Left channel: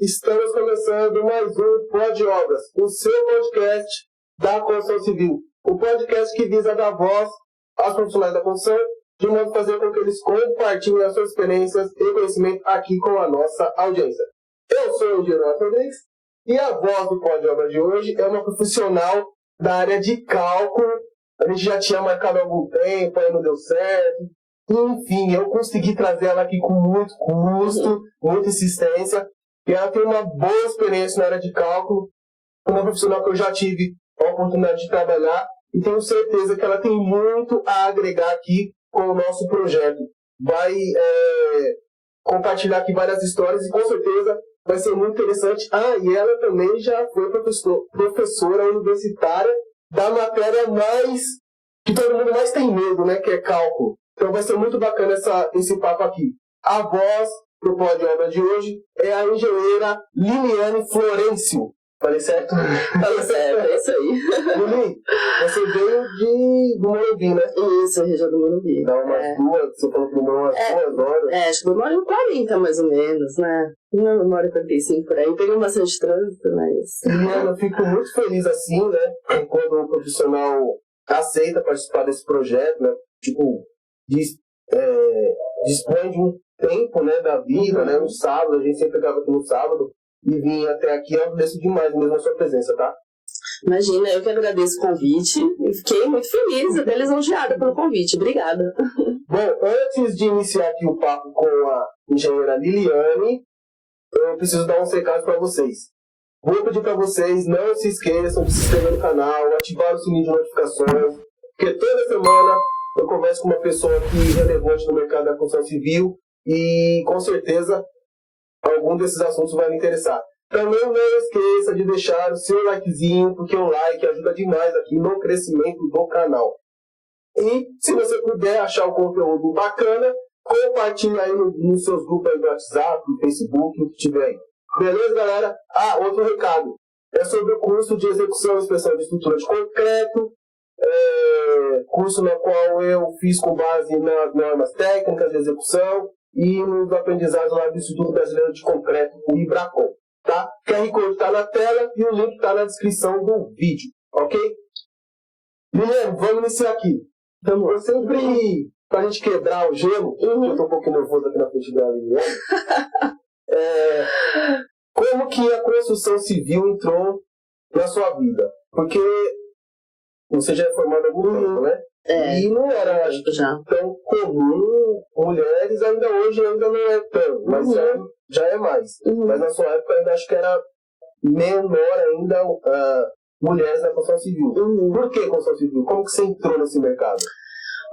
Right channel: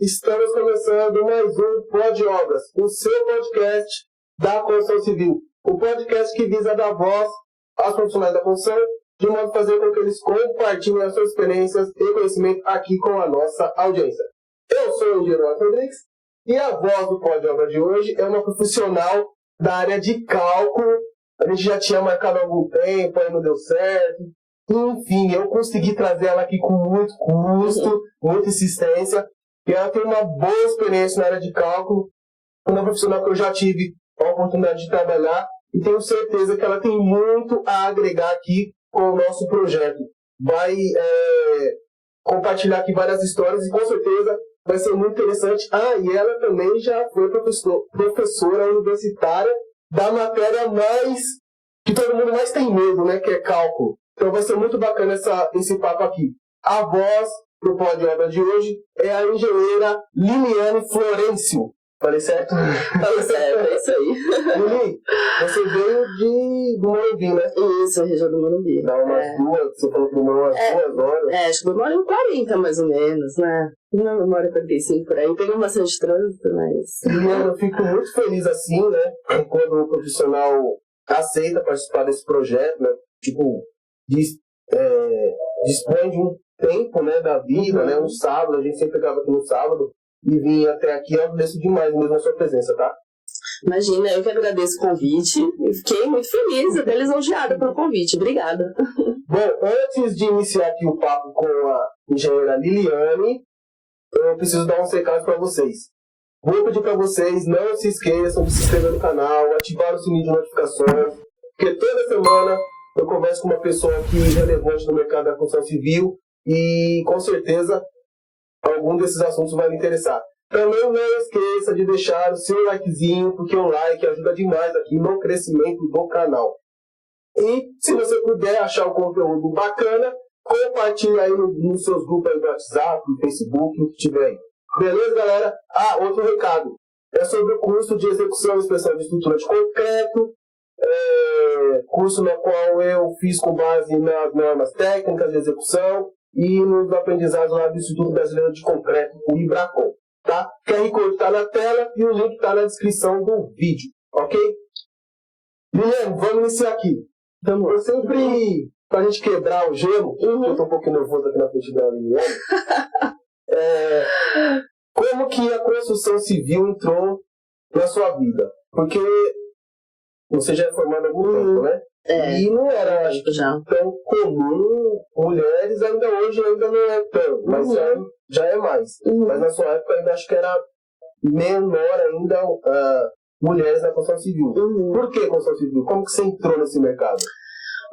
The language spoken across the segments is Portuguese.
estamos começando mais um Pod Obras, o seu podcast da construção civil. O podcast que visa dar voz aos profissionais da construção, de modo a fazer com que eles compartilhem as suas experiências e conhecimento aqui com a nossa audiência. Eu sou o engenheiro Rodrigues e a voz do Pod Obras de hoje é uma profissional da área de cálculo. A gente já tinha marcado há algum tempo, aí não deu certo. Enfim, eu consegui trazer ela aqui com muito custo, muita insistência. E ela tem uma boa experiência na área de cálculo. Uma profissional que eu já tive a oportunidade de trabalhar. E tenho certeza que ela tem muito a agregar aqui com o nosso projeto. Vai compartilhar aqui várias histórias e com certeza vai ser muito interessante. E ela também já foi professora universitária da matéria que todo mundo mais tem medo, né? Que é cálculo. Então vai ser muito bacana esse papo aqui. A voz do Pod Obras de hoje é a engenheira Liliane Florencio. Falei certo? Falei certo, é isso aí. Lili, você veio do Morumbi, né? Isso, região do Morumbi. Dá umas duas, você falou que demorou umas 2 horas. Acho que demora 40 mais ou menos, né? Não, demora 45 por aí. Peguei bastante trânsito, mas... Liliane, eu fico muito feliz assim, né? Quando o profissional aceita participar desse projeto, né? Tipo, dispõe de um tempo, né, da vida, né? No sábado, a gente sempre pegava aqui no sábado. E vim até aqui, eu agradeço demais mesmo a sua presença, tá? Imagina, eu que agradeço o convite e fiquei muito feliz, até lisonjeada pelo convite. Obrigada. Bom, antes de iniciar aqui o papo com a engenheira Liliane, eu preciso dar uns recados para vocês. Vou pedir para vocês, não se esqueçam de se inscrever no canal, ativar o sininho de notificações, porque toda semana eu converso com uma pessoa aqui relevante no mercado da construção civil e com certeza algum desses assuntos vai me interessar. Também não esqueça de deixar o seu likezinho, porque o like ajuda demais aqui no crescimento do canal. E se você puder achar o conteúdo bacana, compartilhe aí nos seus grupos aí do WhatsApp, no Facebook, o que tiver aí. Beleza, galera? Outro recado. É sobre o curso de execução e inspeção de estrutura de concreto. Curso no qual eu fiz com base nas normas técnicas de execução e nos aprendizados lá do Instituto Brasileiro de Concreto, o IBRACON, tá? O QR Code está na tela e o link está na descrição do vídeo, ok? Guilherme, vamos iniciar aqui. Então, eu sempre, pra gente quebrar o gelo, eu tô um pouquinho nervoso aqui na frente da Guilherme, como que a construção civil entrou na sua vida? Porque você já é formado há algum tempo, né? E não era tão comum, mulheres ainda hoje não é tão, mas já é mais. Mas na sua época eu ainda acho que era menor ainda mulheres na construção civil. Por que construção civil? Como que você entrou nesse mercado?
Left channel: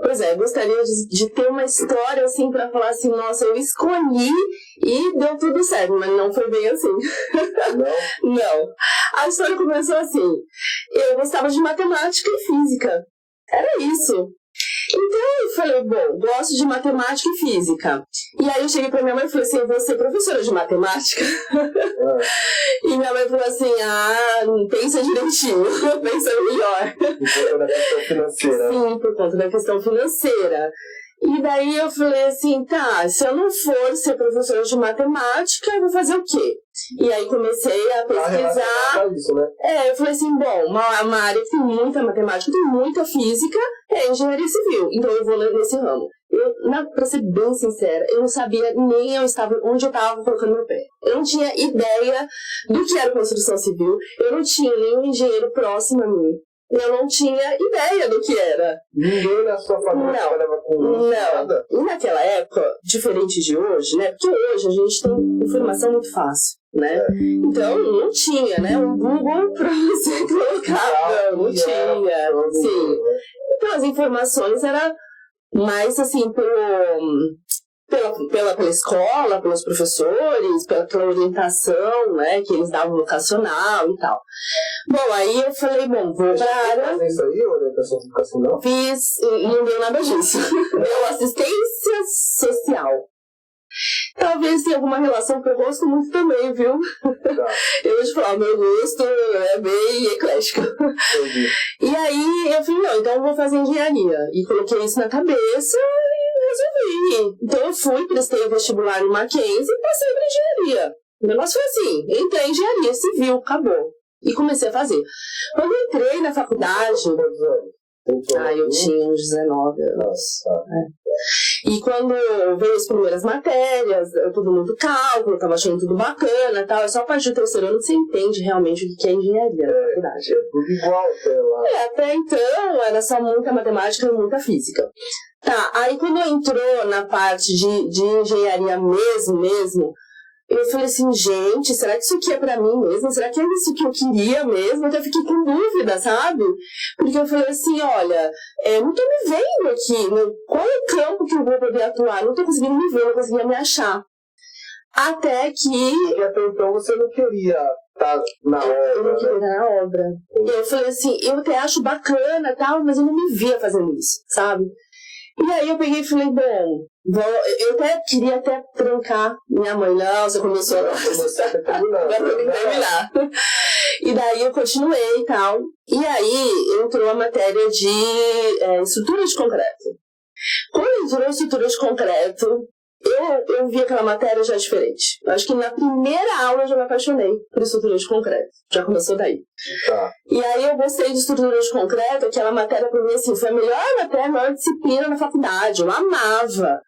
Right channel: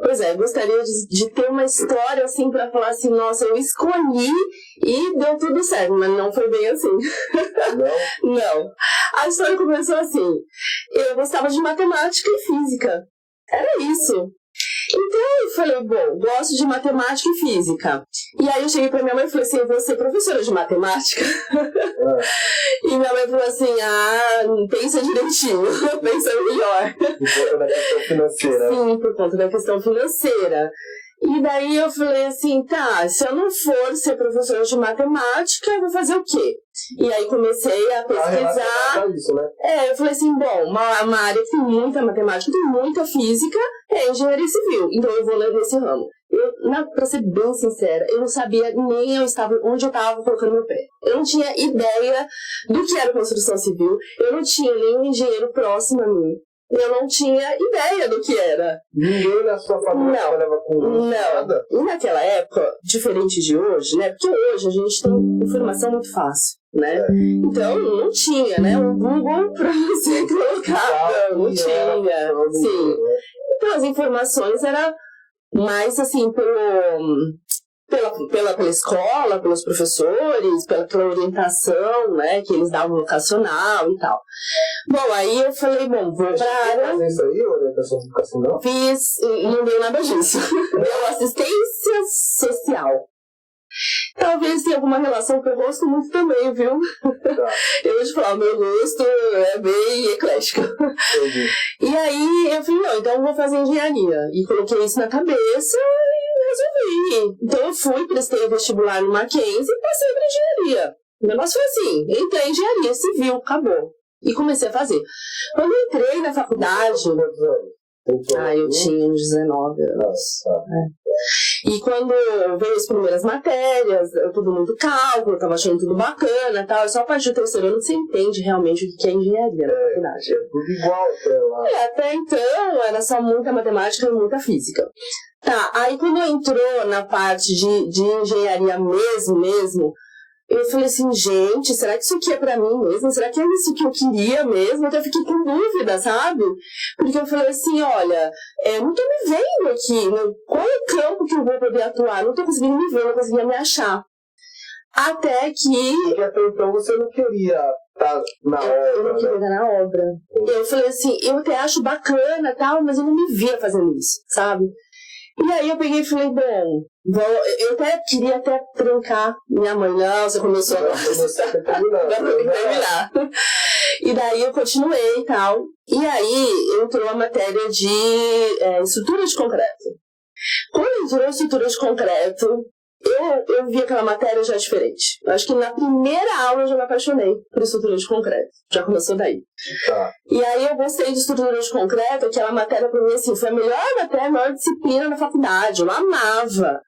Pois é, eu gostaria de ter uma história assim pra falar assim, nossa, eu escolhi e deu tudo certo, mas não foi bem assim. Não? Não. A história começou assim, eu gostava de matemática e física. Era isso. Então eu falei, bom, gosto de matemática e física. E aí eu cheguei pra minha mãe e falei assim, eu vou ser professora de matemática. E minha mãe falou assim, pensa direitinho, pensa melhor. Por conta da questão financeira. Sim, por conta da questão financeira. E daí eu falei assim, tá, se eu não for ser professora de matemática, eu vou fazer o quê? E aí comecei a pesquisar. Isso, né? Eu falei assim, bom, uma área que tem muita matemática, tem muita física, é engenharia civil. Então eu vou nesse ramo. Pra ser bem sincera, eu não sabia nem onde eu estava colocando meu pé. Eu não tinha ideia do que era construção civil, eu não tinha nenhum engenheiro próximo a mim. Eu não tinha ideia do que era. Ninguém na sua família trabalhava com nada? E naquela época, diferente de hoje, né? Porque hoje a gente tem informação muito fácil, né? Então não tinha, né? Um Google pra você colocar. Não tinha. Sim. Então as informações eram mais assim pela escola, pelos professores, pela orientação, né, que eles davam vocacional e tal. Bom, aí eu falei, vou pra área... Fazer isso aí, orientação vocacional? Fiz, e não deu nada disso. Deu assistência social. Talvez tenha alguma relação que eu gosto muito também, viu? Tá. Eu vou te falar, meu gosto é bem eclético. Entendi. E aí eu falei, não, então eu vou fazer engenharia. E coloquei isso na cabeça e resolvi. Então eu fui, prestei o vestibular no Mackenzie e passei para engenharia. O negócio foi assim, entrei em engenharia civil, acabou. E comecei a fazer. Quando eu entrei na faculdade... eu tinha uns 19 anos. E quando veio as primeiras matérias, tudo muito cálculo, eu tava achando tudo bacana e tal. Só a partir do terceiro ano você entende realmente o que é engenharia na faculdade. É tudo igual até lá. Até então era só muita matemática e muita física. Tá, aí quando entrou na parte de engenharia mesmo, eu falei assim, gente, será que isso aqui é pra mim mesmo? Será que é isso que eu queria mesmo? Até fiquei com dúvida, sabe? Porque eu falei assim, olha, não tô me vendo aqui, qual é o campo que eu vou poder atuar? Não tô conseguindo me ver, não conseguia me achar. Até que... E até então você não queria estar na obra, eu não queria estar na obra. E eu falei assim, eu até acho bacana e tal, mas eu não me via fazendo isso, sabe? E aí eu peguei e falei, bom, eu até queria trancar minha mãe, não, você começou agora tem que terminar. E daí eu continuei e tal. E aí entrou a matéria de estrutura de concreto. Quando entrou estrutura de concreto, eu vi aquela matéria já diferente. Eu acho que na primeira aula eu já me apaixonei por estrutura de concreto. Já começou daí. Tá. E aí eu gostei de estrutura de concreto, aquela matéria pra mim assim, foi a melhor matéria, a maior disciplina na faculdade. Eu amava.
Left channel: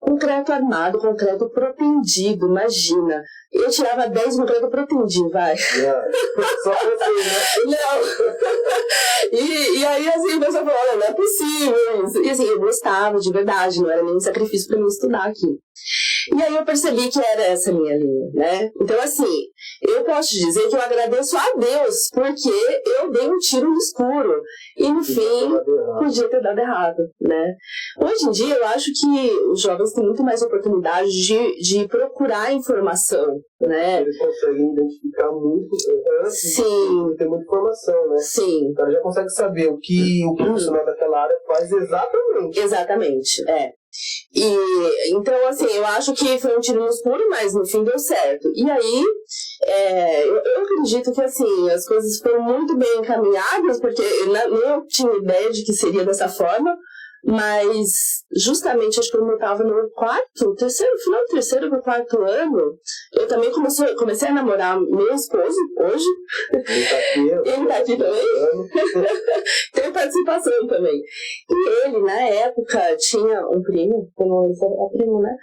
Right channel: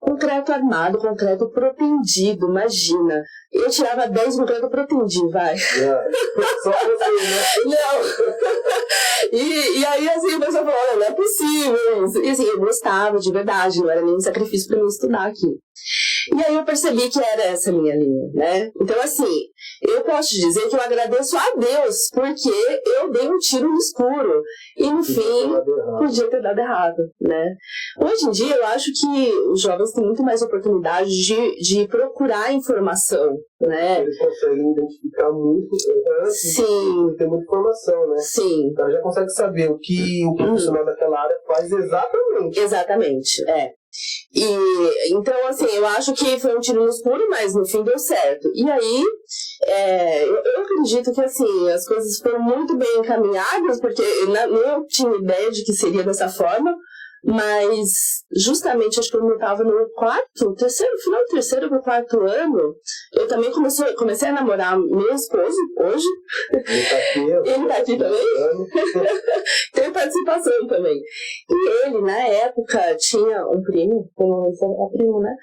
Concreto armado, concreto protendido, imagina. Eu tirava 10 concreto protendido, vai. Só você, né? Não. E aí assim, o pessoal falou, olha, não é possível isso. E assim, eu gostava de verdade, não era nenhum sacrifício pra mim estudar aqui. E aí eu percebi que era essa minha linha, né? Então assim, eu posso dizer que eu agradeço a Deus, porque eu dei um tiro no escuro. E no fim, podia ter dado errado, né? Hoje em dia, eu acho que os jovens têm muito mais oportunidade de procurar informação, né? Eles conseguem identificar muito antes de ter muita informação, né? Sim. Então já consegue saber o que o profissional daquela área faz exatamente. Exatamente, E então, assim, eu acho que foi um tiro no escuro, mas no fim deu certo. E aí, eu acredito que, assim, as coisas foram muito bem encaminhadas, porque eu tinha ideia de que seria dessa forma, mas justamente acho que quando eu estava no final do terceiro para o quarto ano, eu também comecei a namorar meu esposo hoje. Ele tá aqui também? Tem participação também. E ele, na época, tinha um primo, primo, né?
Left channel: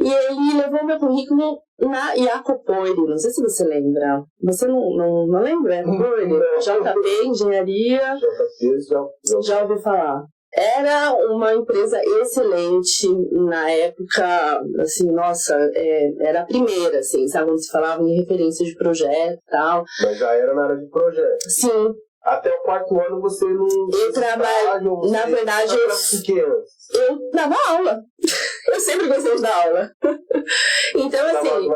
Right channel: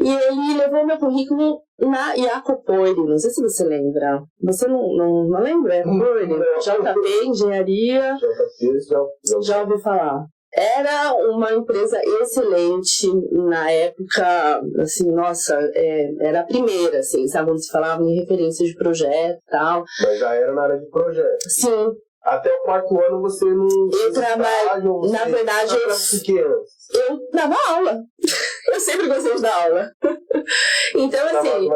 E ele levou meu currículo na Iacopoire, não sei se você lembra. Você não lembra? Iacopoire? JP, Engenharia. JP, já ouvi falar. Era uma empresa excelente na época, assim, nossa, era a primeira, assim, sabe, quando se falava em referência de projeto e tal. Mas já era na área de projeto. Sim. Até o quarto ano você não... Eu trabalho, na verdade, eu dava aula. Eu sempre gostei de dar aula. Então, assim,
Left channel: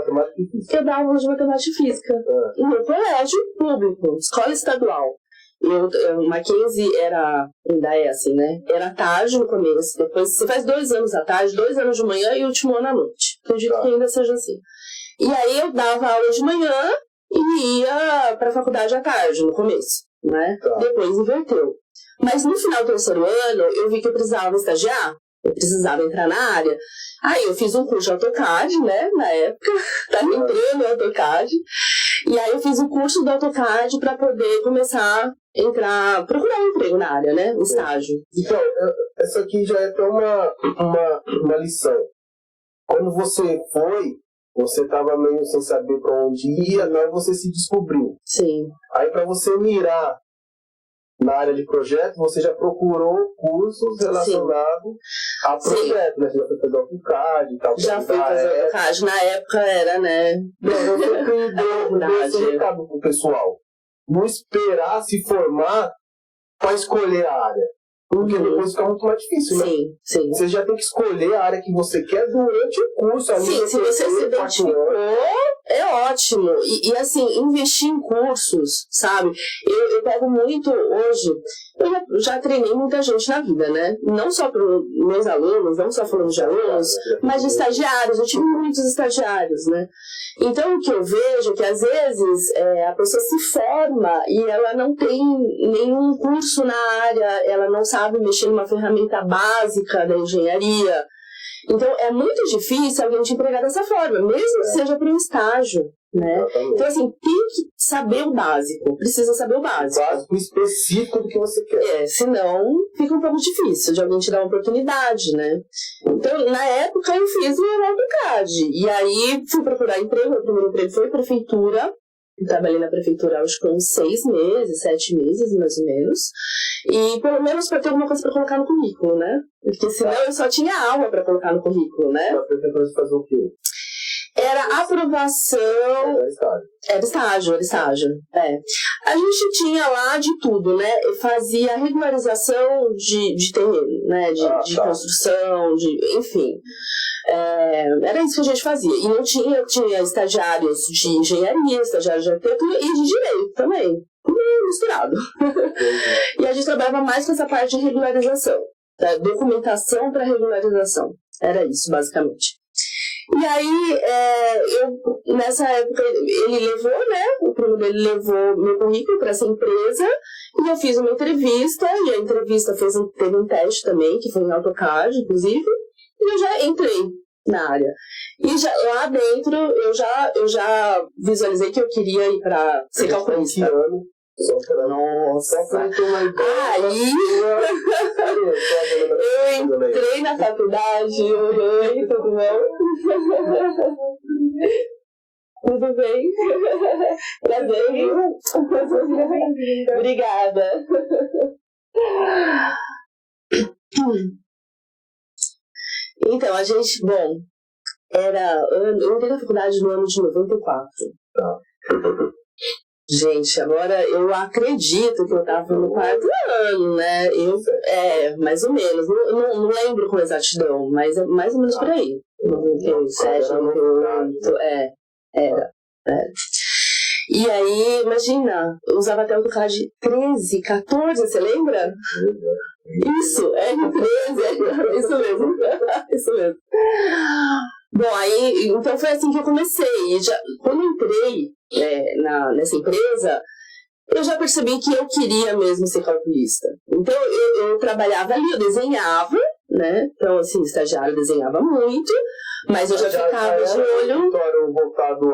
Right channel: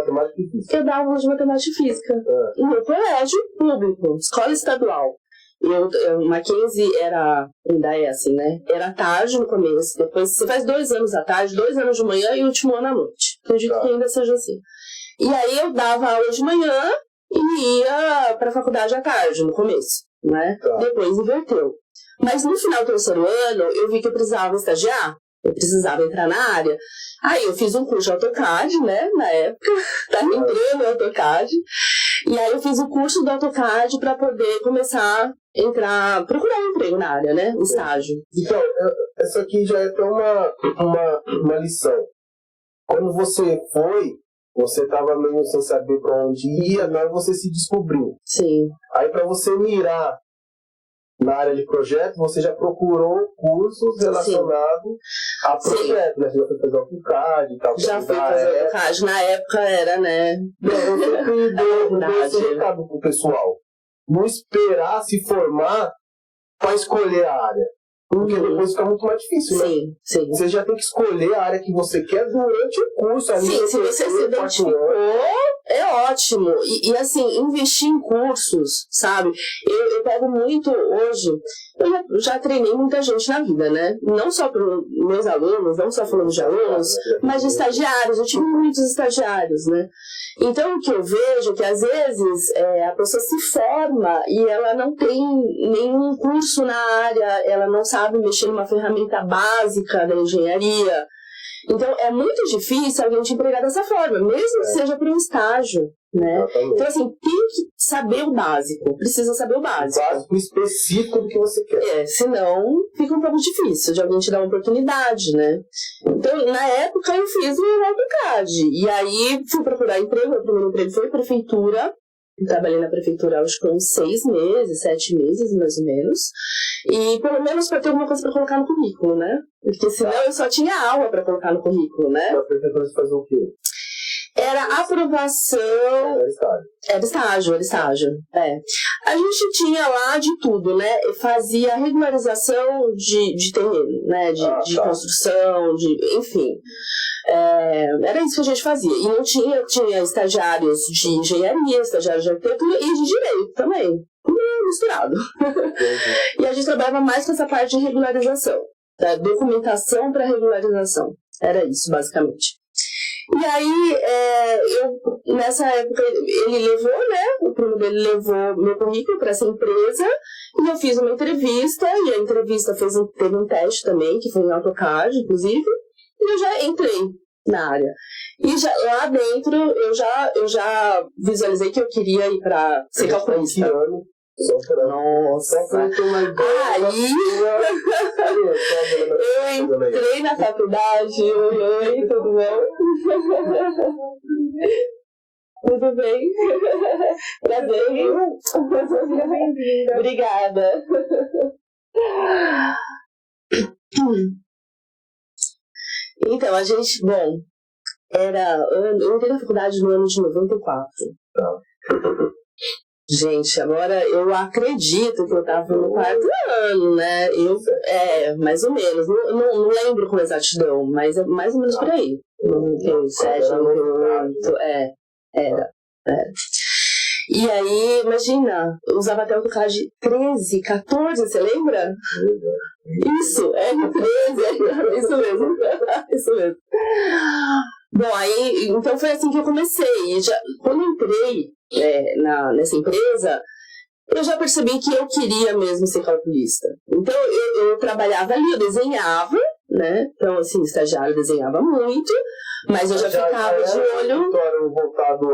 eu dava aula de matemática e física. No colégio público, escola estadual. O Mackenzie ainda é assim, né? Era tarde no começo, depois você faz 2 anos à tarde, 2 anos de manhã e o último ano à noite. Acredito que ainda seja assim. E aí eu dava aula de manhã e ia pra faculdade à tarde, no começo, né? Depois inverteu. Mas no final do terceiro ano, eu vi que eu precisava estagiar, eu precisava entrar na área. Aí eu fiz um curso de AutoCAD, né, na época, tava entrando no AutoCAD. E aí eu fiz o curso do AutoCAD para poder começar a procurar um emprego na área, né, um estágio. Então, essa aqui já é até uma lição. Quando você estava meio sem saber para onde ia, agora você se descobriu. Sim. Aí para você mirar na área de projeto, você já procurou cursos relacionados a projeto, né? Você já foi fazer AutoCAD e tal. Já fui fazer AutoCAD. Na época era, né? Eu sempre dou esse recado pro pessoal. Não esperar se formar para escolher a área. Porque depois fica muito mais difícil, né? Sim. Você já tem que escolher a área que você quer durante o curso. Sim, se você se identificou, é ótimo. E assim, investir em cursos, sabe? Eu pego muito hoje, eu já treinei muita gente na vida, né? Não só para meus alunos, não só falando de alunos, mas de estagiários. Eu tive muitos estagiários, né? Então, o que eu vejo é que, às vezes, a pessoa se forma e ela não tem nenhum curso na área, ela não sabe mexer numa ferramenta básica da engenharia. Então, é muito difícil alguém te empregar dessa forma, mesmo que seja para um estágio, né? Exatamente. Então, assim, tem que saber o básico, precisa saber o básico. O básico específico do que você quer. Senão fica um pouco difícil de alguém te dar uma oportunidade, né? Então, na época, eu fiz o AutoCAD. E aí, fui procurar emprego. Meu primeiro emprego foi prefeitura. Trabalhei na prefeitura, acho que uns 6 meses, 7 meses, mais ou menos. E pelo menos para ter alguma coisa para colocar no currículo, né? Porque senão eu só tinha aula para colocar no currículo, né? Na prefeitura você fazia o quê? Era aprovação... Era estágio. A gente tinha lá de tudo, né? Fazia regularização de terreno, né? De construção, enfim. Era isso que a gente fazia. E não tinha estagiários de engenharia, estagiários de arquitetura e de direito também. Tudo misturado. E a gente trabalhava mais com essa parte de regularização. Da documentação para regularização. Era isso, basicamente. E aí, nessa época, ele levou, né? O primo dele levou meu currículo para essa empresa e eu fiz uma entrevista. E a entrevista teve um teste também, que foi em AutoCAD, inclusive. E eu já entrei na área. E lá dentro, eu já visualizei que eu queria ir para ser calculista. Nossa, aí eu entrei na faculdade, oi, tudo bom? Tudo bem? Prazer, obrigada. Então, a gente, eu entrei na faculdade no ano de 94. Gente, agora eu acredito que eu estava no 4º ano, né? Mais ou menos. Não lembro com exatidão, mas é mais ou menos por aí. 97, 98, era. E aí, imagina, eu usava até o AutoCAD 13, 14, você lembra? Isso, R13, isso mesmo. Isso mesmo. Bom, aí, então foi assim que eu comecei. E quando eu entrei nessa empresa, eu já percebi que eu queria mesmo ser calculista. Então, eu trabalhava ali, eu desenhava, né? Então, assim, estagiário desenhava muito, mas eu já ficava de olho... voltado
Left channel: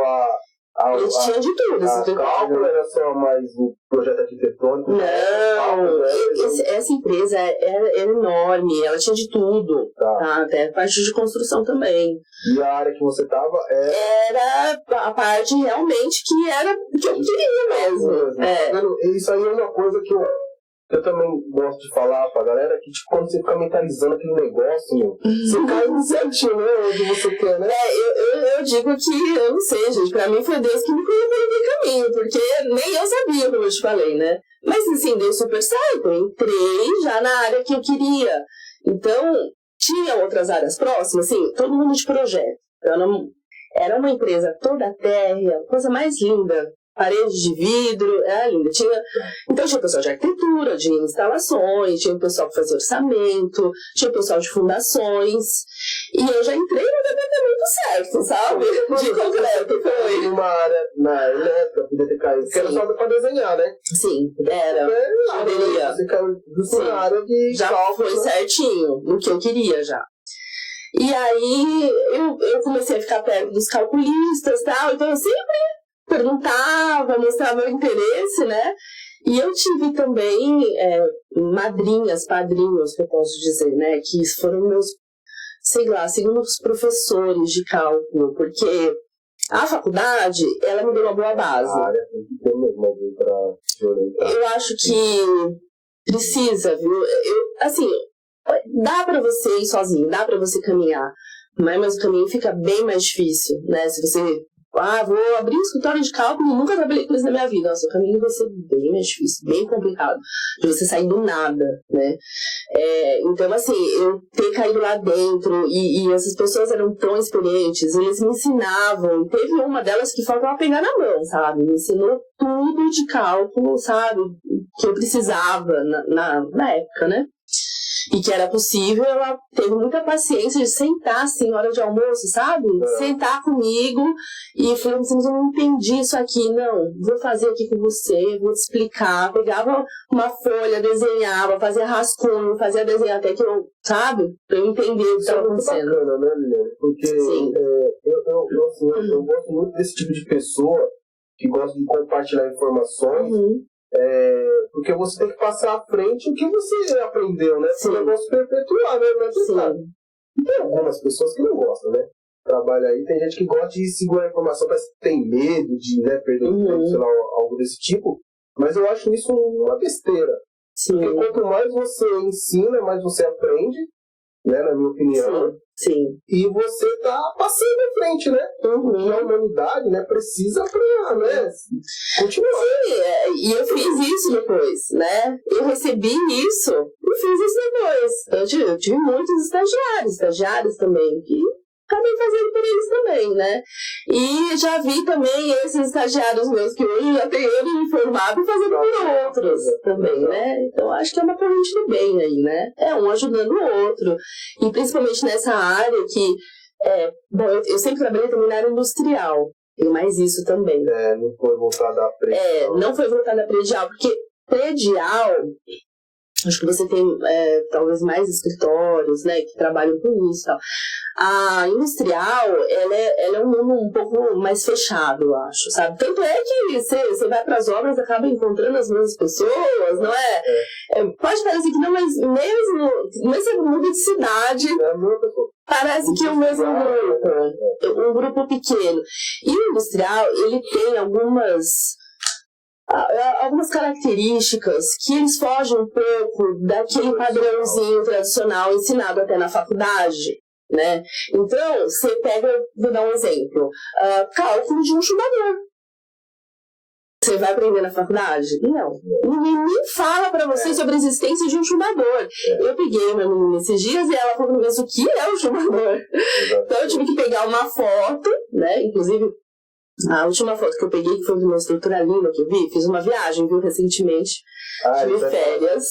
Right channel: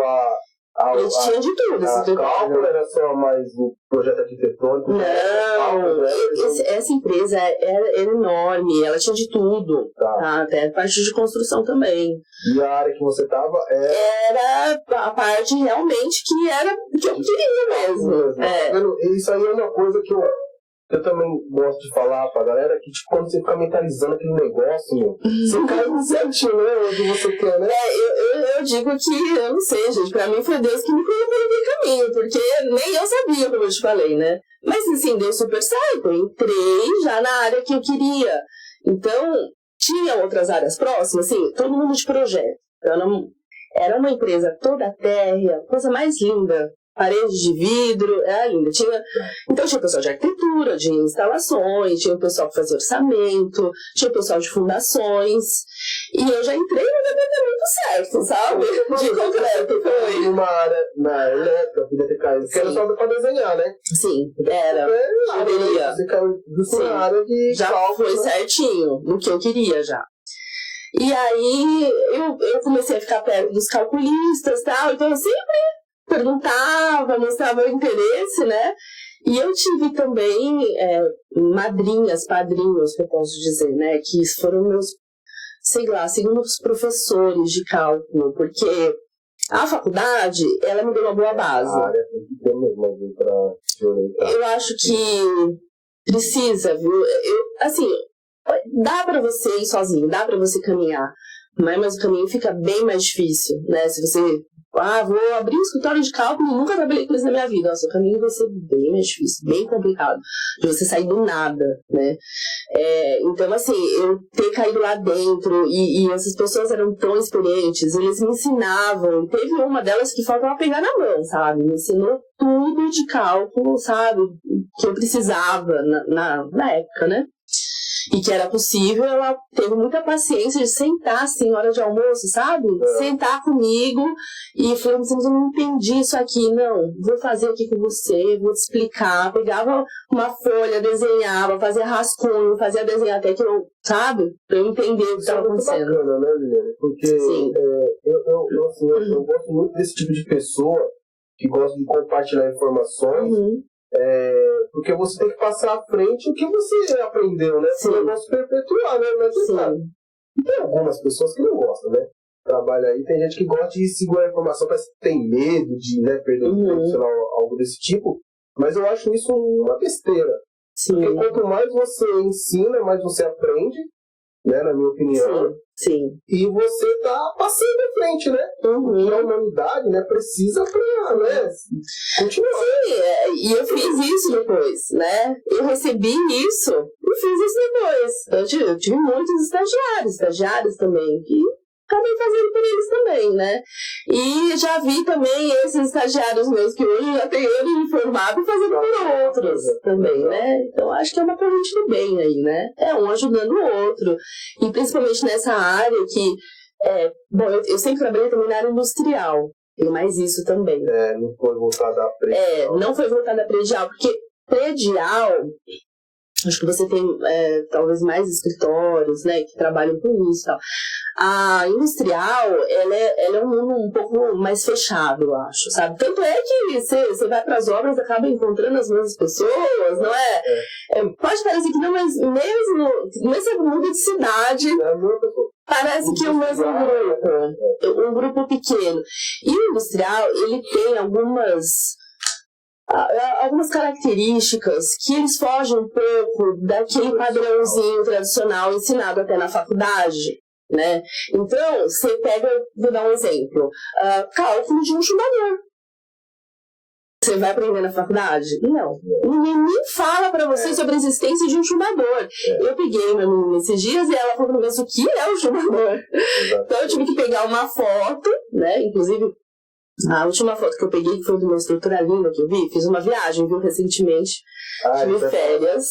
a gente tinha de tudo. A cálculo era só mais o projeto arquitetônico? Não, essa empresa era enorme, ela tinha de tudo, tá? Até parte de construção também. E a área que você estava era a parte realmente que eu queria mesmo. Isso aí é uma coisa que eu também gosto de falar pra galera, que tipo, quando você fica mentalizando aquele negócio, você cai no certinho, né? Onde você quer, né? Eu digo que, eu não sei, gente, pra mim foi Deus que me colocou no caminho, porque nem eu sabia, como eu te falei, né? Mas assim, deu super certo, eu entrei já na área que eu queria. Então, tinha outras áreas próximas, assim, todo mundo de projeto. Era uma empresa toda térrea, coisa mais linda. Paredes de vidro, era linda. Então tinha o pessoal de arquitetura, de instalações, tinha o pessoal que fazia orçamento, tinha o pessoal de fundações. E eu já entrei no departamento certo, sabe? De concreto, foi. Uma área na elétrica, podia ter caído. Porque era só pra desenhar, né? Sim, era. Poderia. Você caiu na área de já cálculo, foi certinho, no que eu queria já. E aí eu comecei a ficar perto dos calculistas e tal, então eu sempre perguntava, mostrava o interesse, né? E eu tive também madrinhas, padrinhos, que eu posso dizer, né? Que foram meus, sei lá, segundos professores de cálculo, porque a faculdade, ela me deu uma boa base. A área tem que ter mesmo pra... Eu acho que precisa, viu? Assim, dá pra você ir sozinho, dá pra você caminhar, mas o caminho fica bem mais difícil, né? Se você... vou abrir um escritório de cálculo e nunca trabalhei com isso na minha vida. Nossa, o caminho vai ser bem mais difícil, bem complicado, de você sair do nada, né? Então, assim, eu ter caído lá dentro e essas pessoas eram tão experientes, eles me ensinavam. Teve uma delas que faltava pegar na mão, sabe? Me ensinou tudo de cálculo, sabe? Que eu precisava na época, né? e que era possível, ela teve muita paciência de sentar assim, hora de almoço, sabe? Sentar comigo e falando assim, eu não entendi isso aqui, não, vou fazer aqui com você, vou te explicar. Pegava uma folha, desenhava, fazia rascunho, fazia desenhar até que eu, sabe? Pra eu entender o que estava acontecendo. Isso é muito bacana, né, Liliane? Porque eu gosto muito desse tipo de pessoa que gosta de compartilhar informações. Porque você tem que passar à frente o que você aprendeu, né? Sim. O negócio perpetuar, né? Mas, e tem algumas pessoas que não gostam, né? Trabalha aí, tem gente que gosta de segurar a informação, parece que tem medo de, né, perder um profissional, algo desse tipo. Mas eu acho isso uma besteira. Sim. Porque quanto mais você ensina, mais você aprende, né? Na minha opinião. Sim. E você tá passando à frente, né? Porque a humanidade, né, precisa pra, né, continuar. Sim, e eu fiz isso depois, né? Eu recebi isso e fiz isso depois. Eu tive muitos estagiários também, que acabei fazendo por eles também, né? E já vi também esses estagiários meus que hoje já tem anos de formado fazendo por outros também, né? Então acho que é uma corrente do bem aí, né? É um ajudando o outro. E principalmente nessa área que, bom, eu sempre trabalhei também na área industrial. Tem mais isso também. Não foi voltada a predial. Não foi voltada a predial, porque predial, acho que você tem talvez mais escritórios, né, que trabalham com isso e tal. A industrial, ela é um mundo um pouco mais fechado, eu acho, sabe? Tanto é que você vai para as obras e acaba encontrando as mesmas pessoas, não é? Pode parecer que não, mas mesmo você muda de cidade, parece que é o mesmo grupo, um grupo pequeno. E o industrial, ele tem algumas características que eles fogem um pouco daquele padrãozinho tradicional ensinado até na faculdade, né? Então, você pega, vou dar um exemplo, cálculo de um chumbador. Você vai aprender na faculdade? Não. Ninguém nem fala pra você sobre a existência de um chumbador. Eu peguei uma menina esses dias e ela falou, mas o que é um chumbador? Então, eu tive que pegar uma foto, né? Inclusive, a última foto que eu peguei, que foi de uma estrutura linda que eu vi, fiz uma viagem, viu, recentemente, tive férias,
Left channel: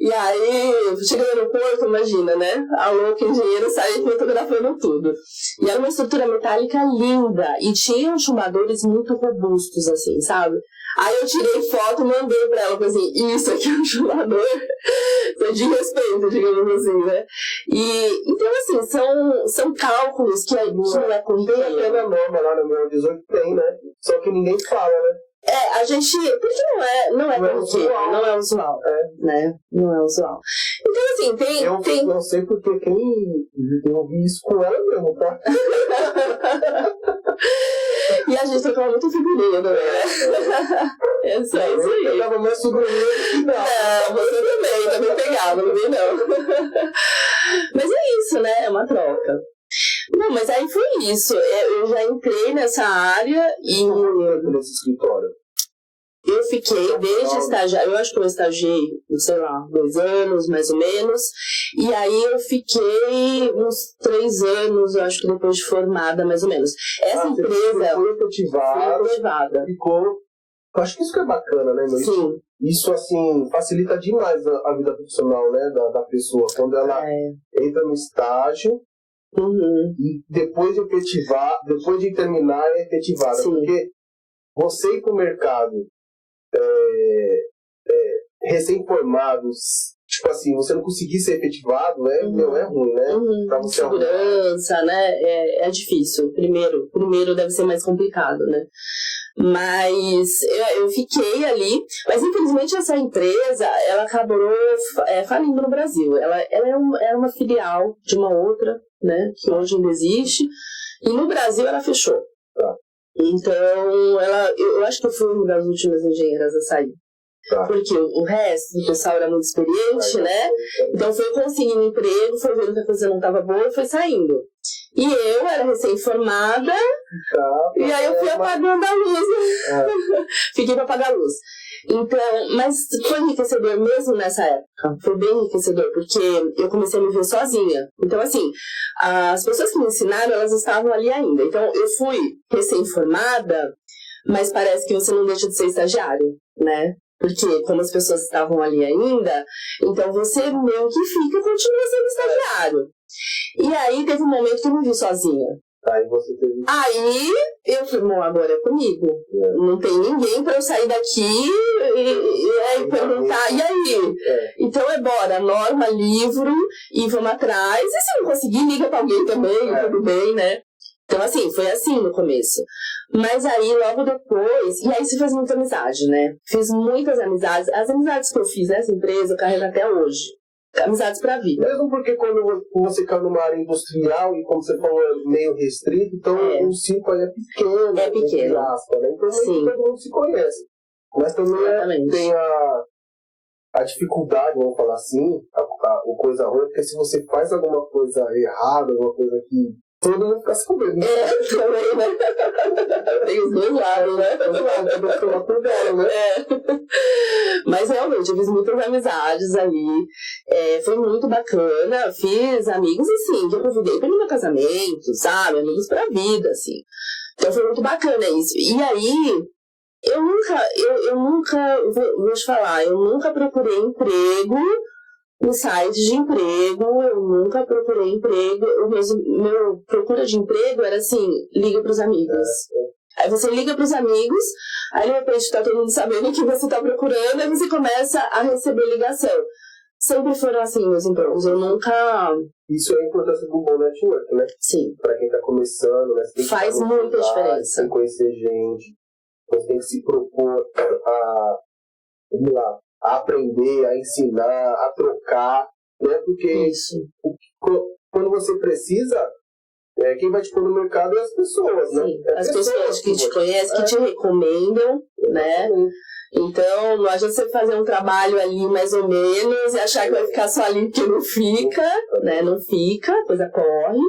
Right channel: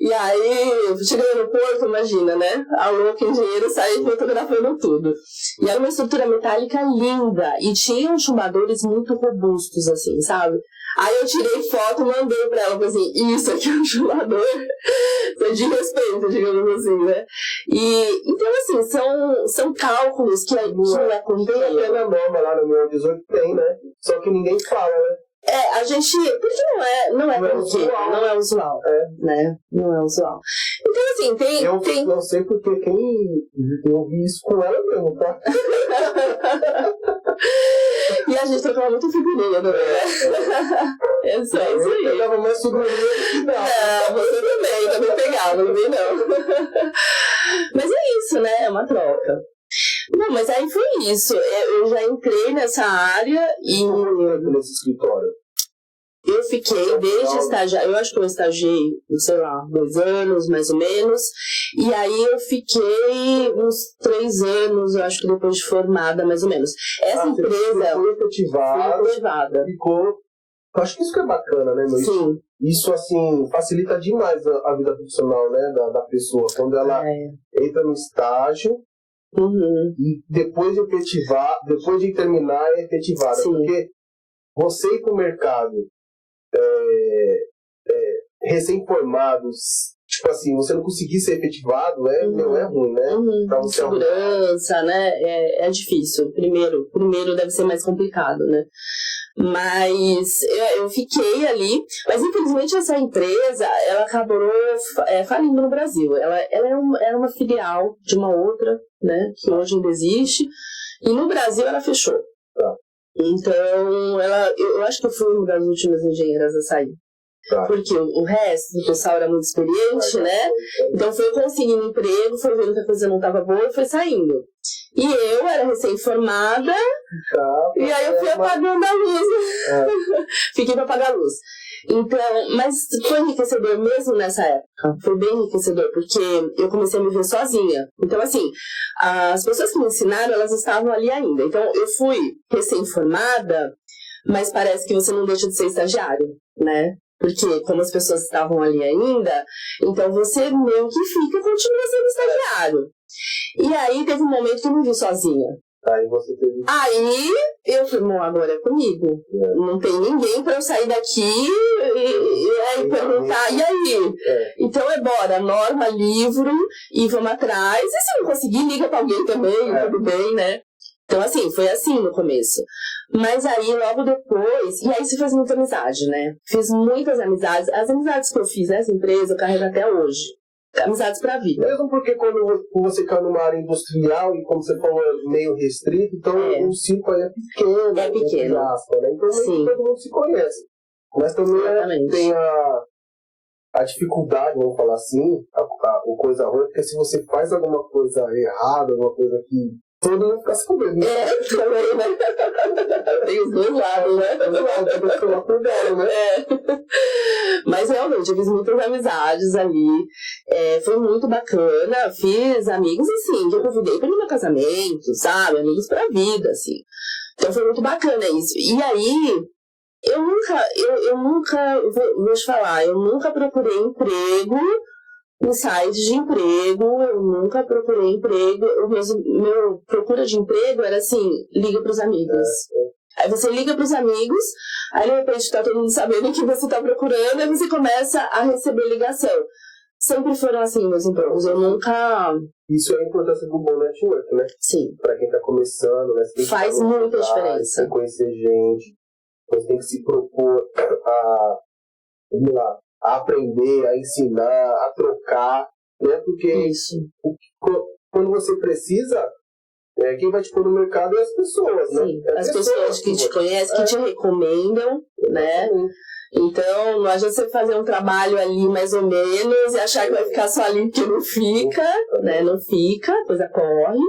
e aí, cheguei no aeroporto, imagina, né, a louca engenheiro saí fotografando tudo, e era uma estrutura metálica linda, e tinham chumbadores muito robustos, assim, sabe? Aí eu tirei foto e mandei pra ela, falei assim, isso aqui é um chumbador, de respeito, digamos assim, né? E, então, assim, são cálculos que não é corriqueiro. Tem até na norma lá no meu 18 tem, né? Só que ninguém fala, né? A gente, porque não é corriqueiro, não é usual, né? Não é usual. Então, assim, tem... Eu não sei porque eu ouvi isso com ela mesmo, tá? E a gente trocava muito figurinha também, né? É só isso aí. Eu pegava mais figurinha que não. Você também pegava, não vi não. Mas é isso, né? É uma troca. Bom, mas aí foi isso. Eu já entrei nessa área e... nesse escritório? Eu fiquei desde estagiário, eu acho que eu estagiei, sei lá, 2 anos, mais ou menos. E aí eu fiquei uns 3 anos, eu acho que depois de formada, mais ou menos. Essa empresa... Foi efetivada. Ficou... Eu acho que isso que é bacana, né, meu? Sim. Isso, assim, facilita demais a vida profissional, né, da pessoa. Quando ela entra no estágio, e depois de terminar, é efetivada. Sim. Porque você ir pro mercado recém-formados, tipo assim, você não conseguir ser efetivado, né? Não é ruim, né? Pra você segurança, né? É difícil. Primeiro deve ser mais complicado, né? Mas eu fiquei ali, mas infelizmente essa empresa, ela acabou falindo no Brasil. Ela era uma filial de uma outra, né? Que hoje ainda existe. E no Brasil ela fechou. Então, eu acho que eu fui uma das últimas engenheiras a sair. Porque o resto do pessoal era muito experiente, né? Então foi conseguindo emprego, foi vendo que a coisa não estava boa e foi saindo. E eu era recém-formada, e aí eu fui apagando a luz. Fiquei para apagar a luz. Então, mas foi enriquecedor mesmo nessa época. Foi bem enriquecedor, porque eu comecei a me ver sozinha. Então, assim, as pessoas que me ensinaram, elas estavam ali ainda. Então, eu fui recém-formada, mas parece que você não deixa de ser estagiário, né? Porque como as pessoas estavam ali ainda, então você meio que continua sendo estagiário. E aí teve um momento que eu me vi sozinha. Aí você teve... Aí eu falei, bom, agora é comigo. Não tem ninguém pra eu sair daqui e aí perguntar, e aí? Então bora, norma, livro, e vamos atrás. E se não conseguir, liga pra alguém também, tudo bem, né? Então, assim, foi assim no começo. Mas aí, logo depois... E aí se faz muita amizade, né? Fiz muitas amizades. As amizades que eu fiz nessa empresa, eu carrego até hoje. Amizades pra vida. Mesmo porque quando você cai numa área industrial, e como você falou, é meio restrito, então o círculo aí é pequeno. É pequeno. Aspas, né? Então, nem todo mundo se conhece. Mas também tem a dificuldade, vamos falar assim, a coisa ruim, porque se você faz alguma coisa errada, alguma coisa que todo mundo fica sabendo. Também, né? Tem os dois lados, né? Os dois lados, tem que tomar cuidado, né? Mas realmente, eu fiz muitas amizades ali. Foi muito bacana. Fiz amigos, assim, que eu convidei para o meu casamento, sabe? Amigos pra vida, assim. Então foi muito bacana isso. E aí, eu nunca, vou te falar, eu nunca procurei emprego no site de emprego, eu nunca procurei emprego. Meu procura de emprego era assim, liga pros amigos. Aí você liga pros amigos, aí de repente tá todo mundo sabendo o que você tá procurando, aí você começa a receber ligação. Sempre foram assim meus empregos, eu nunca... Isso é a importância do bom network, né? Sim. Pra quem tá começando, né? Você tem que faz muita diferença. Tem que conhecer gente, você tem que se propor a aprender, a ensinar, a trocar, né? Porque quando você precisa, quem vai te pôr no mercado é as pessoas, né? Sim, as pessoas que te conhecem, que te recomendam, né? Então, não adianta você fazer um trabalho ali mais ou menos e achar que vai ficar só ali, porque não fica, né? Não fica, a coisa corre.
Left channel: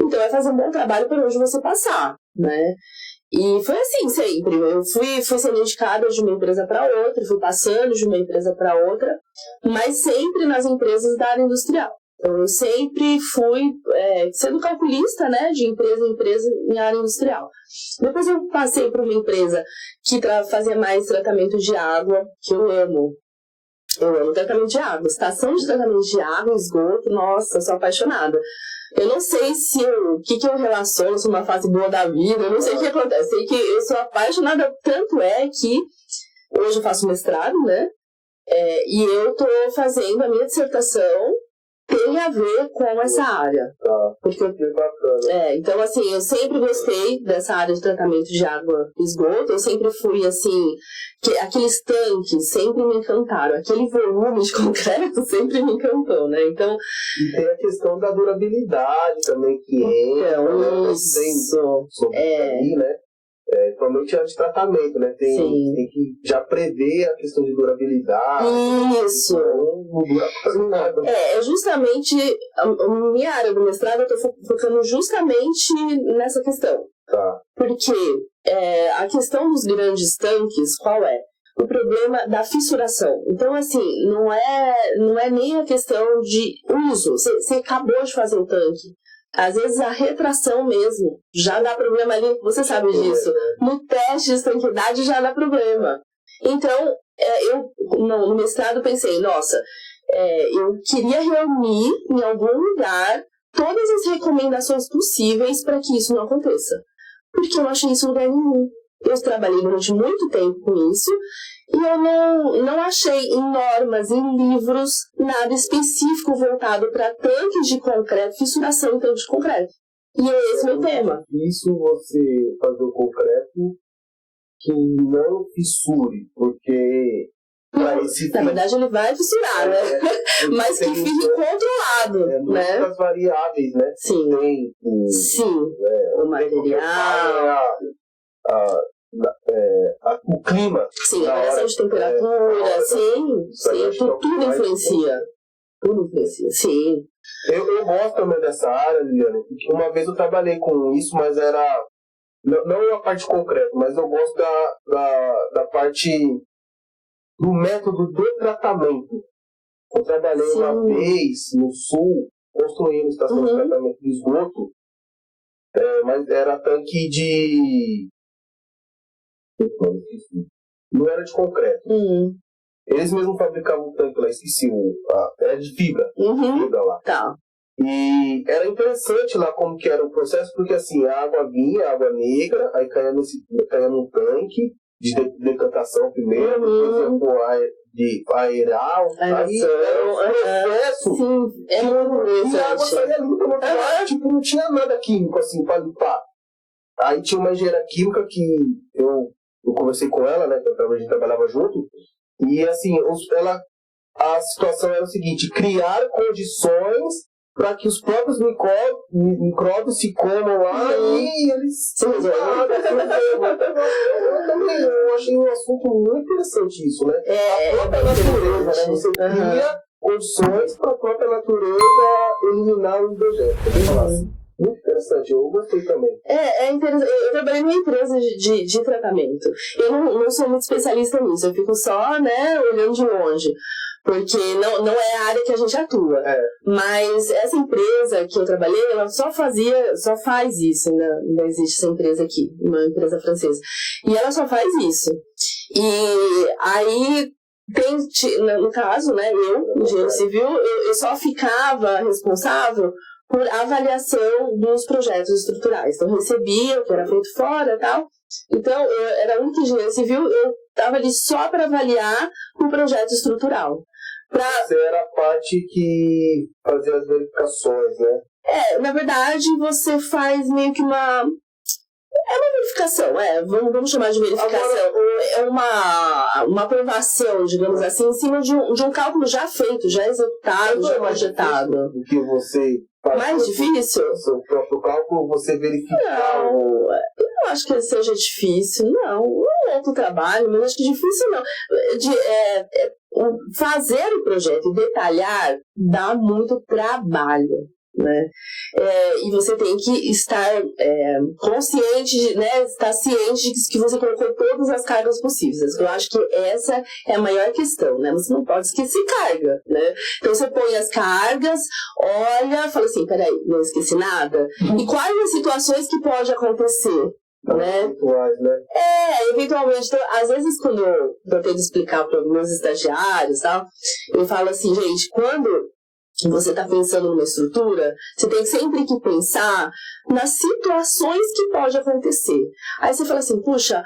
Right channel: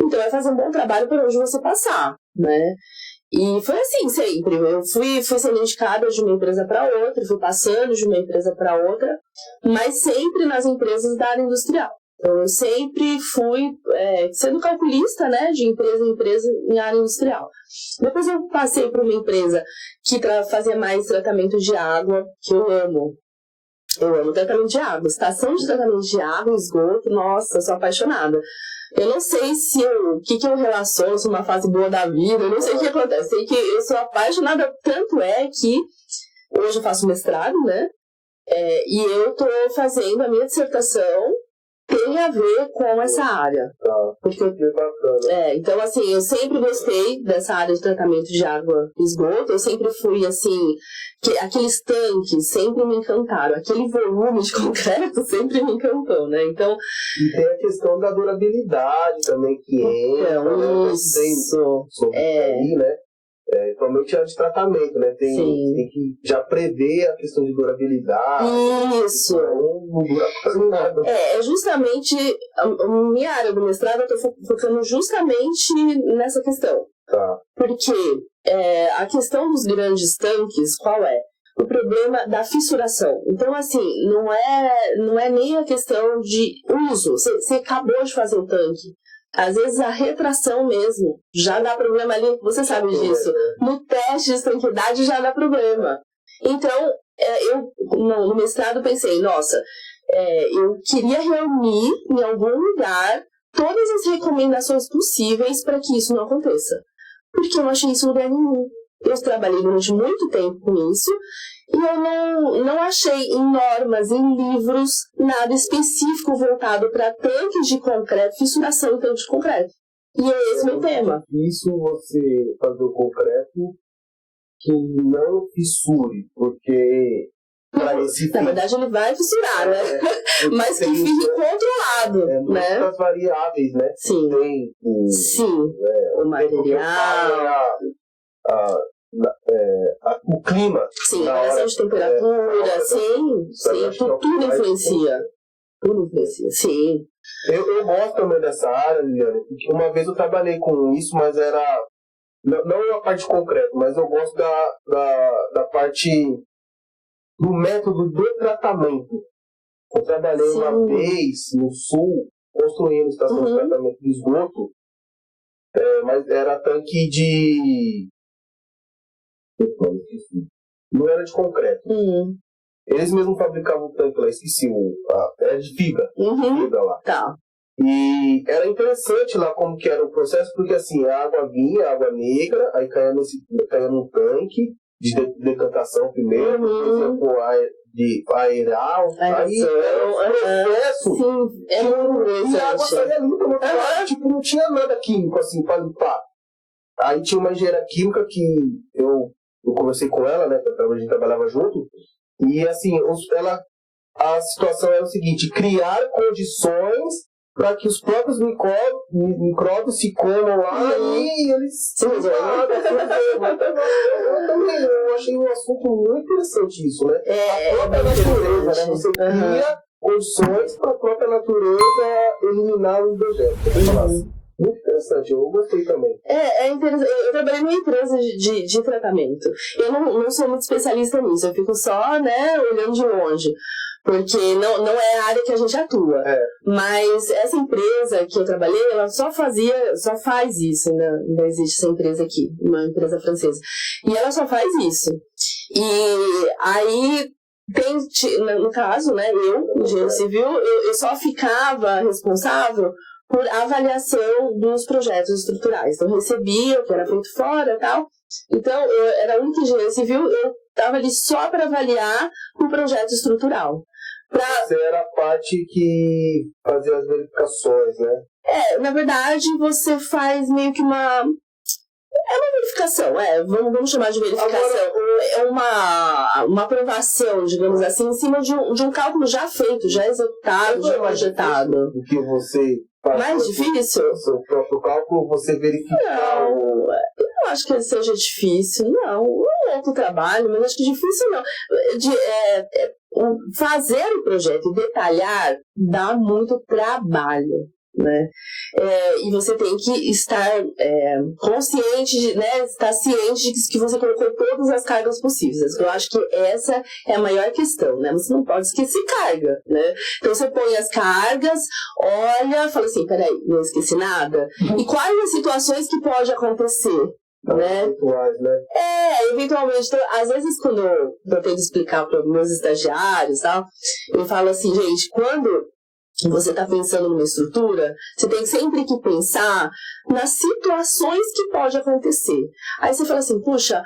Então, é fazer um bom trabalho por onde você passar, né? E foi assim sempre. Eu fui sendo indicada de uma empresa para outra, fui passando de uma empresa para outra, mas sempre nas empresas da área industrial. Então, eu sempre fui sendo calculista, né, de empresa em empresa em área industrial. Depois eu passei por uma empresa que fazia mais tratamento de água, que eu amo. Eu amo tratamento de água. Estação de tratamento de água, esgoto, nossa, eu sou apaixonada. Eu não sei o que eu relaciono, se uma fase boa da vida, eu não sei o que acontece. Sei que eu sou apaixonada, tanto é que hoje eu faço mestrado, né? E eu estou fazendo a minha dissertação, tem a ver com essa área. Porque então, assim, eu sempre gostei dessa área de tratamento de água e esgoto. Eu sempre fui, assim, aqueles tanques sempre me encantaram. Aquele volume de concreto sempre me encantou, né? Então... E tem a questão da durabilidade também que entra. Isso. Aí, né? Principalmente a de tratamento, né? Tem que já prever a questão de durabilidade. Isso. Não dura quase nada. Justamente a minha área do mestrado, eu estou focando justamente nessa questão. Tá. Porque a questão dos grandes tanques, qual é? O problema da fissuração. Então, assim, não é nem a questão de uso. Você acabou de fazer o tanque. Às vezes a retração mesmo já dá problema ali, você sabe disso. No teste de estanquidade já dá problema. Então, eu no mestrado pensei, nossa, eu queria reunir em algum lugar todas as recomendações possíveis para que isso não aconteça. Porque eu não achei isso em lugar nenhum. Eu trabalhei durante muito tempo com isso e eu não achei em normas, em livros, nada específico voltado para tanques de concreto, fissuração em tanques de concreto. E é esse meu tema. Isso você fazer o concreto que não fissure, porque... Na verdade ele vai fissurar, né? Mas que fique controlado, né? Muitas variáveis, né? Sim. Tem o material... o clima. Sim, a variação de temperatura, tudo influencia. Tudo influencia, sim. Eu gosto também dessa área, Liliane, porque uma vez eu trabalhei com isso, mas era... Não a parte concreta, mas eu gosto da parte do método do tratamento. Eu trabalhei uma vez no sul, construindo estação de tratamento de esgoto, mas era tanque de... não era de concreto. Eles mesmos fabricavam o tanque lá, esqueci, era de fibra, fibra lá. Tá. E era interessante lá como que era o processo, porque assim, a água vinha, água negra, aí caía num tanque de decantação primeiro, depois ia pro ar de aerar, aí era um processo. Sim, é muito interessante. E a água saía limpa, tipo, não tinha nada químico assim pra limpar. Aí tinha uma engenheira química que eu conversei com ela, né, que a gente trabalhava junto, e assim, a situação era o seguinte: criar condições para que os próprios micróbios se comam lá e eles se resolvem. Eu achei um assunto muito interessante isso, né? A própria natureza, né? Você cria condições para a própria natureza eliminar o hidrogênio. Muito interessante, eu gostei também. É interessante. Eu trabalhei numa empresa de tratamento. Eu não sou muito especialista nisso, eu fico só, né, olhando de longe. Porque não é a área que a gente atua. Mas essa empresa que eu trabalhei, ela só faz isso. Ainda existe essa empresa aqui, uma empresa francesa. E ela só faz isso. E aí, no caso, né, eu, engenheiro civil, eu só ficava responsável por avaliação dos projetos estruturais. Então, eu recebia o que era feito fora e tal. Então, eu era a única engenheira civil, eu estava ali só para avaliar o projeto estrutural. Você era a parte que fazia as verificações, né? Na verdade, você faz meio que uma verificação, vamos chamar de verificação. Agora, é uma aprovação, digamos assim, em cima de um cálculo já feito, já executado, já projetado. O que você faz? Mais difícil? O seu próprio cálculo, você verificar. Não, eu não acho que seja difícil, não. Não é outro trabalho, mas acho que difícil não. Fazer o projeto e detalhar dá muito trabalho, né? E você tem que estar consciente, né? Estar ciente de que você colocou todas as cargas possíveis. Eu acho que essa é a maior questão, né? Você não pode esquecer carga, né? Então você põe as cargas, olha, fala assim, peraí, não esqueci nada. E quais as situações que pode acontecer? Né? Eventualmente, então, às vezes quando eu tento explicar para os meus estagiários, tal, eu falo assim, gente, quando você está pensando numa estrutura, você tem sempre que pensar nas situações que pode acontecer. Aí você fala assim, puxa,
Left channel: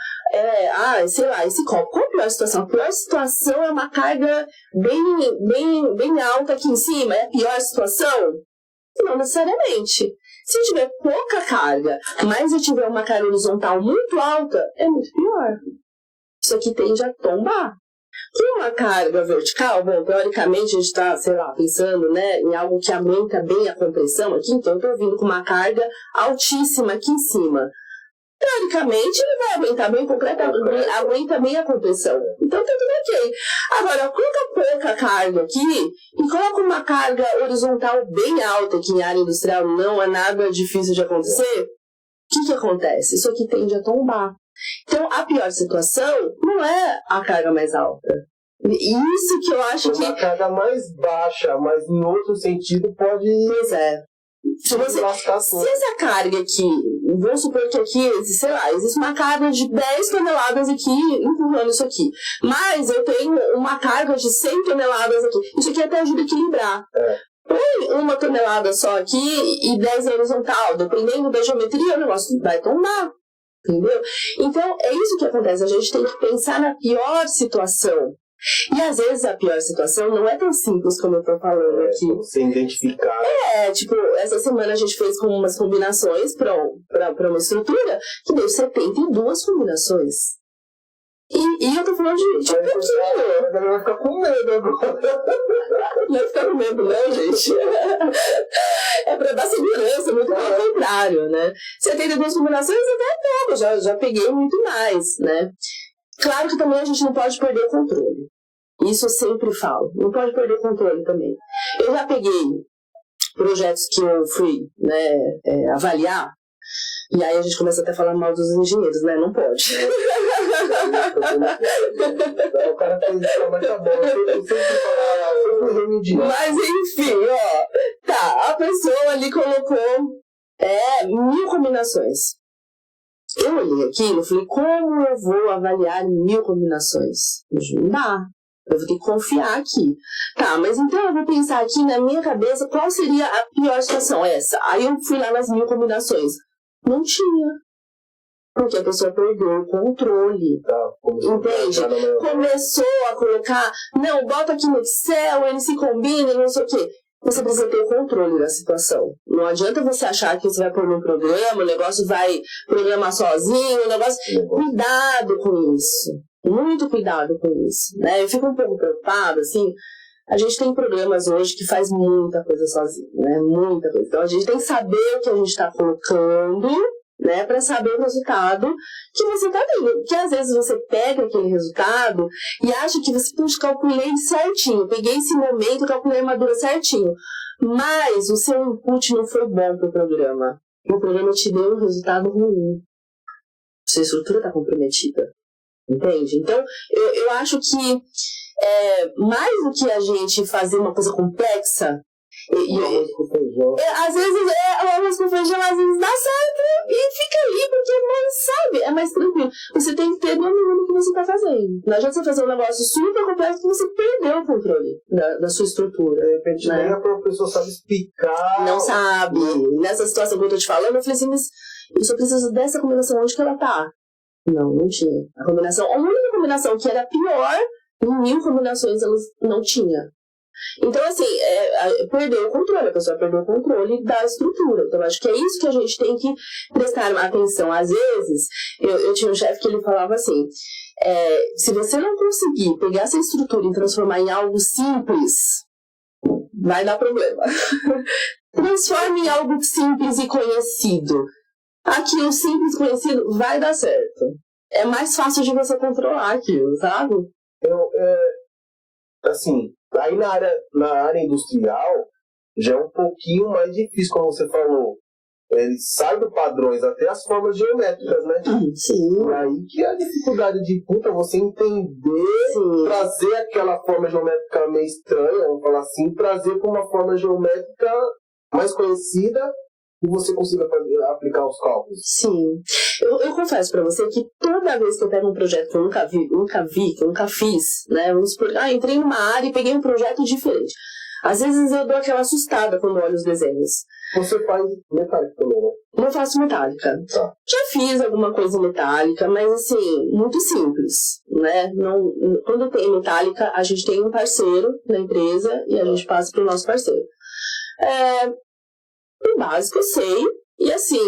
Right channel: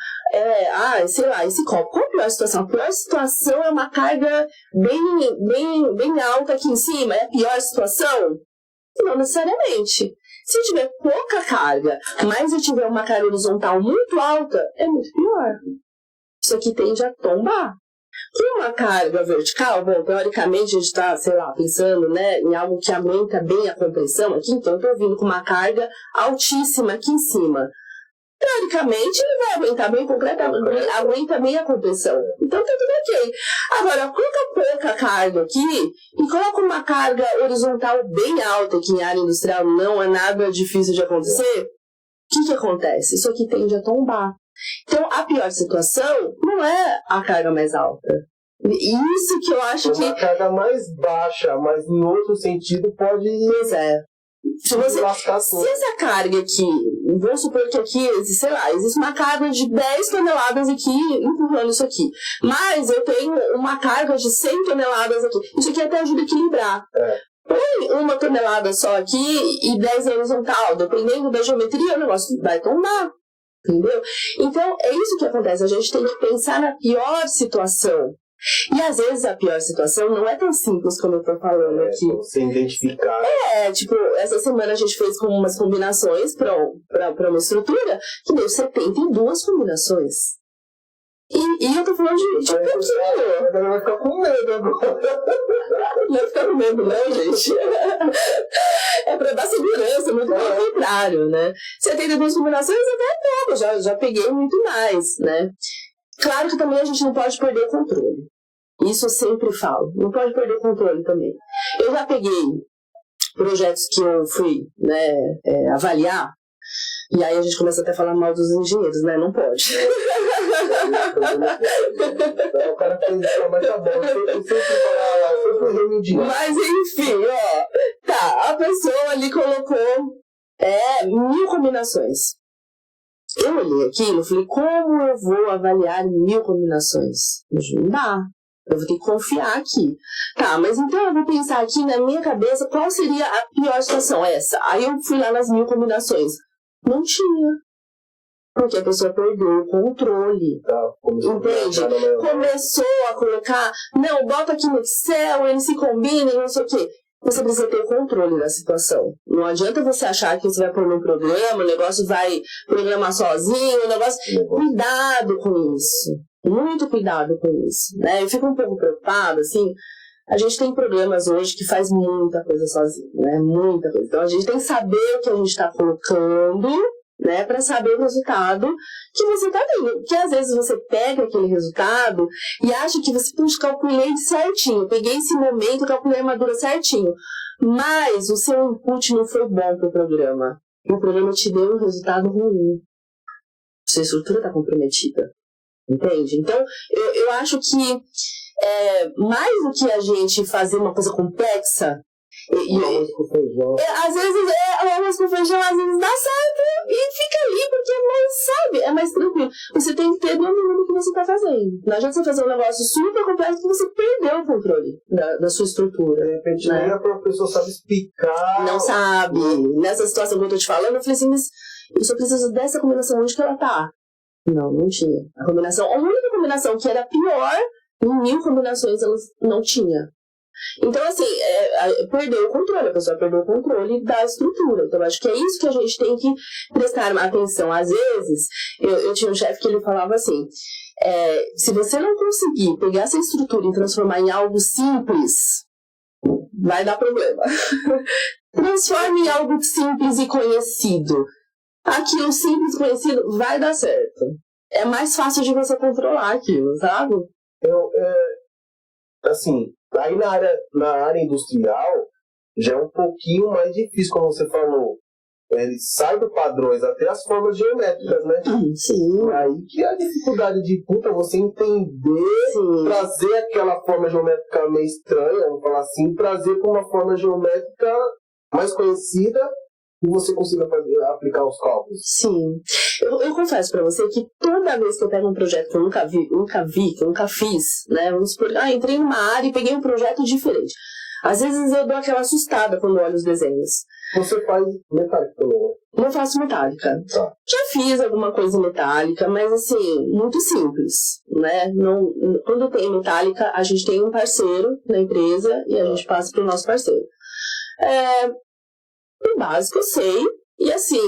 sei lá, esse copo, qual a pior situação? A pior situação é uma carga bem alta aqui em cima, é a pior situação? Não necessariamente. Se tiver pouca carga, mas eu tiver uma carga horizontal muito alta, é muito pior. Isso aqui tende a tombar. Com uma carga vertical, bom, teoricamente a gente está, sei lá, pensando, né, em algo que aguenta bem a compressão aqui, então eu estou vindo com uma carga altíssima aqui em cima. Teoricamente ele vai aguentar bem aguenta bem a compressão. Então tá tudo ok. Agora, coloca pouca carga aqui e coloca uma carga horizontal bem alta, que em área industrial não é nada difícil de acontecer. O que acontece? Isso aqui tende a tombar. Então, a pior situação não é a carga mais alta. Isso que eu acho que... Uma carga mais baixa, mas em outro sentido pode... Pois é. Se essa carga aqui, vamos supor que aqui, sei lá, existe uma carga de 10 toneladas aqui empurrando isso aqui. Mas eu tenho uma carga de 100 toneladas aqui. Isso aqui até ajuda a equilibrar. Põe uma tonelada só aqui e 10 na horizontal. Dependendo da geometria, o negócio vai tombar. Entendeu? Então, é isso que acontece. A gente tem que pensar na pior situação. E às vezes a pior situação não é tão simples como eu tô falando aqui. Você identificar. Tipo, essa semana a gente fez com umas combinações para uma estrutura que deu 72 combinações. E eu tô falando de pouquinho. Vai ficar com medo agora. Não vai ficar com medo, não, gente. É pra dar segurança, muito pelo contrário, né? 72 combinações até é pouco, já peguei muito mais, né? Claro que também a gente não pode perder o controle. Isso eu sempre falo. Não pode perder o controle também. Eu já peguei projetos que eu fui, né, avaliar, e aí a gente começa até a falar mal dos engenheiros, né? Não pode. O cara fez isso, mas tá bom. Eu sempre remediar. Mas enfim, tá, a pessoa ali colocou 1000 combinações. Eu olhei aquilo e falei, como eu vou avaliar 1000 combinações? Não dá. Eu vou ter que confiar aqui. Tá, mas então eu vou pensar aqui na minha cabeça qual seria a pior situação, essa. Aí eu fui lá nas 1000 combinações. Não tinha. Porque a pessoa perdeu o controle. Tá, entende? Começou a colocar, não, bota aqui no Excel, ele se combina, não sei o quê. Você precisa ter o controle da situação. Não adianta você achar que você vai pôr num programa, o negócio vai programar sozinho, o negócio... Cuidado com isso. Muito cuidado com isso. Né? Eu fico um pouco preocupada, assim... A gente tem programas hoje que faz muita coisa sozinho, né? Muita coisa. Então a gente tem que saber o que a gente está colocando, né, para saber o resultado que você está tendo. Porque às vezes você pega aquele resultado e acha que você calculei certinho. Peguei esse momento, calculei a armadura certinho. Mas o seu input não foi bom para o programa. E o programa te deu um resultado ruim. Sua estrutura está comprometida. Entende? Então, eu acho que mais do que a gente fazer uma coisa complexa, às vezes o arroz com feijão às vezes dá certo e fica ali porque é mais tranquilo. Você tem que ter domínio do que você está fazendo. Não adianta você fazer um negócio super complexo que você perdeu o controle da sua estrutura. De repente, né? Nem a professora sabe explicar. Não sabe. Nessa situação que eu estou te falando, eu falei assim, mas eu só preciso dessa combinação, onde que ela tá? Não tinha. A única combinação que era pior, em 1000 combinações elas não tinha. Então, assim, perdeu o controle, a pessoa perdeu o controle da estrutura. Então, acho que é isso que a gente tem que prestar atenção. Às vezes, eu tinha um chefe que ele falava assim, se você não conseguir pegar essa estrutura e transformar em algo simples, vai dar problema. Transforme em algo simples e conhecido. Aquilo simples e conhecido vai dar certo. É mais fácil de você controlar aquilo, sabe? Assim, aí na área industrial já é um pouquinho mais difícil, como você falou. Ele sai do padrões, até as formas geométricas, né? Sim. E aí que é a dificuldade de você entender, Sim. trazer aquela forma geométrica meio estranha, vamos falar assim, trazer para uma forma geométrica mais conhecida e você consiga aplicar os cálculos. Sim. Eu confesso pra você que toda vez que eu pego um projeto que eu nunca vi, que eu nunca fiz, né? Vamos supor, entrei numa área e peguei um projeto diferente. Às vezes eu dou aquela assustada quando olho os desenhos. Você faz metálica também, né? Eu faço metálica. Tá. Já fiz alguma coisa metálica, mas assim, muito simples, né? Não, quando tem metálica, a gente tem um parceiro na empresa e a gente passa pro nosso parceiro. O básico eu sei, e assim,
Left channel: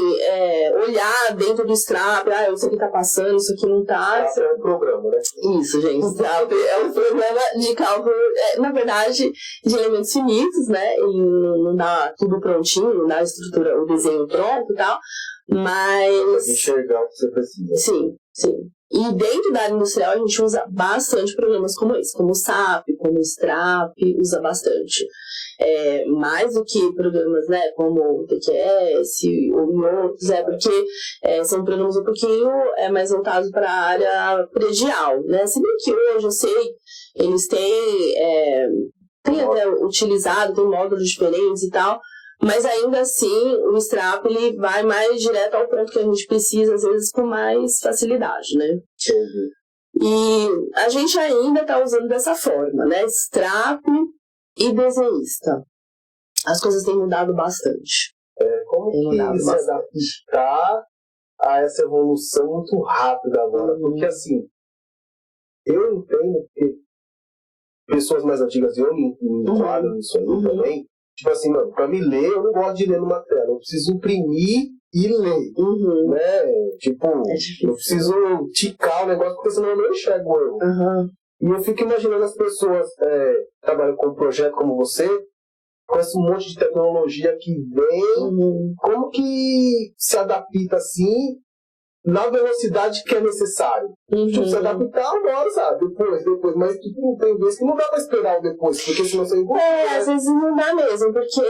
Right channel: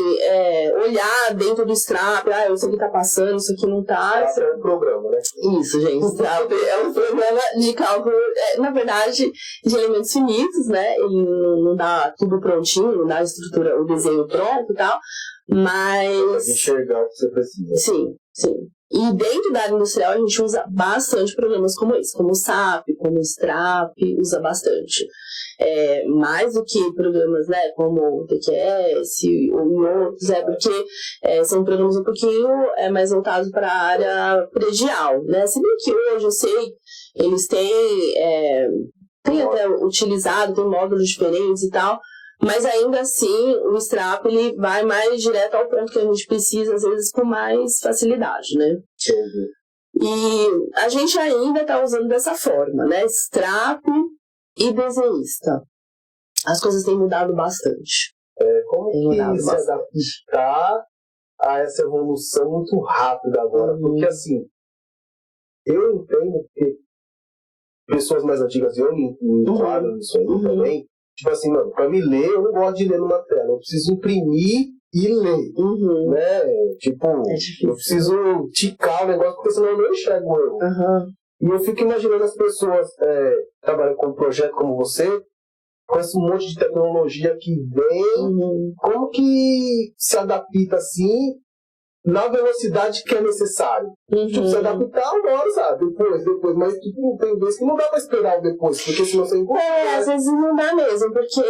olhar dentro do Strap, isso aqui tá passando, isso aqui não tá. Strap é um programa, né? Isso, gente, Strap é um programa de cálculo, na verdade, de elementos finitos, né? Ele não dá tudo prontinho, não dá a estrutura, o desenho pronto e tal, mas... Enxergar o que você precisa. Sim, sim. E dentro da área industrial a gente usa bastante programas como esse, como o SAP, como o Strap, usa bastante. Mais do que programas, né, como o TQS ou outros, porque são programas um pouquinho mais voltados para a área predial, né? Se bem que hoje eu sei, eles têm até utilizado, tem módulos diferentes e tal, mas ainda assim o Strap ele vai mais direto ao ponto que a gente precisa, às vezes com mais facilidade, né? Entendi. E a gente ainda está usando dessa forma, né? Strap e desenhista. As coisas têm mudado bastante. Como que se adaptar a essa evolução muito rápida agora? Porque assim, eu entendo que pessoas mais antigas, eu me enquadro nisso aí também, tipo assim, mano, pra me ler, eu não gosto de ler numa tela, eu preciso imprimir e ler, né? Tipo, eu preciso ticar o negócio, porque senão eu não enxergo eu. E eu fico imaginando as pessoas trabalhando com um projeto como você, com esse monte de tecnologia que vem, como que se adapta assim, na velocidade que é necessário. Tipo, se adaptar agora, sabe? Depois, mas tipo, tem vezes que não dá pra esperar o depois, porque senão você envolve. Às vezes não dá mesmo, porque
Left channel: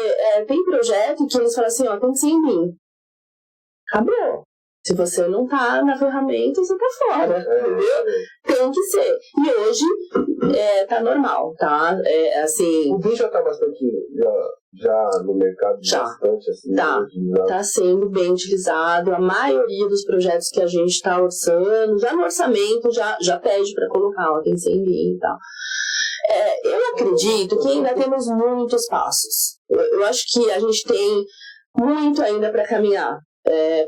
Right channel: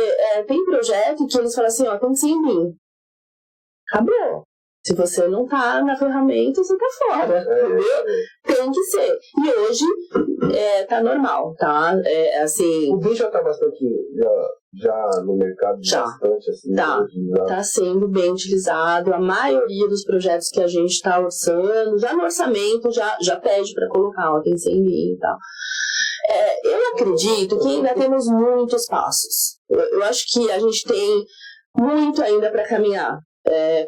tem projeto que eles falam assim, tem que ser em BIM. Acabou. Se você não tá na ferramenta, você tá fora, entendeu? Tem que ser. E hoje tá normal, tá? Assim... O BIM já tá bastante já no mercado Já. bastante assim? Tá. Hoje, já? Está sendo bem utilizado. A maioria dos projetos que a gente está orçando, já no orçamento, já pede para colocar, ó, tem 100 mil e tal. Eu acredito que ainda temos muitos passos. Eu acho que a gente tem muito ainda para caminhar.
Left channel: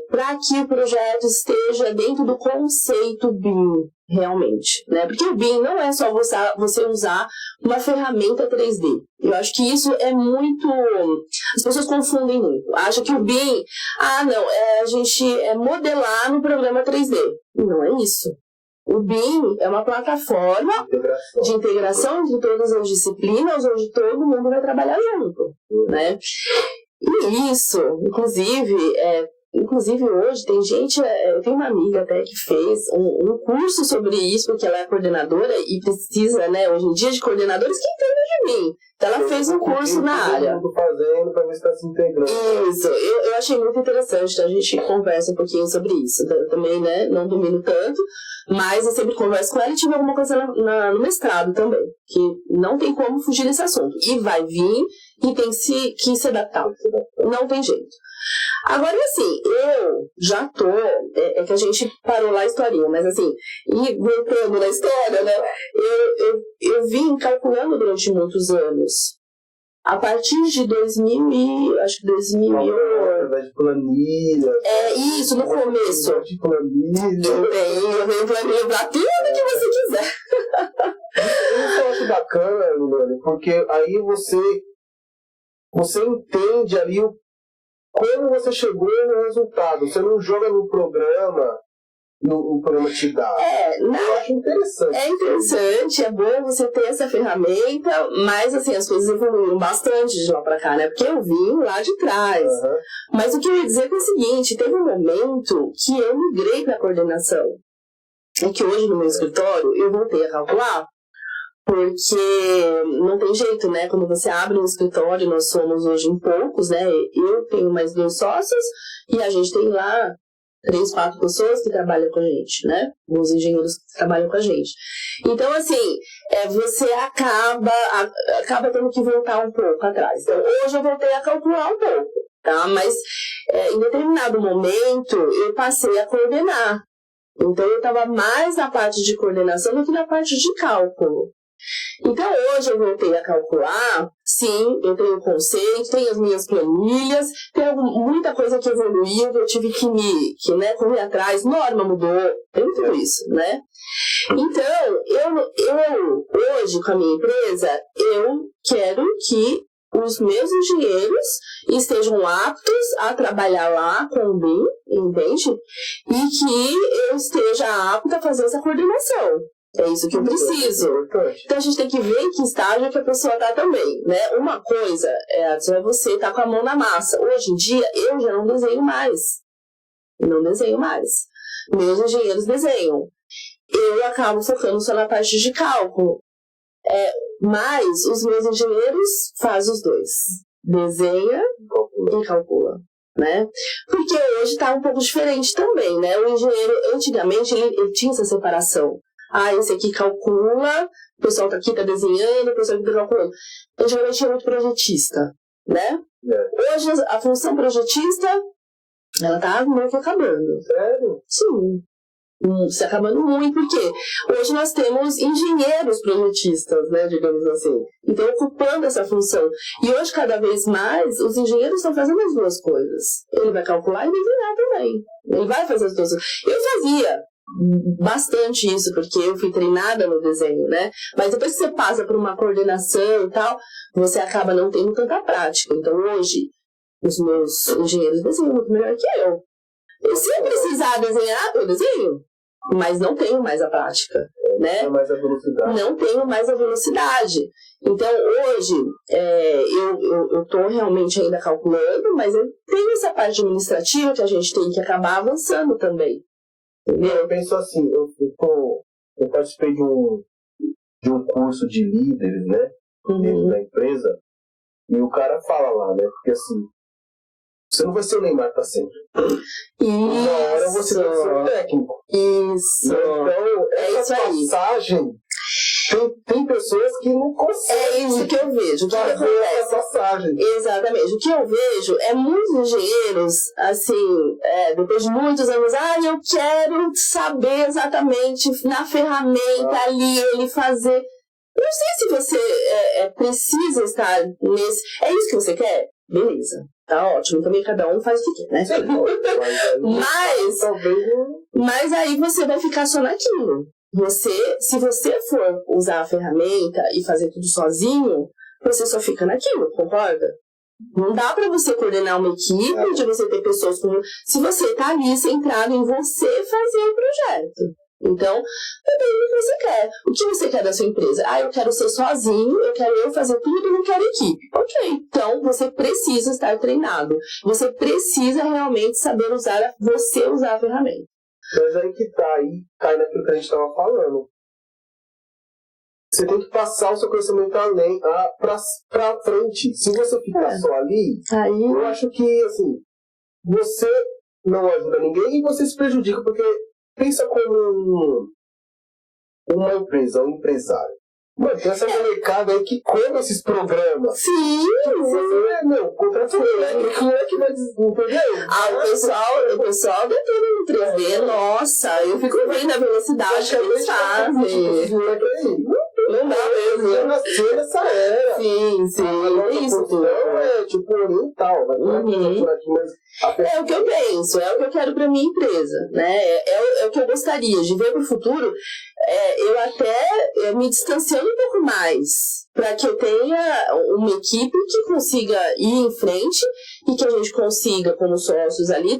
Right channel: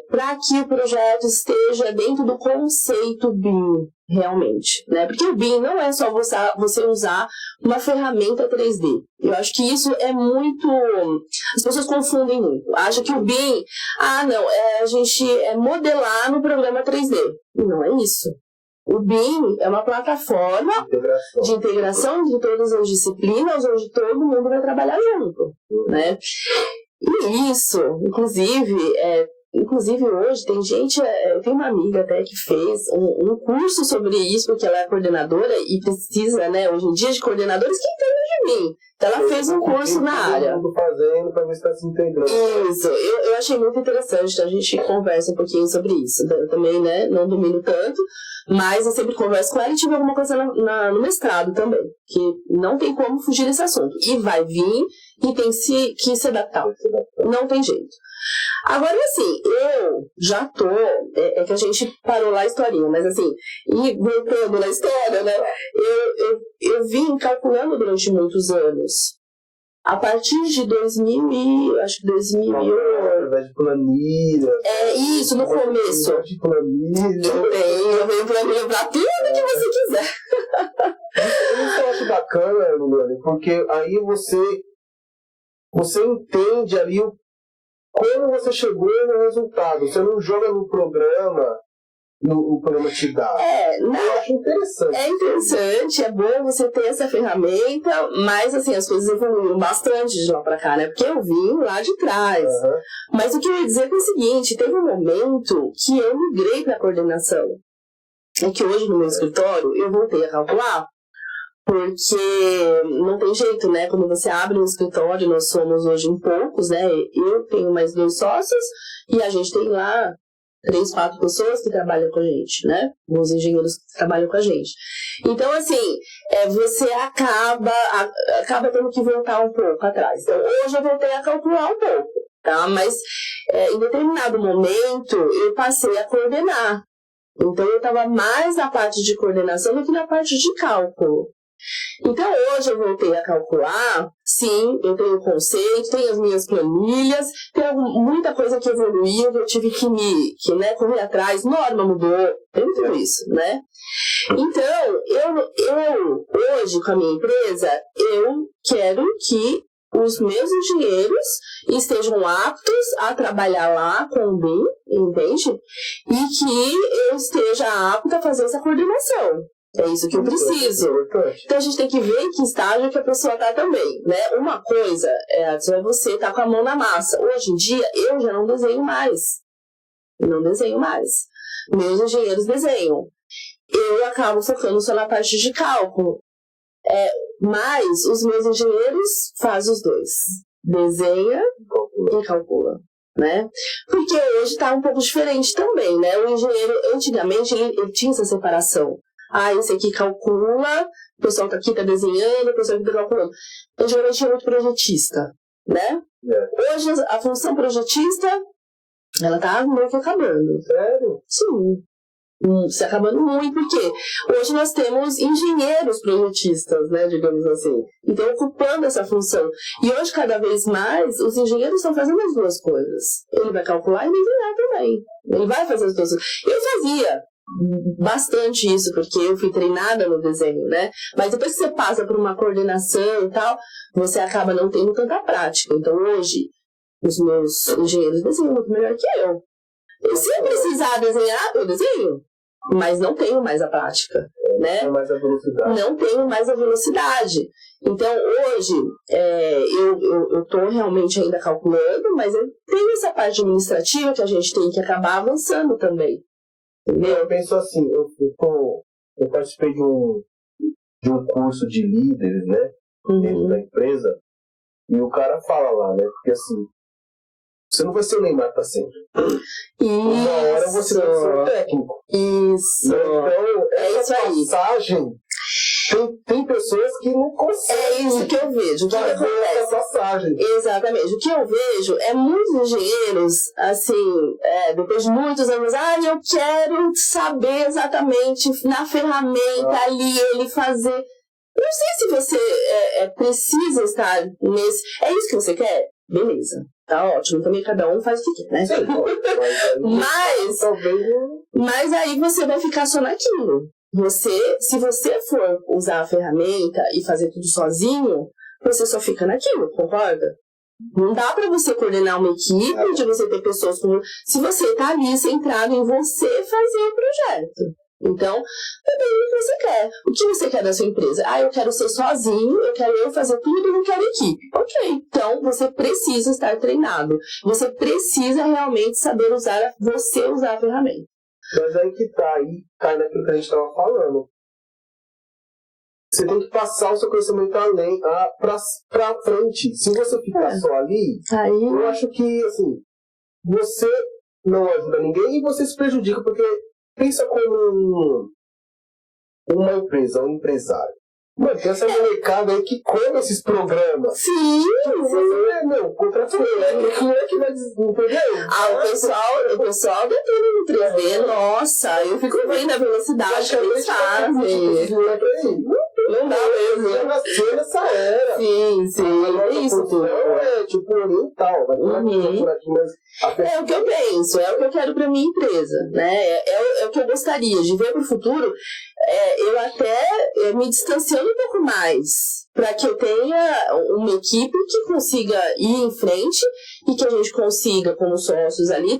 Para que o projeto esteja dentro do conceito BIM, realmente, né? Porque o BIM não é só você usar uma ferramenta 3D. Eu acho que isso é muito... As pessoas confundem muito. Acham que o BIM... a gente modelar no programa 3D. E não é isso. O BIM é uma plataforma de integração entre todas as disciplinas, onde todo mundo vai trabalhar junto, né? E isso, inclusive hoje tem gente, eu tenho uma amiga até que fez um curso sobre isso, porque ela é coordenadora e precisa, né, hoje em dia, de coordenadores que entendem de mim. Então ela fez um curso na área. Fazendo para ver se está se integrando. Isso, eu achei muito interessante, a gente conversa um pouquinho sobre isso. Eu também, né, não domino tanto, mas eu sempre converso com ela e tive alguma coisa no mestrado também, que não tem como fugir desse assunto. E vai vir e tem que se adaptar. Não tem jeito. Agora, assim, eu já tô... É que a gente parou lá a historinha, mas assim, e voltando na história, né? Eu vim calculando durante muitos anos. A partir de 2000 acho que 2008... de planilha. Isso, no começo. De planilha. Eu venho planilha pra tudo que você quiser. Isso eu acho bacana, Liliane, porque aí você entende ali como você chegou no resultado. Você não joga no programa, o programa te dá. Eu acho interessante. É interessante, é bom você ter essa ferramenta, mas assim, as coisas evoluíram bastante de lá pra cá, né? Porque eu vim lá de trás. Uhum. Mas o que eu ia dizer é o seguinte, teve um momento que eu migrei pra coordenação. É que hoje no meu escritório eu voltei a calcular, porque não tem jeito, né? Quando você abre um escritório, nós somos hoje em poucos, né? Eu tenho mais 2 sócios e a gente tem lá 3, 4 pessoas que trabalham com a gente, né? Os engenheiros que trabalham com a gente. Então, assim, você acaba tendo que voltar um pouco atrás. Então, hoje eu voltei a calcular um pouco, tá? Mas em determinado momento eu passei a coordenar. Então, eu estava mais na parte de coordenação do que na parte de cálculo. Então, hoje eu voltei a calcular, sim, eu tenho conceito, tenho as minhas planilhas, tem muita coisa que evoluiu, que eu tive que correr atrás, norma mudou, tem tudo isso, né? Então, eu hoje, com a minha empresa, eu quero que os meus engenheiros estejam aptos a trabalhar lá com o BIM, entende? E que eu esteja apta a fazer essa coordenação. É isso que eu preciso. Então a gente tem que ver em que estágio que a pessoa está também, né? Uma coisa é você estar com a mão na massa. Hoje em dia eu já não desenho mais. Meus engenheiros desenham. Eu acabo focando só na parte de cálculo. Mas os meus engenheiros fazem os dois. Desenha e calcula. Né? Porque hoje está um pouco diferente também, né? O engenheiro, antigamente, ele tinha essa separação. Esse aqui calcula, o pessoal aqui está desenhando, o pessoal aqui está calculando. Antigamente tinha muito projetista, né? Hoje a função projetista, ela está meio que acabando. Sério? Sim. Se acabando muito, porque hoje nós temos engenheiros projetistas, né, digamos assim. Então, ocupando essa função. E hoje, cada vez mais, os engenheiros estão fazendo as duas coisas. Ele vai calcular e desenhar também. Ele vai fazer as duas coisas. Eu fazia bastante isso, porque eu fui treinada no desenho, né? Mas depois que você passa por uma coordenação e tal, você acaba não tendo tanta prática. Então, hoje, os meus engenheiros desenham muito melhor que eu. E se eu precisar desenhar, eu desenho. Mas não tenho mais a prática, né? Não tenho mais a velocidade. Então, hoje, eu estou realmente ainda calculando, mas eu tenho essa parte administrativa que a gente tem que acabar avançando também. Entendeu? Eu penso assim, eu participei de um curso de líderes, né? Dentro da empresa. E o cara fala lá, né? Porque assim, você não vai ser o Neymar para sempre. Uma hora você vai ser o técnico. Isso. Então, isso essa aí. passagem Tem pessoas que não conseguem. É isso que eu vejo. O que acontece? Essa passagem. Exatamente. O que eu vejo é muitos engenheiros, assim, depois de muitos anos, eu quero saber exatamente na ferramenta ali, ele fazer. Não sei se você precisa estar nesse. É isso que você quer? Beleza. Tá ótimo. Também cada um faz o que quer, né? Sim, mas aí você vai ficar só naquilo. Se você for usar a ferramenta e fazer tudo sozinho, você só fica naquilo, concorda? Não dá pra você coordenar uma equipe, de você ter pessoas com... Se você tá ali centrado em você fazer o projeto. Então, depende do que você quer. O que você quer da sua empresa? Eu quero ser sozinho, eu quero fazer tudo, eu não quero equipe. Ok, então você precisa estar treinado. Você precisa realmente saber usar a ferramenta. Mas aí que tá, aí cai naquilo que a gente estava falando. Você tem que passar o seu conhecimento além, pra frente. Se você ficar só ali, eu acho que, assim, você não ajuda ninguém e você se prejudica, porque pensa como uma empresa, um empresário. Mano, tem essa molecada aí que come esses programas. Sim, contrato quem é que vai entender? O pessoal detém no 3D, nossa, eu fico vendo a velocidade que eles fazem. Não dá mesmo. Já nasceu nessa era. Sim. Isso tudo. Tipo oriental. É o que eu penso, é o que eu quero pra minha empresa, né? É o que eu gostaria de ver pro futuro. Eu até me distanciando um pouco mais, para que eu tenha uma equipe que consiga ir em frente e que a gente consiga, como sócios ali,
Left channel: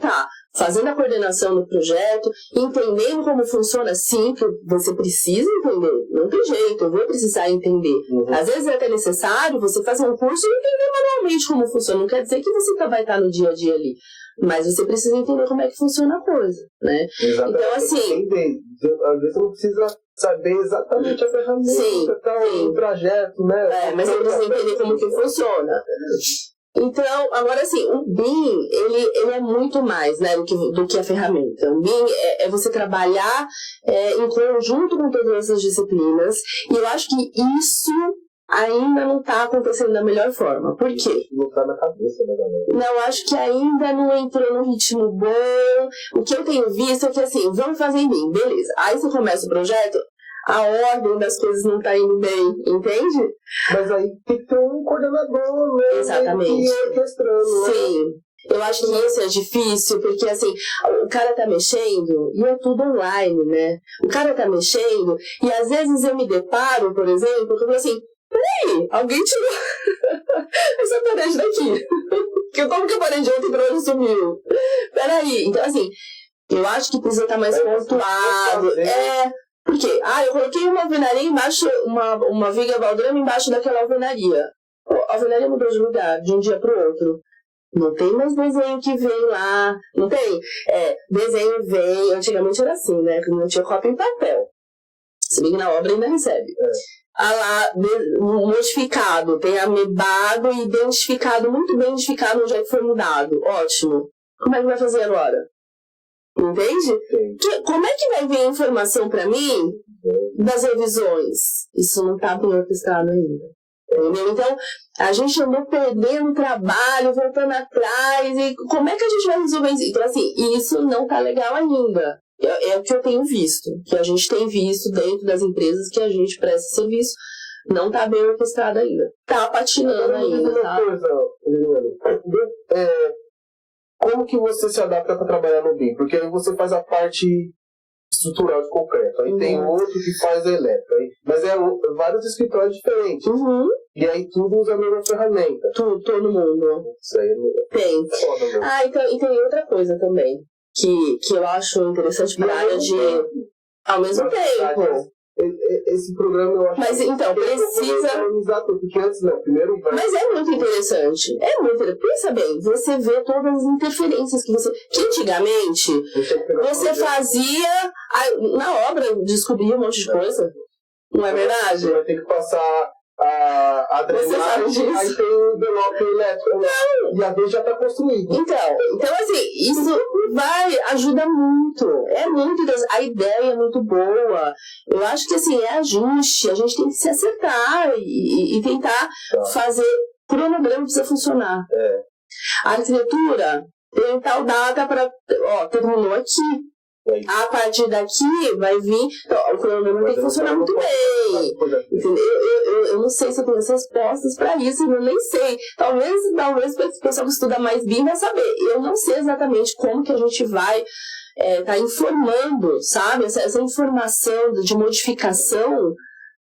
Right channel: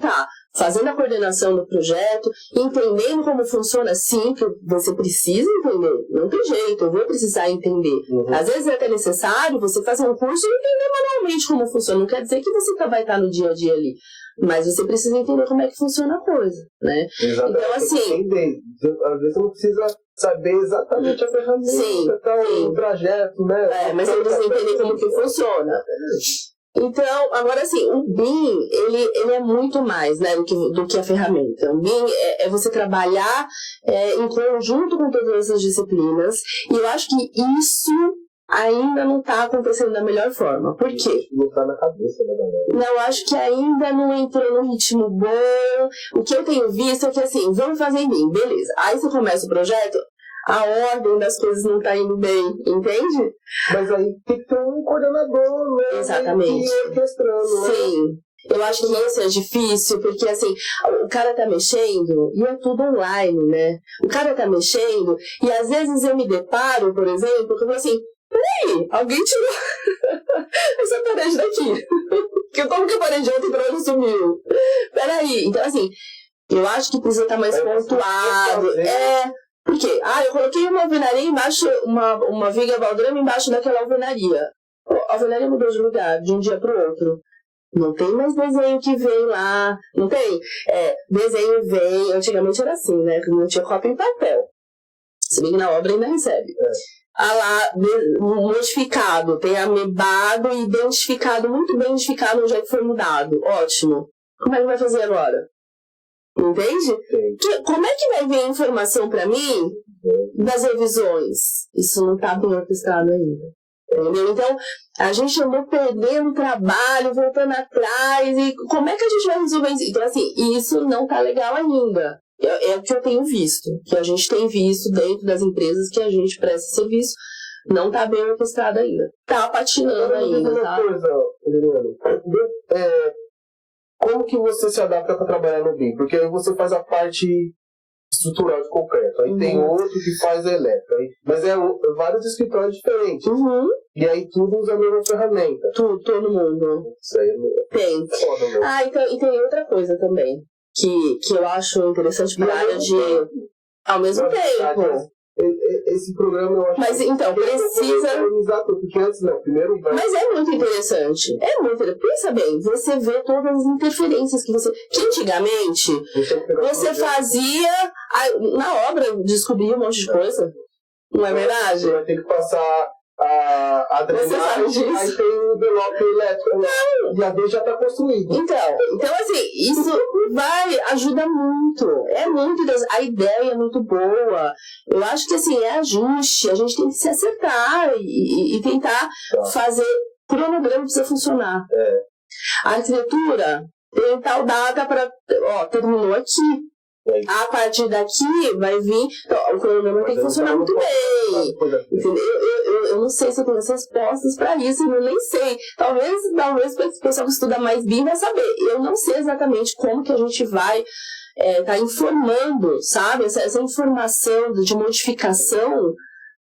fazendo a coordenação do projeto, entendendo como funciona, sim, que você precisa entender, não tem jeito, eu vou precisar entender. Às vezes é até necessário você fazer um curso e entender manualmente como funciona, não quer dizer que você vai estar no dia a dia ali, mas você precisa entender como é que funciona a coisa, né? Exatamente. Então, assim... Às vezes você não precisa saber exatamente a ferramenta, o trajeto, né? Mas eu preciso entender como que funciona. Então, agora assim, o BIM, ele é muito mais, né, do que a ferramenta. O BIM é você trabalhar em conjunto com todas essas disciplinas, e eu acho que isso ainda não está acontecendo da melhor forma. Por quê? Não está na cabeça da galera. Não, acho que ainda não entrou num ritmo bom. O que eu tenho visto é que assim, vamos fazer em BIM, beleza. Aí você começa o projeto, a ordem das coisas não está indo bem, entende? Mas aí tem que ter um coordenador, né? Exatamente. Orquestrando, né? Sim. Eu acho que isso é difícil, porque assim, o cara tá mexendo e é tudo online, né? O cara tá mexendo e às vezes eu me deparo, por exemplo, que eu falo assim, peraí, alguém tirou essa parede daqui. Como que a parede de ontem pra hoje sumiu? Peraí, então assim, eu acho que precisa estar mais pontuado. Porque, eu coloquei uma alvenaria embaixo, uma viga baldrame embaixo daquela alvenaria. A alvenaria mudou de lugar, de um dia pro outro. Não tem mais desenho que vem lá, não tem? Desenho vem, antigamente era assim, né? Que não tinha cópia em papel. Se bem que na obra ainda recebe. Lá, modificado, tem amebado e identificado, muito bem identificado onde é que foi mudado. Ótimo. Como é que vai fazer agora? Entende? Como é que vai vir a informação para mim das revisões? Isso não está bem orquestrado ainda. Entendeu? Então, a gente andou perdendo trabalho, voltando atrás, e como é que a gente vai resolver isso? Então, assim, isso não está legal ainda. É o que eu tenho visto, que a gente tem visto dentro das empresas que a gente presta serviço, não está bem orquestrado ainda. Está patinando ainda, tá? Como que você se adapta para trabalhar no BIM? Porque aí você faz a parte estrutural de concreto, aí tem outro que faz a elétrica, mas vários escritórios diferentes. E aí tudo usa a mesma ferramenta. Todo mundo. Isso aí tem. Então, e tem outra coisa também, que eu acho interessante para a área de... Ao mesmo tempo. Esse programa eu acho... Mas então, precisa... Porque antes não, primeiro... Mas é muito interessante. Pensa bem, você vê todas as interferências que você... Que antigamente, você fazia... Na obra, descobria um monte de coisa. Não é verdade? Você vai ter que passar a drenagem, aí tem o envelope elétrico, né? E a D já está construída. Então assim, isso ajuda muito. É muito, a ideia é muito boa. Eu acho que assim, é ajuste, a gente tem que se acertar e tentar fazer o cronograma precisa funcionar. A arquitetura tem tal data para. Terminou aqui. A partir daqui vai vir. Então, o cronograma tem que funcionar muito bem. Eu não sei se eu tenho as respostas para isso, eu nem sei. Talvez o pessoal que estuda mais BIM vai saber. Eu não sei exatamente como que a gente vai tá informando, sabe? Essa informação de modificação,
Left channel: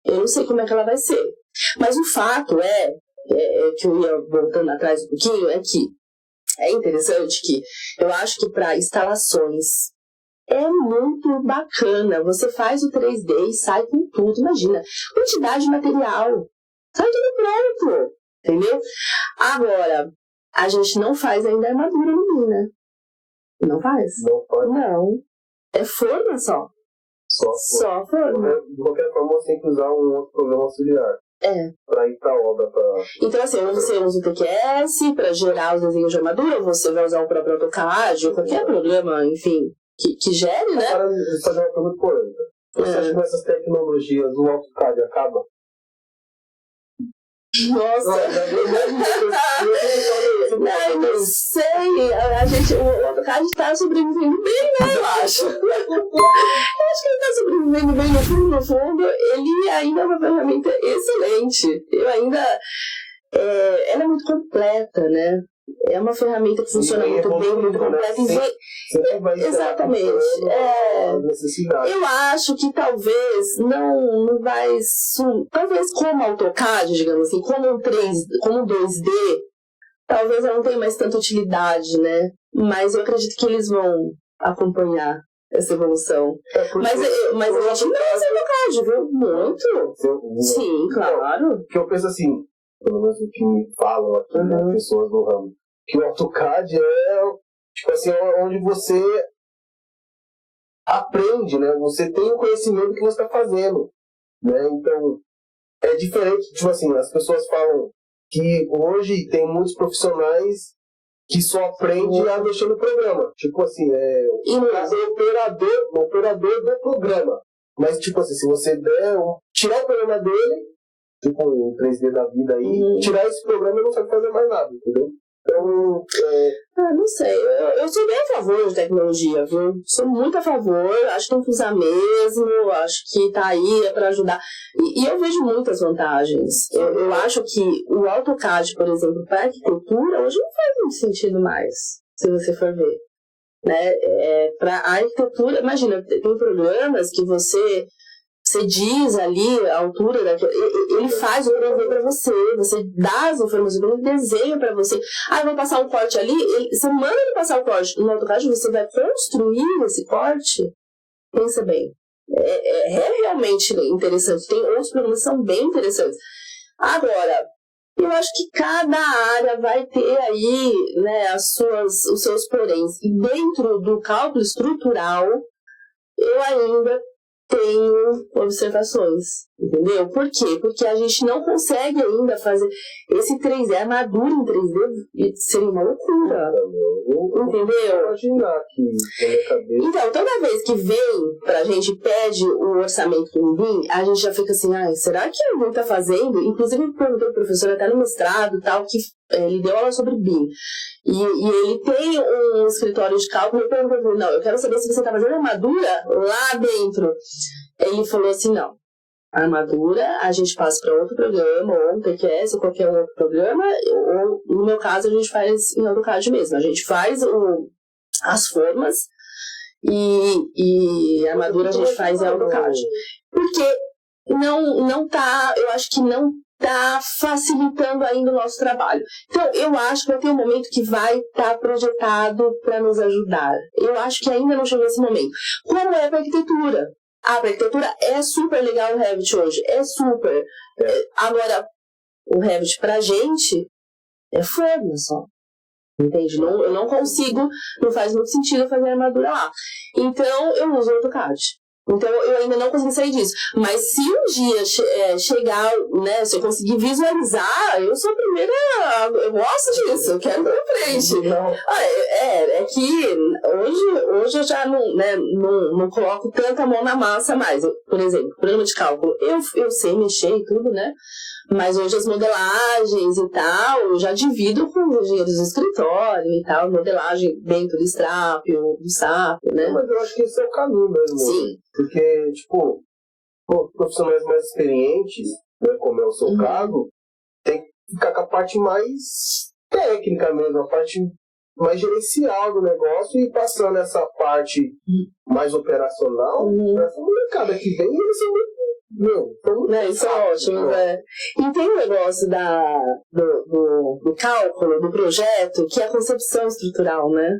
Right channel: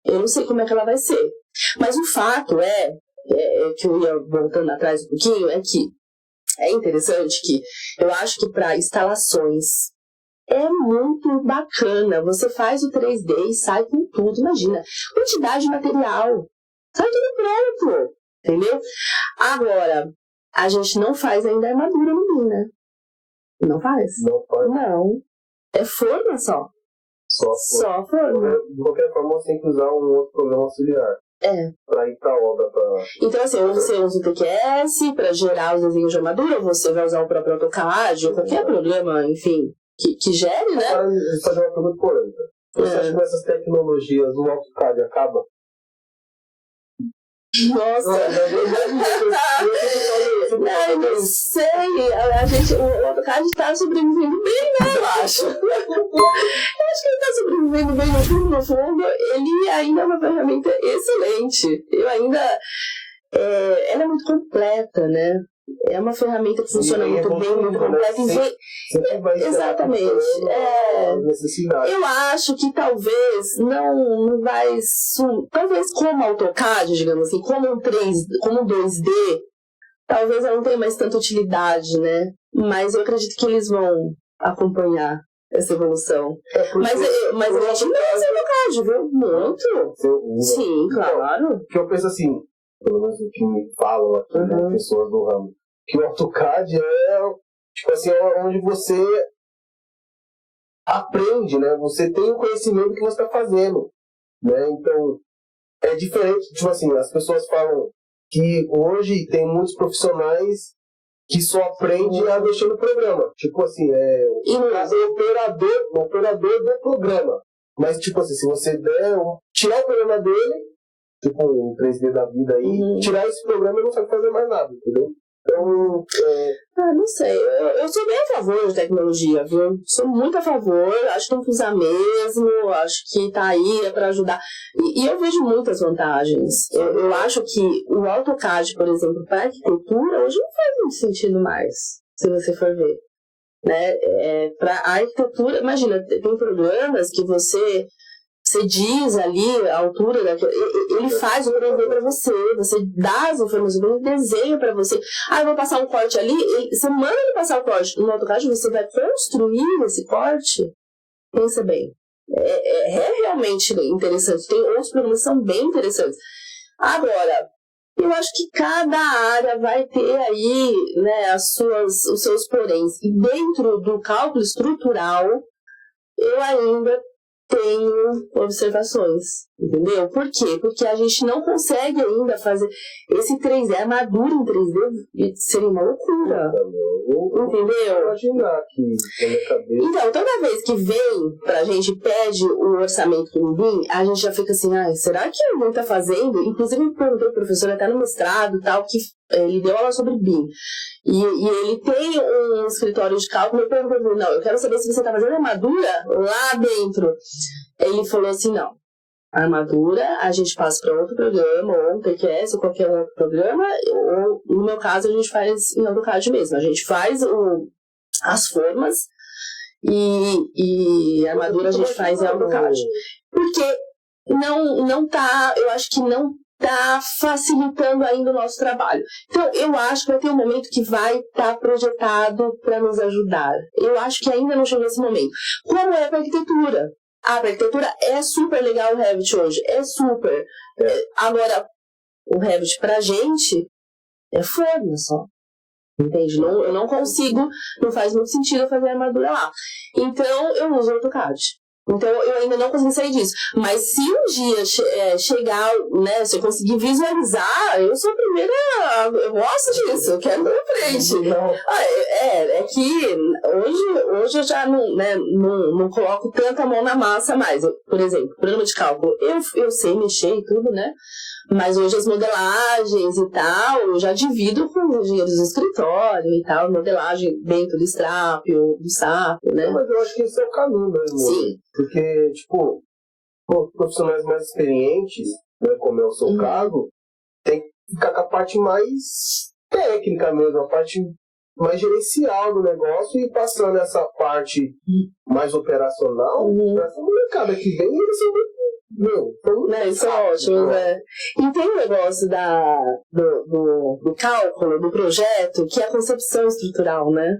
eu não sei como é que ela vai ser. Mas o fato que eu ia voltando atrás um pouquinho, é que é interessante que eu acho que para instalações é muito bacana. Você faz o 3D e sai com tudo. Imagina, quantidade de material. Sai tudo pronto. Entendeu? Agora, a gente não faz ainda armadura no BIM, né? Não faz? Não faz. Não. É forma só. Só forma. De qualquer forma, você tem que usar um outro programa auxiliar. Para ir para a obra. Então, assim, ou você usa o TQS para gerar os desenhos de armadura, ou você vai usar o próprio AutoCAD, ou qualquer programa, enfim, que gere, né? Agora, fazer uma pergunta polêmica. Você acha que com essas tecnologias o AutoCAD acaba? Nossa! Eu não sei. O AutoCAD está sobrevivendo bem, né? Eu acho. Eu acho que ele está sobrevivendo bem no fundo. Ele ainda é uma ferramenta excelente. Ela é muito completa, né? É uma ferramenta que funciona muito bem, muito completa. Exatamente. Eu acho que talvez não vai... Talvez como AutoCAD, digamos assim, como um 2D, talvez ela não tenha mais tanta utilidade, né? Mas eu acredito que eles vão acompanhar essa evolução. Mas a gente não usa AutoCAD, viu? Muito. Sim, claro. Porque eu penso assim, pelo menos o que me falam aqui, né, pessoas do ramo, que o AutoCAD tipo assim, onde você aprende, né? Você tem o conhecimento que você está fazendo, né? Então, é diferente, tipo assim, as pessoas falam que hoje tem muitos profissionais que só aprendem a mexer no programa. Tipo assim, o operador do programa. Mas, tipo assim, se você tirar o programa dele, tipo um 3D da vida aí, tirar esse programa, ele não sabe fazer mais nada, entendeu? Então, não sei, eu sou bem a favor de tecnologia, viu? Sou muito a favor, acho que tem que usar mesmo, acho que tá aí para ajudar. E eu vejo muitas vantagens. Eu acho que o AutoCAD, por exemplo, para arquitetura, hoje não faz muito sentido mais, se você for ver. Né? Para a arquitetura, imagina, tem programas que você diz ali a altura ele faz o programa para você dá as informações, ele desenha para você. Eu vou passar um corte ali, você manda ele passar o corte. No AutoCAD você vai construir esse corte. Pensa bem. É realmente interessante. Tem outros programas que são bem interessantes. Agora, eu acho que cada área vai ter aí, né, os seus poréns. E dentro do cálculo estrutural, eu ainda tenho observações, entendeu? Por quê? Porque a gente não consegue ainda fazer esse 3D, a armadura em 3D seria uma loucura, entendeu? Imaginar aqui na minha cabeça. Então, toda vez que vem pra gente, pede o orçamento do BIM, a gente já fica assim, será que o BIM tá fazendo? Inclusive, eu perguntei ao professor até no mestrado, tal, que ele deu aula sobre BIM. E ele tem um escritório de cálculo, eu perguntei, não, eu quero saber se você está fazendo armadura lá dentro. Ele falou assim, não, a armadura a gente passa para outro programa, ou um TQS, ou qualquer outro programa, ou no meu caso a gente faz em AutoCAD mesmo, a gente faz as formas e a armadura a gente faz em AutoCAD. Porque não tá, eu acho que não está facilitando ainda o nosso trabalho. Então, eu acho que vai ter um momento que vai estar projetado para nos ajudar. Eu acho que ainda não chegou esse momento. Como é para a arquitetura? Para a arquitetura é super legal o Revit hoje. É super. Agora, o Revit para a gente é forma só. Entende? Eu não consigo, não faz muito sentido eu fazer armadura lá. Então, eu uso o AutoCAD. Então, eu ainda não consegui sair disso. Mas se um dia chegar, né, se eu conseguir visualizar, eu sou a primeira, eu gosto disso, eu quero ir pra frente. É que hoje eu já não coloco tanta mão na massa mais. Por exemplo, programa de cálculo, eu sei mexer e tudo, né? Mas hoje as modelagens e tal, eu já divido com os engenheiros do escritório e tal, modelagem dentro do Strápio, do SAP, né? Mas eu acho que esse é o caminho mesmo. Sim. Porque, tipo, profissionais mais experientes, né, como é o seu caso, tem que ficar com a parte mais técnica mesmo, a parte mais gerencial do negócio e passando essa parte mais operacional pra essa molecada que vem e eles são muito... Isso é ótimo, né? E tem um negócio do cálculo, do projeto, que é a concepção estrutural, né?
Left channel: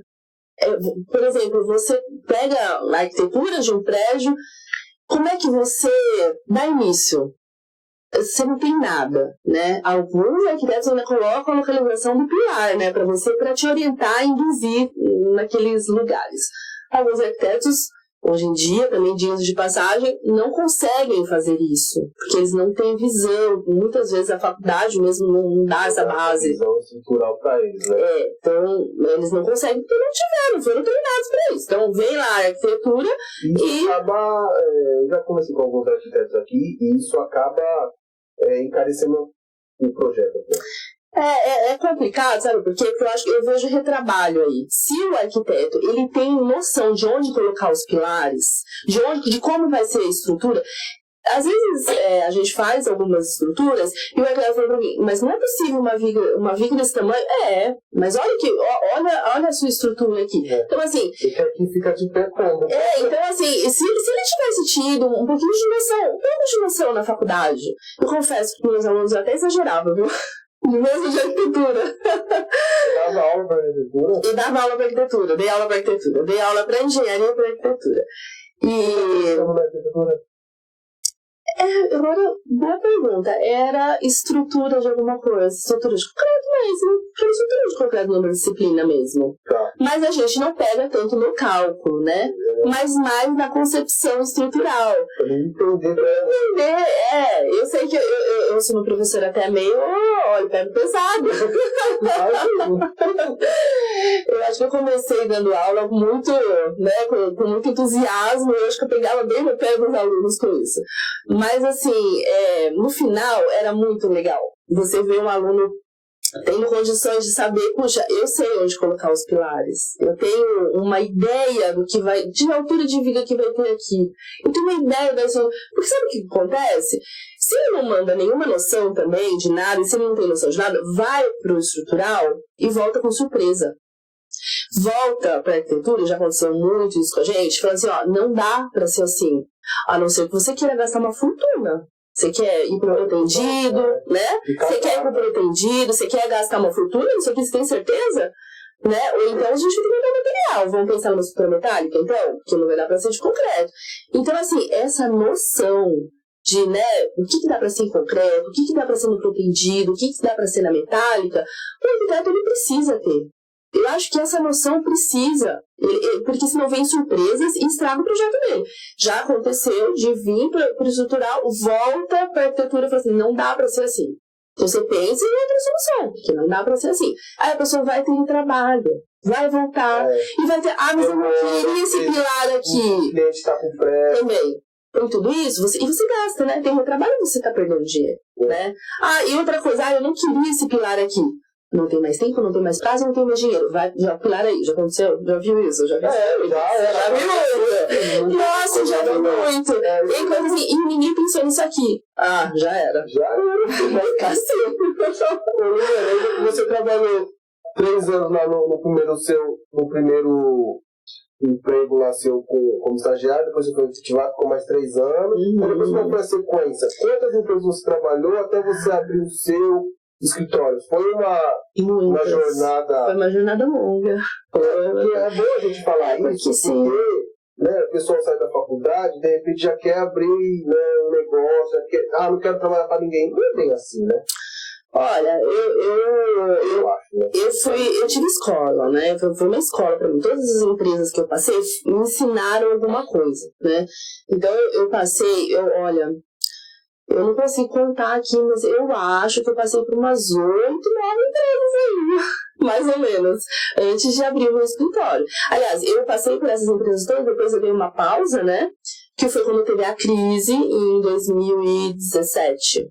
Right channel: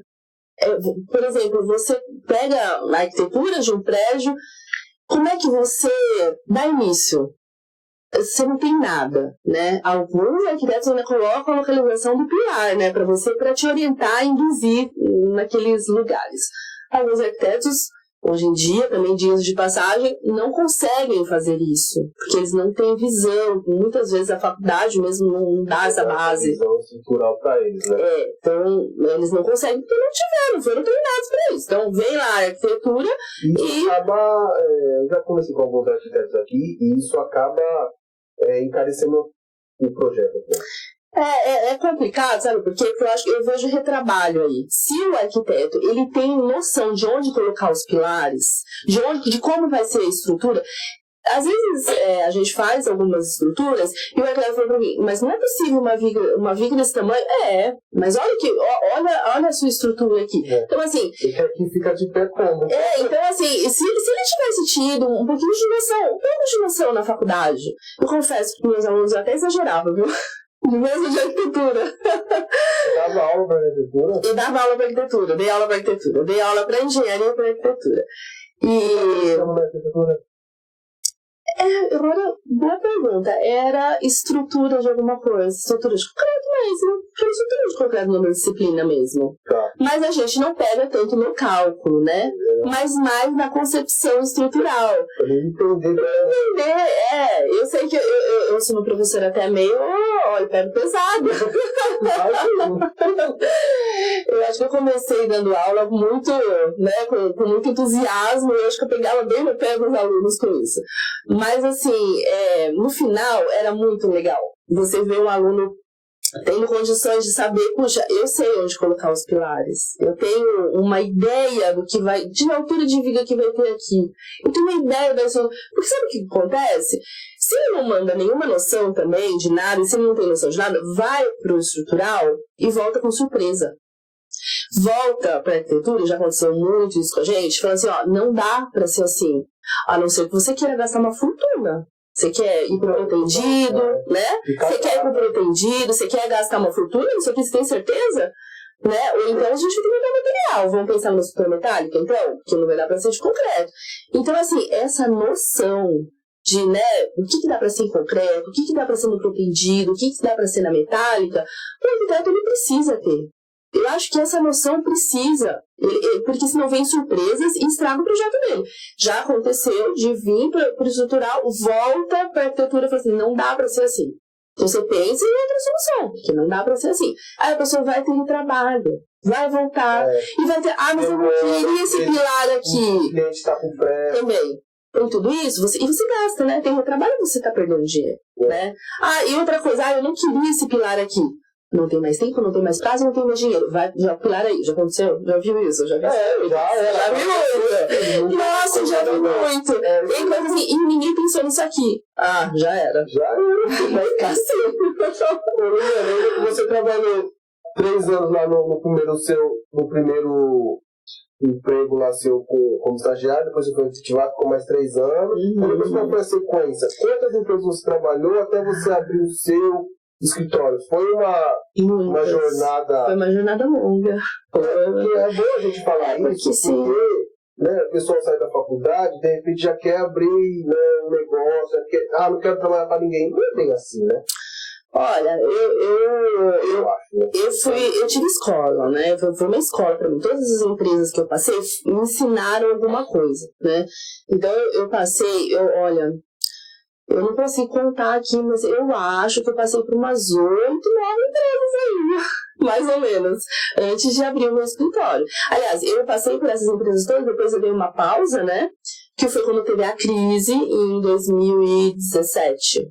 Por exemplo, você pega a arquitetura de um prédio, como é que você dá início? Você não tem nada, né? Alguns arquitetos ainda colocam a localização do pilar, né? Para te orientar e induzir naqueles lugares. Alguns arquitetos, hoje em dia, também dias de passagem, não conseguem fazer isso, porque eles não têm visão. Muitas vezes a faculdade mesmo não dá essa base. Visão estrutural para eles, né? Então eles não conseguem porque não foram treinados para isso. Então vem lá a arquitetura e acaba, eu já conversei com alguns arquitetos aqui, e isso acaba encarecendo o projeto. É complicado, sabe? Porque eu acho que eu vejo retrabalho aí. Se o arquiteto ele tem noção de onde colocar os pilares, de como vai ser a estrutura, às vezes a gente faz algumas estruturas e o arquiteto fala pra mim, mas não é possível uma viga desse tamanho? Mas olha a sua estrutura aqui. Então assim... E que aqui fica de pé como? Então assim, se ele tivesse tido um pouquinho de noção na faculdade, eu confesso que meus alunos até exageravam, viu? Mesmo de arquitetura. Você dava aula para arquitetura? Eu dava aula para arquitetura, dei aula para arquitetura, dei aula para engenharia para arquitetura. Agora, boa pergunta. Era estrutura de alguma coisa, estrutura de concreto mesmo. Era estrutura de concreto numa disciplina mesmo. Tá. Mas a gente não pega tanto no cálculo, né? Mas mais na concepção estrutural. Pra entender. Eu sei que eu sou uma professora até meio, pego pesado. Eu acho que eu comecei dando aula muito, né, com muito entusiasmo. Eu acho que eu pegava bem no pé dos alunos com isso. Mas assim, no final era muito legal. Você vê um aluno tendo condições de saber, puxa, eu sei onde colocar os pilares. Eu tenho uma ideia de altura de viga que vai ter aqui. Eu tenho uma ideia da sua... Porque sabe o que acontece? Se ele não manda nenhuma noção também de nada, e se ele não tem noção de nada, vai pro estrutural e volta com surpresa. Volta pra arquitetura, já aconteceu muito isso com a gente, falando assim, não dá pra ser assim, a não ser que você queira gastar uma fortuna. Você quer ir pro pretendido, né? Você quer ir pro pretendido, você quer gastar uma fortuna, isso aqui você tem certeza? Né? Ou então a gente tem que mandar material. Vamos pensar numa estrutura metálica, então? Que não vai dar pra ser de concreto. Então, assim, essa noção de, né, o que dá pra ser em concreto, o que dá pra ser no pretendido, o que dá pra ser na metálica, o arquiteto ele precisa ter. Eu acho que essa noção precisa, porque senão vem surpresas e estraga o projeto dele. Já aconteceu de vir para o estrutural, volta para a arquitetura e fala assim, não dá para ser assim. Então você pensa em outra solução, que não dá para ser assim. Aí a pessoa vai ter um trabalho, vai voltar e vai ter, mas eu não queria esse pilar aqui. O cliente está com pressa. Também. Tem tudo isso, e você gasta, né? Tem um trabalho que você está perdendo dinheiro, né? E outra coisa, eu não queria esse pilar aqui. Não tem mais tempo, não tem mais prazo, não tem mais dinheiro. Vai, já pular aí, já aconteceu? Já viu isso? Já viu muito. Nossa, já viu muito. Tem coisa assim, e ninguém pensou nisso aqui. Já era. Vai cacete. Você trabalhou 3 anos lá no primeiro emprego lá seu como estagiário, depois você foi efetivado, ficou mais 3 anos. Depois qual foi a sequência? Quantas empresas você trabalhou até você abrir o seu escritório? Foi uma jornada... Foi uma jornada longa. É bom a gente falar isso, porque né, o pessoal sai da faculdade, de repente já quer abrir, né, um negócio, não quero trabalhar para ninguém. Não é bem assim, né? Olha, Eu acho, né? eu tive escola, né? Foi uma escola para mim. Todas as empresas que eu passei me ensinaram alguma coisa, né? Então eu passei, olha, eu não consigo contar aqui, mas eu acho que eu passei por umas 8, 9 empresas aí, mais ou menos, antes de abrir o meu escritório. Aliás, eu passei por essas empresas todas, depois eu dei uma pausa, né? Que foi quando teve a crise em 2017.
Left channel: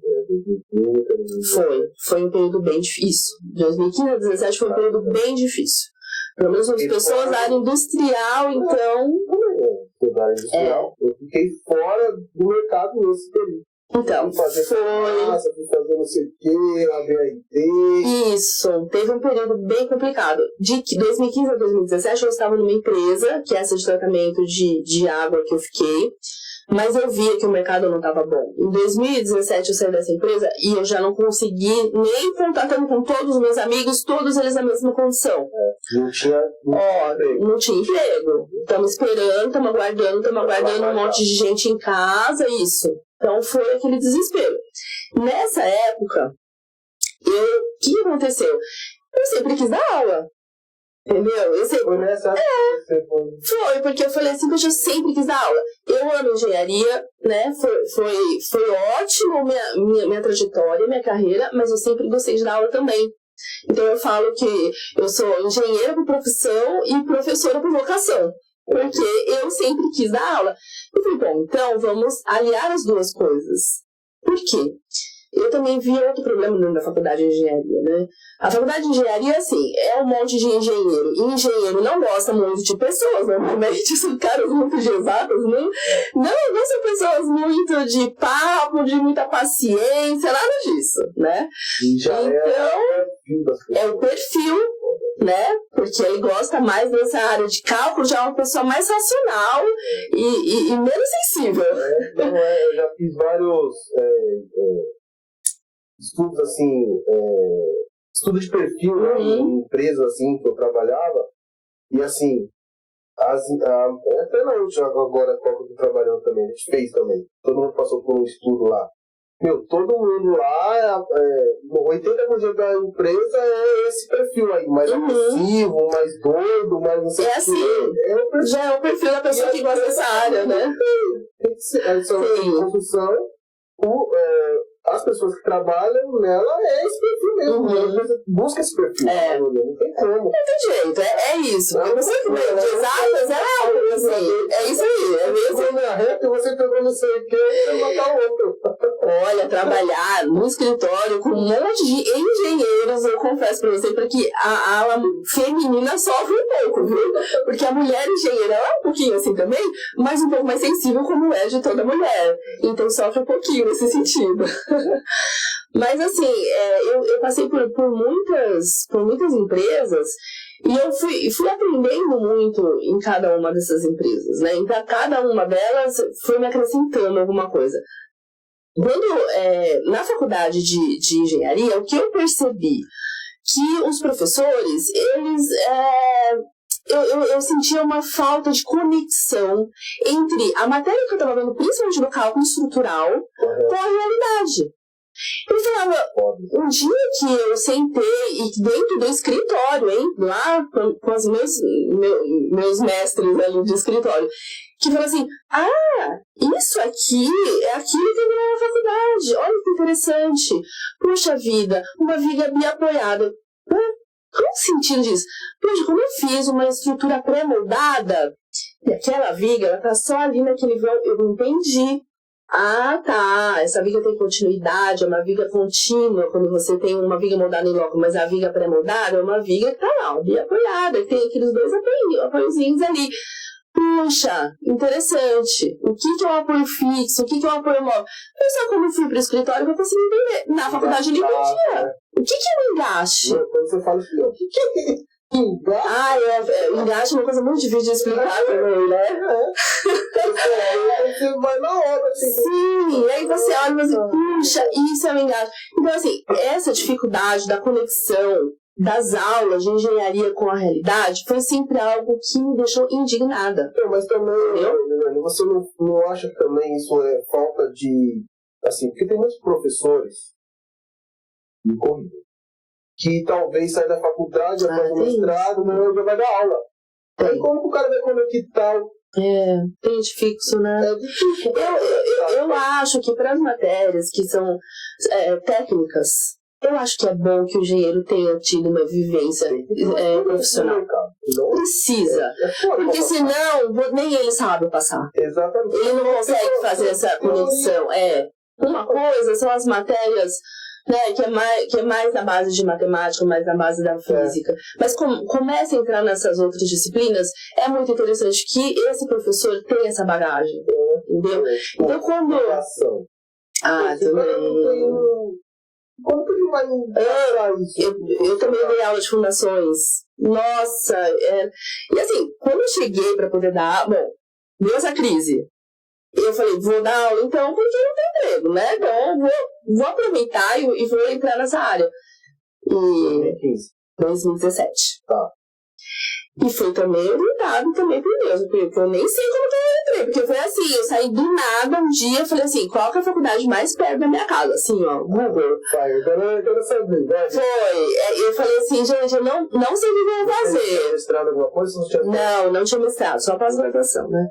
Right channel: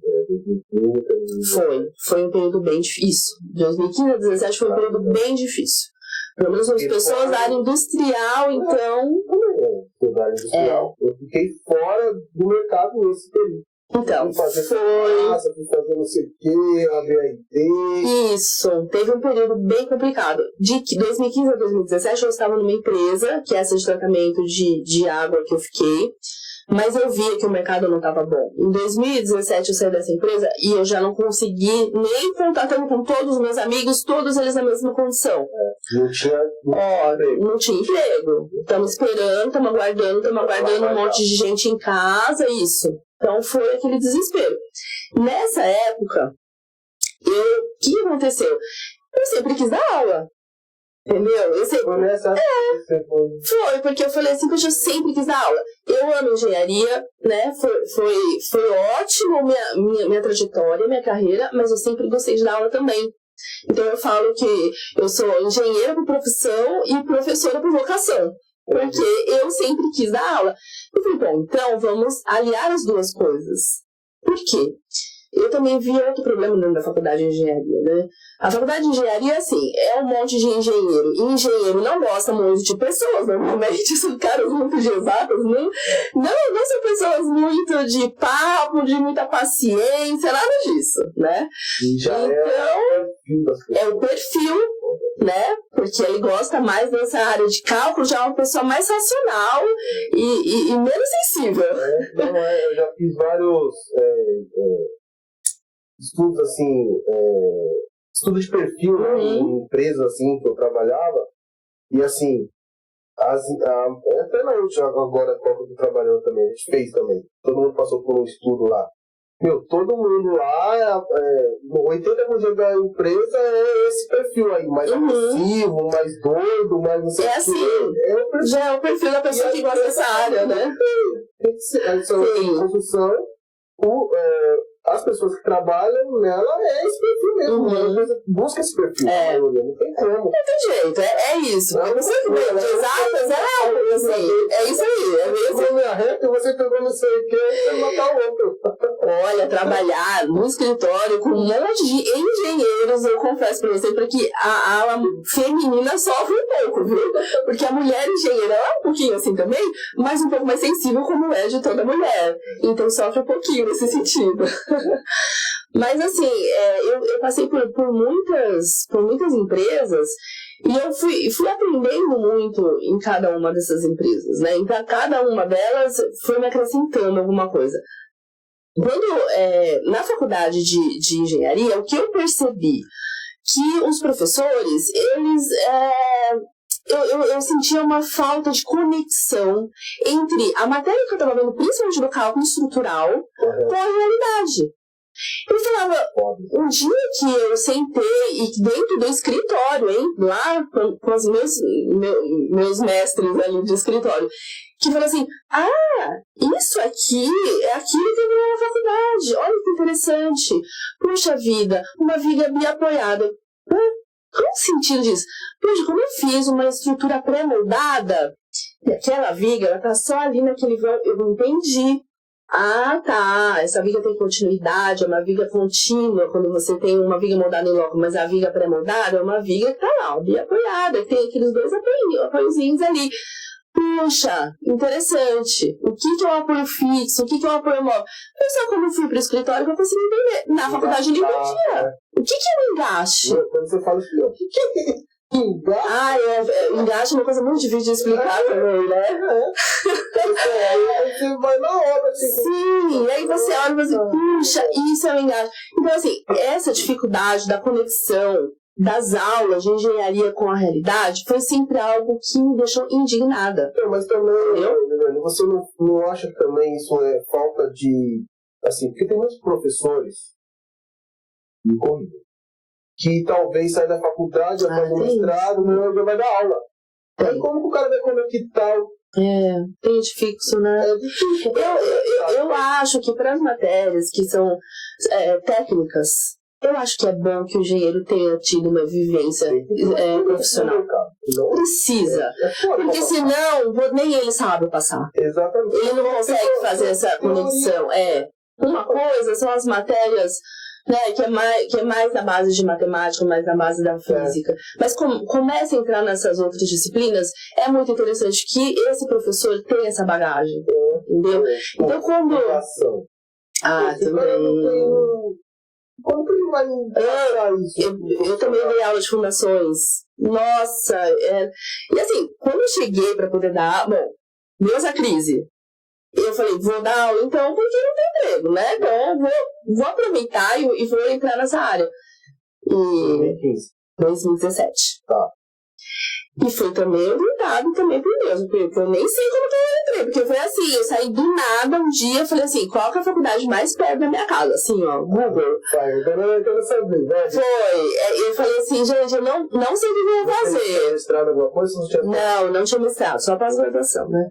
Foi um período bem difícil. 2015 a 2017 foi um período bem difícil. Pelo menos as pessoas da área industrial, então... Da área industrial. Eu fiquei fora do mercado nesse período. Então, fui fazer não sei o que, a BRT. Isso, teve um período bem complicado. De 2015 a 2017 eu estava numa empresa, que é essa de tratamento de água que eu fiquei, mas eu via que o mercado não estava bom. Em 2017 eu saí dessa empresa e eu já não consegui nem contatando com todos os meus amigos, todos eles na mesma condição. Não tinha emprego. Estamos esperando, estamos aguardando um monte de gente em casa, isso. Então foi aquele desespero. Nessa época, o que aconteceu? Eu sempre quis dar aula. Entendeu? Foi nessa época que você foi. Foi, porque eu falei assim, poxa, eu sempre quis dar aula. Eu amo engenharia, né? Foi ótimo minha trajetória, minha carreira, mas eu sempre gostei de dar aula também. Então eu falo que eu sou engenheira por profissão e professora por vocação. Porque eu sempre quis dar aula. Eu falei, bom, então vamos aliar as duas coisas. Por quê? Eu também vi outro problema dentro da faculdade de engenharia, né? A faculdade de engenharia, assim, é um monte de engenheiro. E engenheiro não gosta muito de pessoas, normalmente são caras muito de exatas, não são pessoas muito de papo, de muita paciência, nada disso, né? E já então, é o perfil, né? Porque ele gosta mais dessa área de cálculo, já é uma pessoa mais racional e menos sensível. Eu já fiz vários estudos assim, estudo de perfil, né, em empresas assim que eu trabalhava, e assim, até na última agora que eu tô trabalhando também, a gente fez também, todo mundo passou por um estudo lá. Meu, todo mundo lá, 80% da empresa é esse perfil aí, mais agressivo, mais doido, mais não sei o que. Assim, já é o perfil da pessoa que gosta dessa área, né? Tem que ser, em construção, as pessoas que trabalham nela esse perfil mesmo. Busca esse perfil. Não tem como. Não tem jeito, é isso. A pessoa que vem de exatas é assim. É isso aí. É mesmo. Você pegou não sei o que, você vai matar o outro. Olha, trabalhar no escritório com um monte de engenheiros, eu confesso pra você, porque a ala feminina sofre um pouco, viu? Porque a mulher engenheira ela é um pouquinho assim também, mas um pouco mais sensível como é de toda mulher. Então sofre um pouquinho nesse sentido. Mas assim, eu passei por muitas empresas e eu fui aprendendo muito em cada uma dessas empresas, né? Então cada uma delas foi me acrescentando alguma coisa. Quando, na faculdade de engenharia, o que eu percebi? Que os professores, eles... Eu sentia uma falta de conexão entre a matéria que eu estava vendo, principalmente no cálculo estrutural, com a realidade. Eu falava, um dia que eu sentei e dentro do escritório, lá com os meus mestres ali de escritório, que falou assim, isso aqui é aquilo que eu vi na faculdade, olha que interessante, puxa vida, uma viga biapoiada. Qual o sentido disso? Poxa, como eu fiz uma estrutura pré-moldada, e aquela viga, ela tá só ali naquele vão, eu não entendi. Essa viga tem continuidade, é uma viga contínua, quando você tem uma viga moldada em loco, mas a viga pré-moldada é uma viga que tá lá, uma viga apoiada, que tem aqueles dois apoiozinhos ali. Puxa, interessante. O que é um apoio fixo? O que é um apoio móvel? Eu só quando eu fui para o escritório que eu consegui entender. Na faculdade eu não entendia. O que é um engaste? Quando você fala assim, o que é engaste? Engaste é uma coisa muito difícil de explicar também, né? Você vai na hora, assim. Sim, e aí você olha e fala assim, puxa, isso é um engaste. Então, assim, essa dificuldade da conexão das aulas de engenharia com a realidade foi sempre algo que me deixou indignada. Mas também, você não acha que também isso é falta de... Assim, porque tem muitos professores me corrija, que talvez saia da faculdade, vai fazer mestrado, mas já vai dar aula. Aí como que o cara vai conectar? Tem de fixo, né? Eu acho que para as matérias que são técnicas, eu acho que é bom que o engenheiro tenha tido uma vivência profissional. Não precisa. Porque senão nem ele sabe passar. Exatamente. Ele não consegue fazer essa conexão. Uma coisa são as matérias, né, que é mais na base de matemática, mais na base da física. Mas começa a entrar nessas outras disciplinas, é muito interessante que esse professor tenha essa bagagem. Entendeu? Então quando... também... Como que ele vai isso? Eu também dei aula de fundações. Nossa! E assim, quando eu cheguei para poder dar... Bom, deu essa crise. Eu falei, vou dar aula então porque não tem emprego, né? Então eu vou aproveitar e vou entrar nessa área. E 2017. Tá. E foi também orientado também por Deus, porque eu nem sei como que eu entrei, porque foi assim, eu saí do nada um dia, falei assim, qual que é a faculdade mais perto da minha casa? Assim, ó, Google. Eu quero saber, né? Foi, eu falei assim, gente, eu não sei o que eu vou fazer. Você tinha mestrado alguma coisa? Não tinha mestrado, só pós-graduação, né?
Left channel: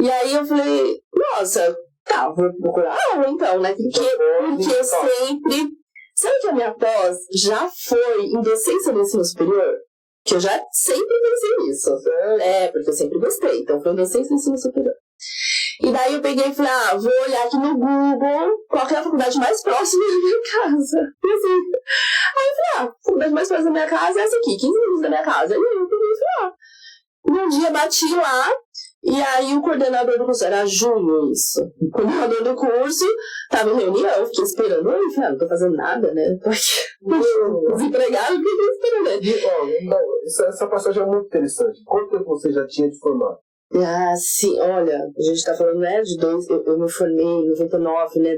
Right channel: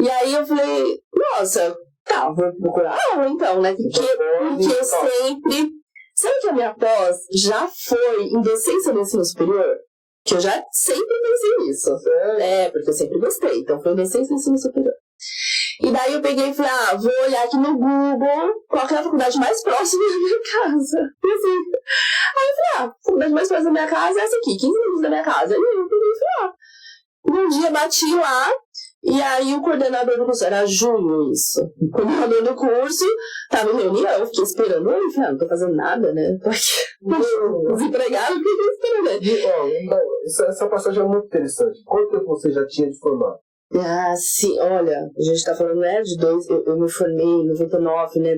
E aí eu falei, nossa, tá, vou procurar aula então, né? Porque eu sempre... Sabe que a minha pós já foi em docência do ensino superior? Que eu já sempre pensei nisso. Porque eu sempre gostei. Então foi docência do ensino superior. E daí eu peguei e falei, vou olhar aqui no Google qual que é a faculdade mais próxima da minha casa. E assim, aí eu falei, a faculdade mais próxima da minha casa é essa aqui, 15 minutos da minha casa. E eu peguei e falei, Um dia bati lá, e aí o coordenador do curso, era junho isso, o coordenador do curso tava em reunião, eu fiquei esperando, eu falei, não tô fazendo nada, né? Tô aqui desempregado, porque eu tô esperando, né? Essa passagem é muito interessante. Quanto tempo você já tinha de formar? Sim, olha, a gente tá falando, né, eu me formei em 99, né,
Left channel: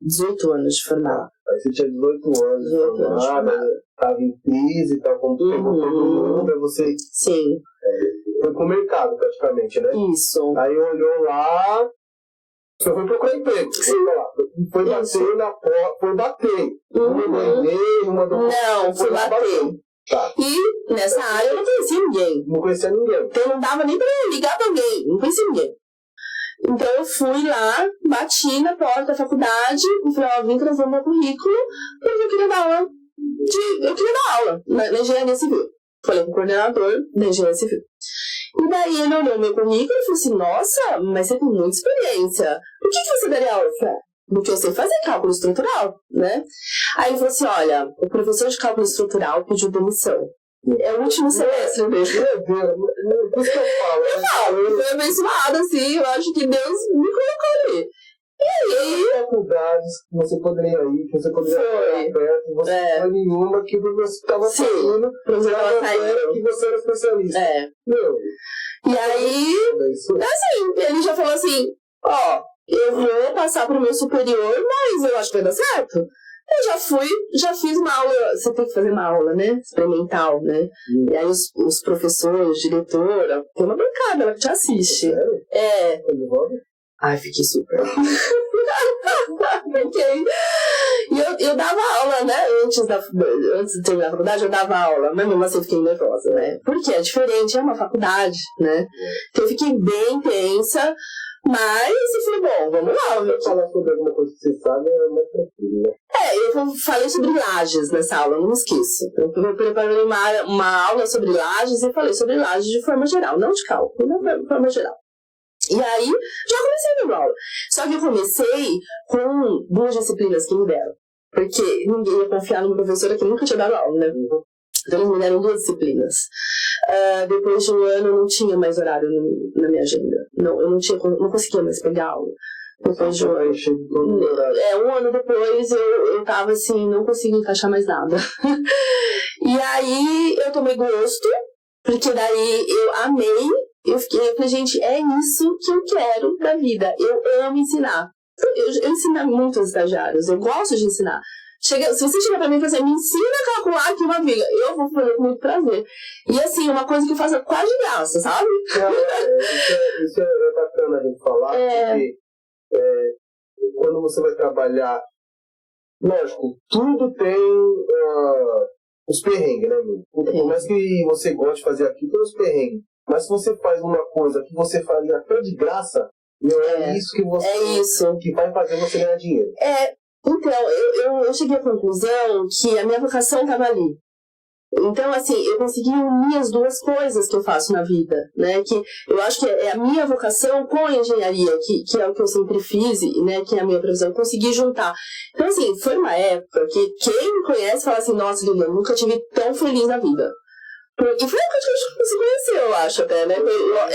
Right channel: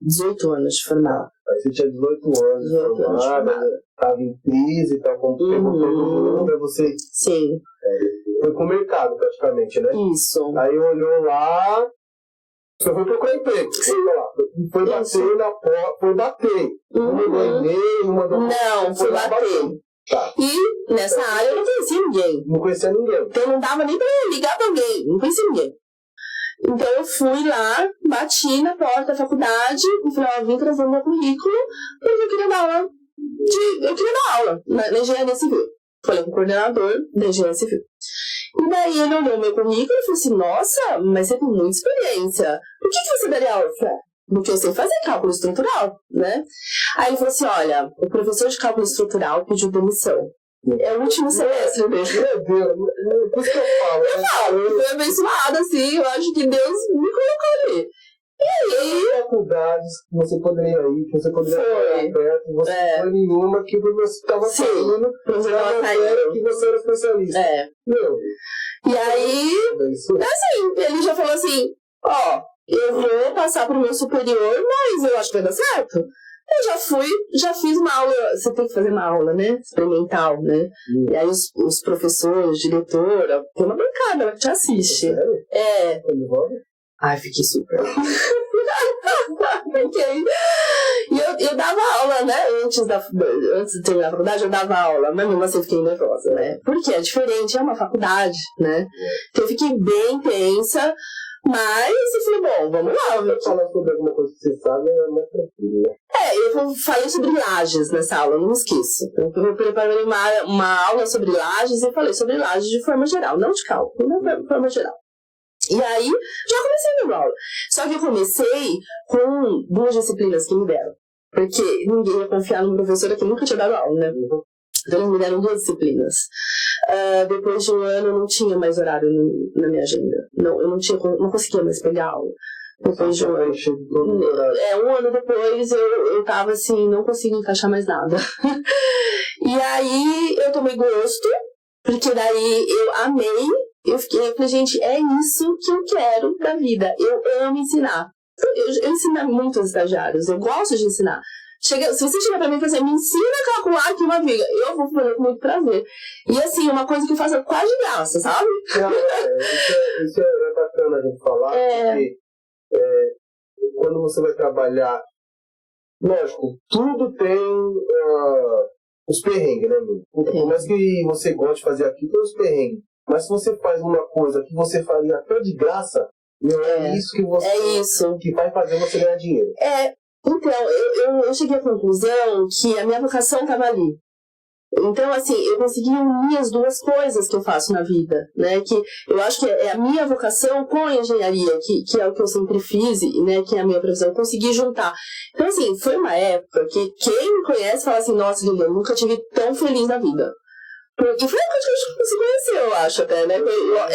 18 anos de formar. Aí você tinha 18 anos de formada, tava em crise, tava com todo mundo, aí você... Sim. Foi pro mercado, praticamente, né? Isso. Aí olhou lá, você foi procurar emprego. Foi bater na porta, foi bater. Mandou e-mail, mandou... Não, foi bater. Tá. E nessa área eu não conhecia ninguém. Não conhecia ninguém. Então não dava nem pra ligar pra alguém, não conhecia ninguém. Então eu fui lá, bati na porta da faculdade e falei, vim trazer meu currículo porque eu queria dar aula na engenharia civil. Falei com o coordenador da engenharia civil. E daí ele olhou meu currículo e falou assim, nossa, mas você tem muita experiência. Por que você daria aula? Eu falei, porque eu sei fazer cálculo estrutural, né? Aí ele falou assim, olha, o professor de cálculo estrutural pediu demissão. É o último semestre mesmo. Meu Deus, por isso que eu falo. Eu fui abençoada, assim, eu acho que Deus me colocou ali. E aí... faculdades que você poderia ir, que você poderia ir perto, você não foi nenhuma que você estava saindo, que você era especialista. Meu. E aí, assim, ele já falou assim, eu vou passar pro meu superior, mas eu acho que vai dar certo. Eu já fiz uma aula, você tem que fazer uma aula, né, experimental, né, e aí os professores, diretora, tem uma bancada ela que te assiste. Sério? Ai, fiquei super. E eu dava aula, né, antes de terminar a faculdade, eu dava aula, mas mesmo assim eu fiquei nervosa, né, porque é diferente, é uma faculdade, né, então eu fiquei bem tensa. Mas eu falei, bom, vamos lá. Se eu falar sobre alguma coisa que você sabe, é mais tranquilo, né? Eu falei sobre lajes nessa aula, não me esqueço. Eu preparei uma aula sobre lajes e falei sobre lajes de forma geral, não de cálculo, de forma geral. E aí, já comecei a dar aula. Só que eu comecei com 2 disciplinas que me deram. Porque ninguém ia confiar numa professora que nunca tinha dado aula, né? Então eles me deram 2 disciplinas. Depois de um ano eu não tinha mais horário na minha agenda. Eu não conseguia mais pegar aula. Depois de um ano. Um ano depois eu tava assim, não conseguia encaixar mais nada. E aí eu tomei gosto, porque daí eu amei. Eu falei, gente, é isso que eu quero da vida. Eu amo ensinar. Eu ensino muitos estagiários, eu gosto de ensinar. Se você chegar pra mim e falar assim, me ensina a calcular aqui uma viga, eu vou fazer com muito prazer. E assim, uma coisa que eu faço quase de graça, sabe? Isso é bacana a gente falar, porque quando você vai trabalhar lógico, tudo tem os perrengues, né, meu? Por mais que você goste de fazer aquilo, tem os perrengues. Mas se você faz uma coisa que você faria até de graça, não é isso que você... É isso. Que vai fazer você ganhar dinheiro. Então, eu cheguei à conclusão que a minha vocação estava ali. Então, assim, eu consegui unir as duas coisas que eu faço na vida, né? Que eu acho que é a minha vocação com a engenharia, que é o que eu sempre fiz, né? Que é a minha profissão, eu consegui juntar. Então, assim, foi uma época que quem me conhece fala assim, nossa, Lilian, eu nunca tive tão feliz na vida. Porque foi a época que a gente se conheceu, eu acho, até, né?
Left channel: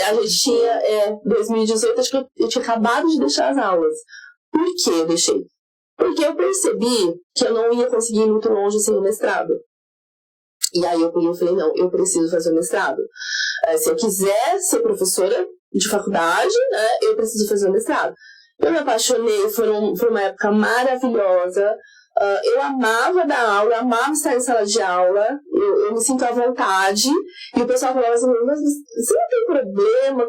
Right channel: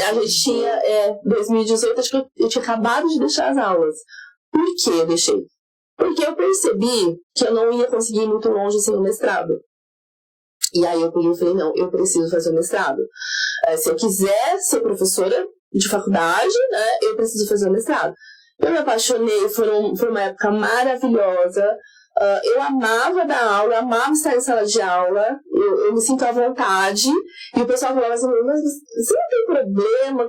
A gente tinha, 2018, acho que eu tinha acabado de deixar as aulas. Por que eu deixei? Porque eu percebi que eu não ia conseguir ir muito longe sem o mestrado. E aí eu falei, não, eu preciso fazer o mestrado. Se eu quiser ser professora de faculdade, né, eu preciso fazer o mestrado. Eu me apaixonei, foi uma época maravilhosa. Eu amava dar aula, amava estar em sala de aula, eu me sinto à vontade. E o pessoal falava assim, mas você não tem problema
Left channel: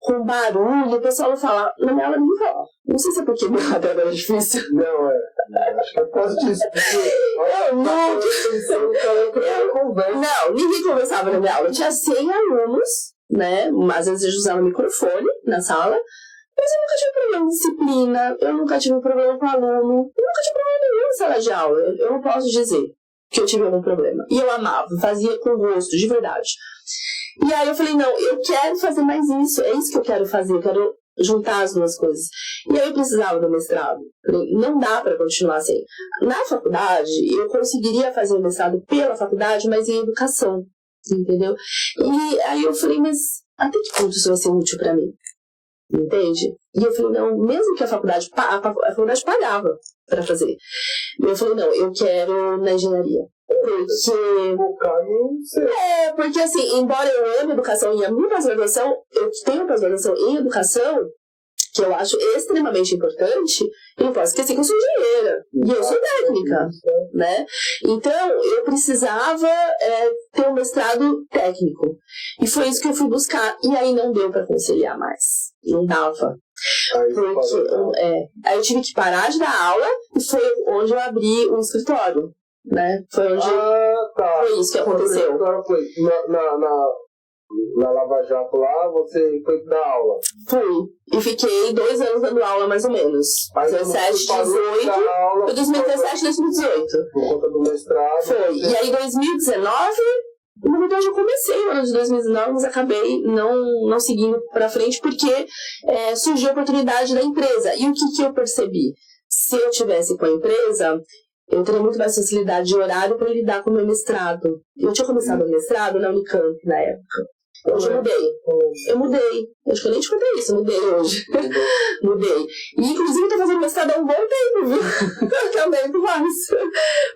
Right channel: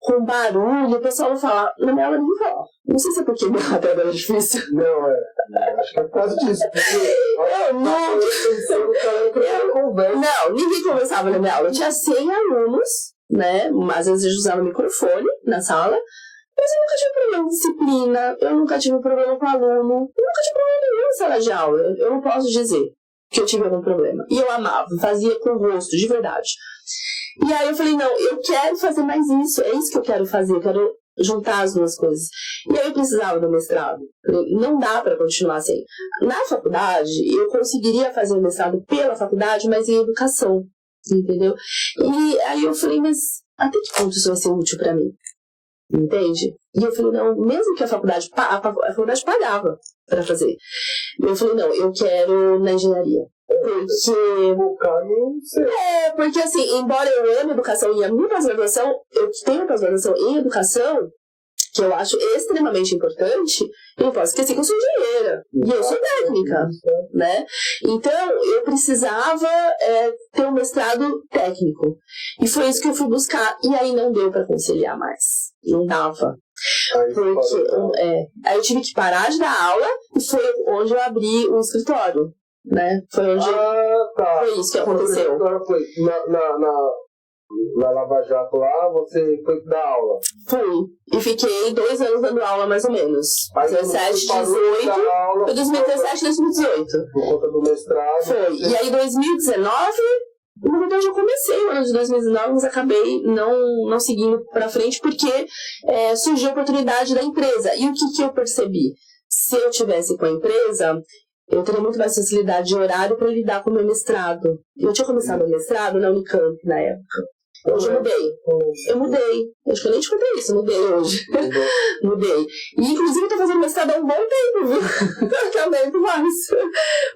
com barulho? O pessoal fala, na minha aula ninguém fala. Não sei se é porque minha aula era difícil. Não, acho que é por causa disso. Não, ninguém conversava na minha aula. Eu tinha 100 alunos, né? Às vezes eu usava microfone na sala. Mas eu nunca tive problema de disciplina, eu nunca tive problema com aluno, eu nunca tive problema nenhum em sala de aula. Eu não posso dizer que eu tive algum problema. E eu amava, fazia com gosto, de verdade. E aí eu falei, não, eu quero fazer mais isso, é isso que eu quero fazer, eu quero juntar as duas coisas. E aí eu precisava do mestrado. Não dá para continuar assim. Na faculdade, eu conseguiria fazer o mestrado pela faculdade, mas em educação, entendeu? E aí eu falei, mas até que ponto isso vai ser útil para mim? Entende? E eu falei, não, mesmo que a faculdade pagava para fazer. Eu falei, não, eu quero na engenharia. Porque assim, embora eu ame educação e a minha pós-graduação, eu tenho pós-graduação em educação, que eu acho extremamente importante, eu não posso esquecer que eu sou engenheira e eu sou técnica, né? Então, eu precisava ter um mestrado técnico. E foi isso que eu fui buscar. E aí não deu para conciliar mais. Não dava. Aí eu tive que parar de dar aula e foi onde eu abri um escritório, né? Foi onde foi isso que aconteceu. Foi na Lava Jato lá, você foi dar aula? Fui. E fiquei 2 anos dando aula, mais ou menos. 17, 18. Foi 2017, 2018. Por conta do mestrado. Foi. E aí, 2019, na verdade, eu comecei o ano de 2019, mas acabei não seguindo pra frente, porque surgiu a oportunidade da empresa. E o que eu percebi? Se eu tivesse com a empresa, eu teria muito mais facilidade de horário para lidar com o meu mestrado. Eu tinha começado o mestrado na Unicamp, na época. Hoje eu mudei. Acho que eu nem te contei isso, eu mudei hoje. Mudei. E inclusive eu tô fazendo mestrado há um bom tempo, viu? Também por mais.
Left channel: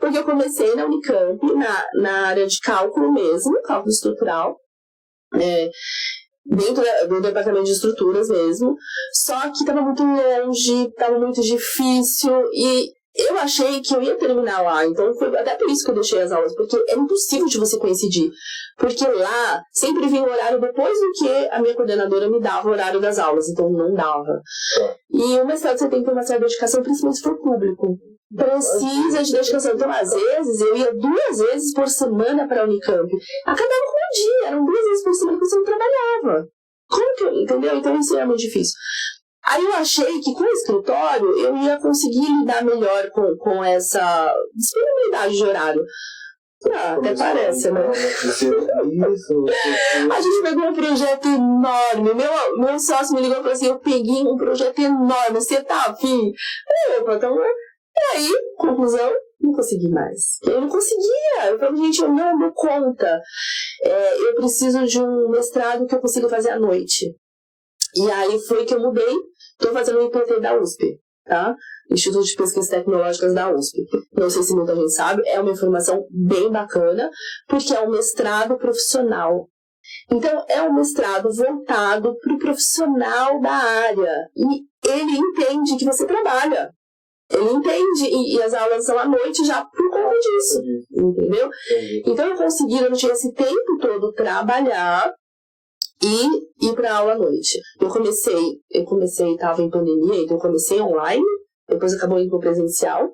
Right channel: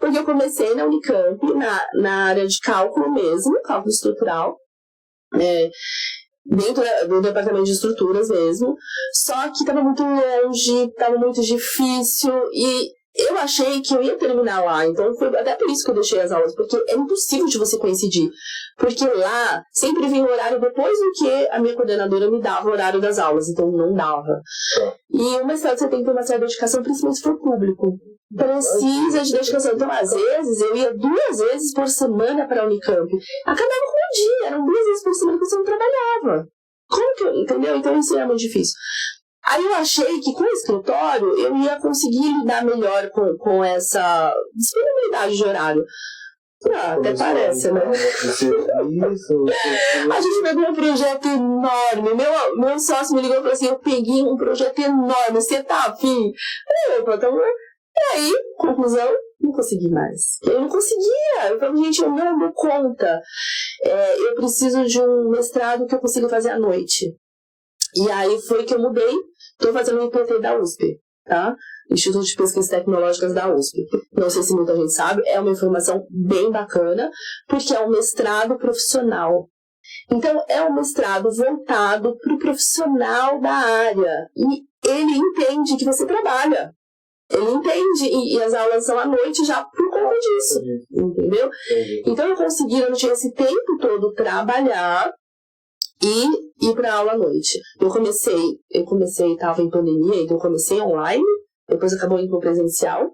Porque eu comecei na Unicamp, na área de cálculo mesmo, cálculo estrutural. Dentro do departamento de estruturas mesmo. Só que estava muito longe, estava muito difícil e eu achei que eu ia terminar lá, então foi até por isso que eu deixei as aulas, porque é impossível de você coincidir, porque lá sempre vinha o horário depois do que a minha coordenadora me dava o horário das aulas, então não dava. E o mestrado você tem que ter uma certa dedicação, principalmente se for público. Precisa de dedicação. Então, às vezes, eu ia 2 vezes por semana para a Unicamp. Acabava com um dia, eram 2 vezes por semana que você não trabalhava. Como que eu, entendeu? Então isso era muito difícil. Aí eu achei que com o escritório eu ia conseguir lidar melhor com essa disponibilidade de horário. Até parece, né? A gente pegou um projeto enorme. Meu sócio me ligou e falou assim, eu peguei um projeto enorme, você tá afim? E aí, conclusão, não consegui mais. Eu não conseguia. Eu falei, gente, eu não dou conta. Eu preciso de um mestrado que eu consiga fazer à noite. E aí foi que eu mudei. Estou fazendo o IPT da USP, tá? Instituto de Pesquisas Tecnológicas da USP. Não sei se muita gente sabe, é uma informação bem bacana, porque é um mestrado profissional. Então, é um mestrado voltado para o profissional da área. E ele entende que você trabalha. Ele entende, e as aulas são à noite já por conta disso, entendeu? Então, eu consegui, eu não tinha esse tempo todo trabalhar e ir para aula à noite. Eu comecei, estava em pandemia, então eu comecei online, depois acabou indo para presencial.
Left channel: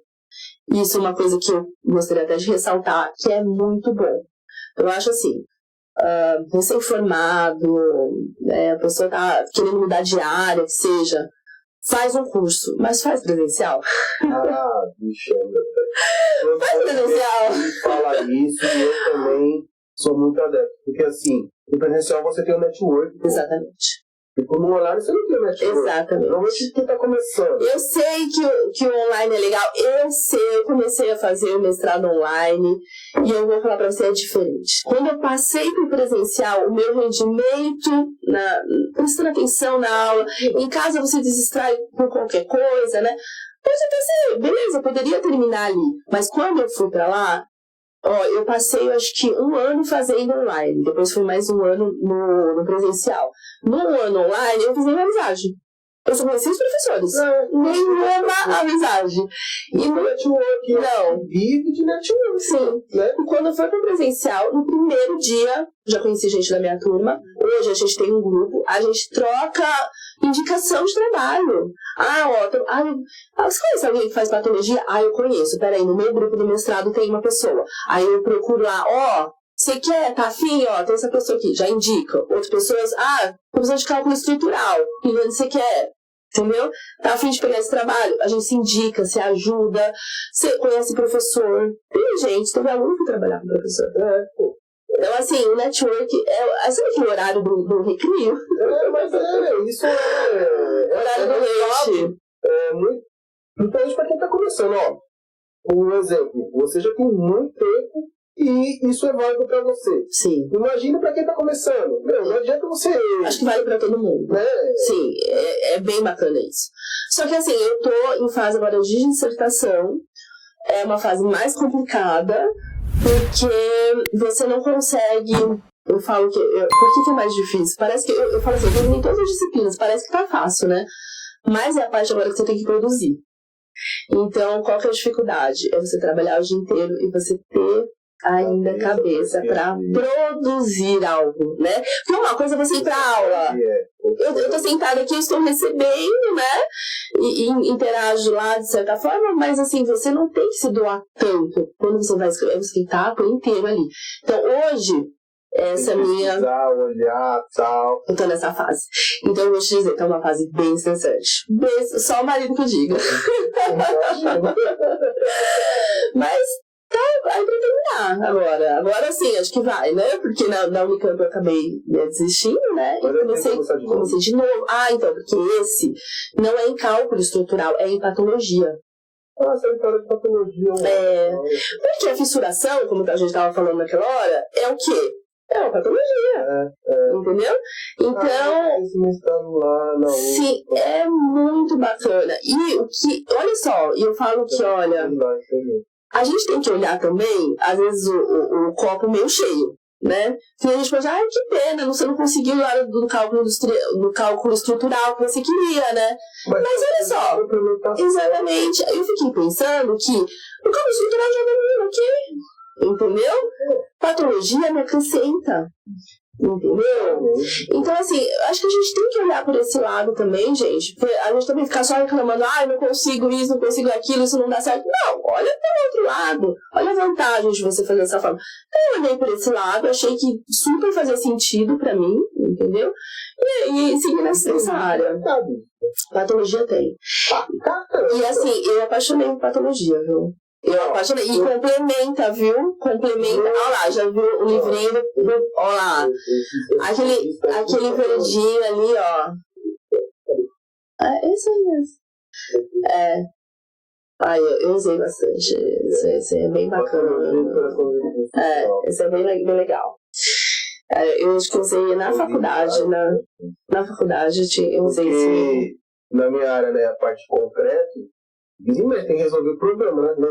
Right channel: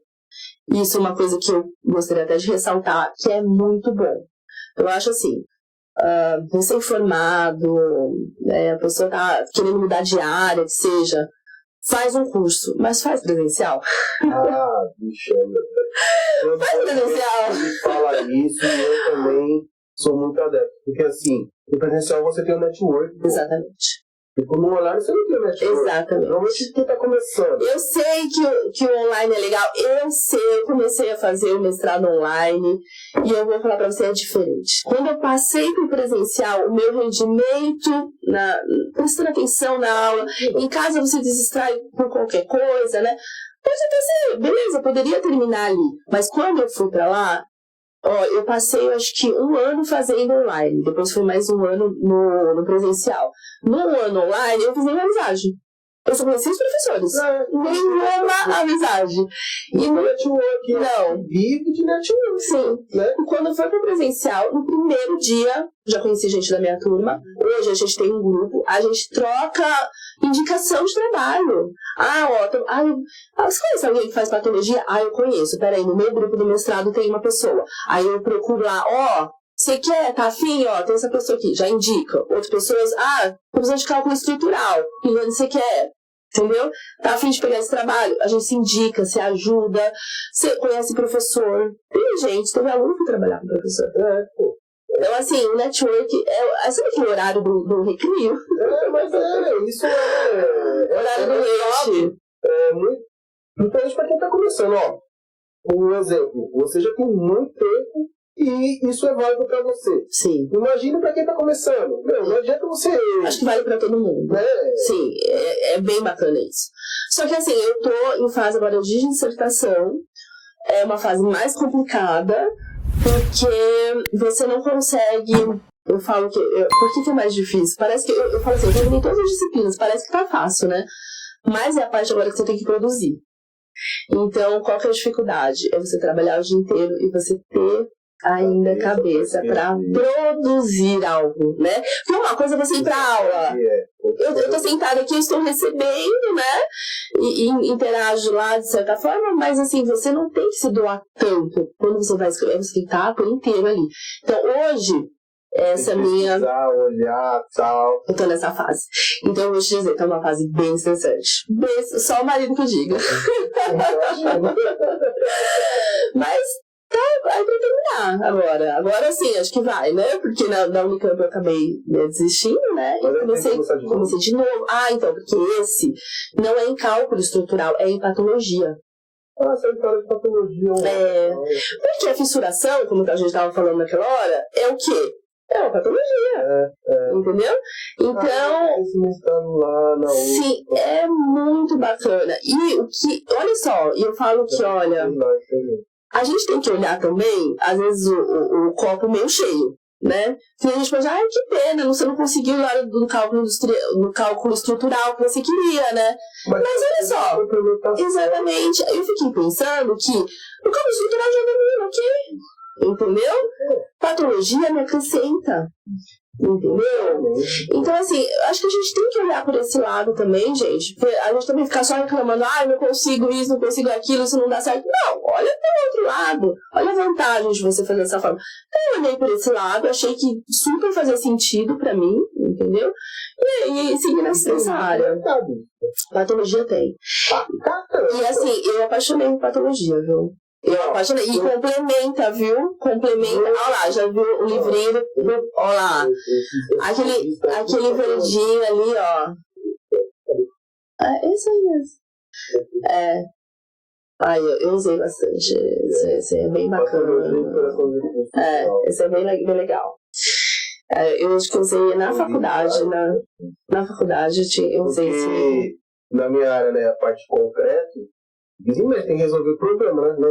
Isso é uma coisa que eu gostaria até de ressaltar, que é muito bom. Eu acho assim, recém-formado, a pessoa tá querendo mudar de área, que seja, faz um curso, mas faz presencial. Bicho, faz presencial. Fala isso e eu também sou muito adepto. Porque assim, no presencial você tem o network. Exatamente. Tipo, no online você não tem o network. Exatamente. Normalmente quem tá começando. Eu sei que o online é legal. Eu comecei a fazer o mestrado online e eu vou falar pra você, é diferente. Quando eu passei pro presencial, o meu rendimento, prestando atenção na aula, em casa você distrai por qualquer coisa, né? Pode até ser, beleza, eu poderia terminar ali. Mas quando eu fui pra lá, eu passei, acho que 1 ano fazendo online. Depois foi mais 1 ano no presencial. No ano online, eu fiz nenhuma amizade. Eu só conheci os professores. Nenhuma amizade. E no network, não. Vive de network. Sim. Né? E quando foi pro presencial, no primeiro dia, já conheci gente da minha turma. Hoje a gente tem um grupo, a gente troca indicação de trabalho. Você conhece alguém que faz patologia? Eu conheço. Peraí, no meu grupo do mestrado tem uma pessoa. Aí eu procuro lá, você quer, tá afim? Tem essa pessoa aqui, já indica. Outras pessoas, professor de cálculo estrutural, que você quer, entendeu? Tá afim de pegar esse trabalho? A gente se indica, se ajuda, você conhece professor. Teve aluno que trabalhava com professor. Então, assim, o network sabe aquele horário do recreio? Mas isso é horário do leite. Muito, principalmente pra quem tá começando, um exemplo, você já tem muito tempo e isso é válido pra você. Sim. Imagina pra quem tá começando. Não adianta você... Acho que vale pra todo mundo. Né? Sim, é bem bacana isso. Só que assim, eu tô em fase agora de dissertação. É uma fase mais complicada, porque você não consegue... Eu falo que... Por que é mais difícil? Parece que... Eu falo assim, eu terminei todas as disciplinas, parece que tá fácil, né? Mas é a parte agora que você tem que produzir. Então, qual que é a dificuldade? É você trabalhar o dia inteiro e você ter ainda cabeça para produzir algo, né? Porque uma coisa é você ir para aula. Eu tô sentada aqui, eu estou recebendo, né? E interajo lá de certa forma, mas assim, você não tem que se doar tanto. Quando você vai escrever, você tem que estar por inteiro ali. Então, hoje, essa minha... olhar, tal. Eu tô nessa fase. Então, eu vou te dizer que é uma fase bem estressante. Só o marido que diga. Mas... vai pra terminar agora. Agora sim, acho que vai, né? Porque na Unicamp eu acabei desistindo, né? E comecei de novo. Então, porque esse não é em cálculo estrutural, é em patologia. Você fala de patologia. Porque a fissuração, como a gente estava falando naquela hora, é o quê? É uma patologia. Entendeu? Então, esse mestrado lá na sim, é muito bacana. E o que, olha só, eu falo que, olha... A gente tem que olhar também, às vezes, o copo meio cheio, né? Porque a gente pensa, que pena, você não conseguiu lá do cálculo estrutural que você queria, né? Mas olha só, exatamente. Eu fiquei pensando que o cálculo estrutural já domina, entendeu? Patologia me acrescenta. Entendeu? Então, assim, acho que a gente tem que olhar por esse lado também, gente. Porque a gente também ficar só reclamando, não consigo isso, não consigo aquilo, isso não dá certo. Não, olha pelo outro lado. Olha a vantagem de você fazer dessa forma. Então, eu olhei por esse lado, achei que super fazia sentido pra mim, entendeu? E segui nessa área. Patologia tem. E assim, eu apaixonei por patologia, viu? Eu apaixonei. E complementa, viu? Complementa. Olha lá, já viu o livrinho? Olha lá. Aquele verdinho ali, ó. É isso aí mesmo. Eu usei bastante. Esse é bem bacana. Esse é bem legal. Eu acho que usei na faculdade. Na faculdade eu usei esse. Na minha área, né, a parte concreta. Mas tem que resolver o problema, né?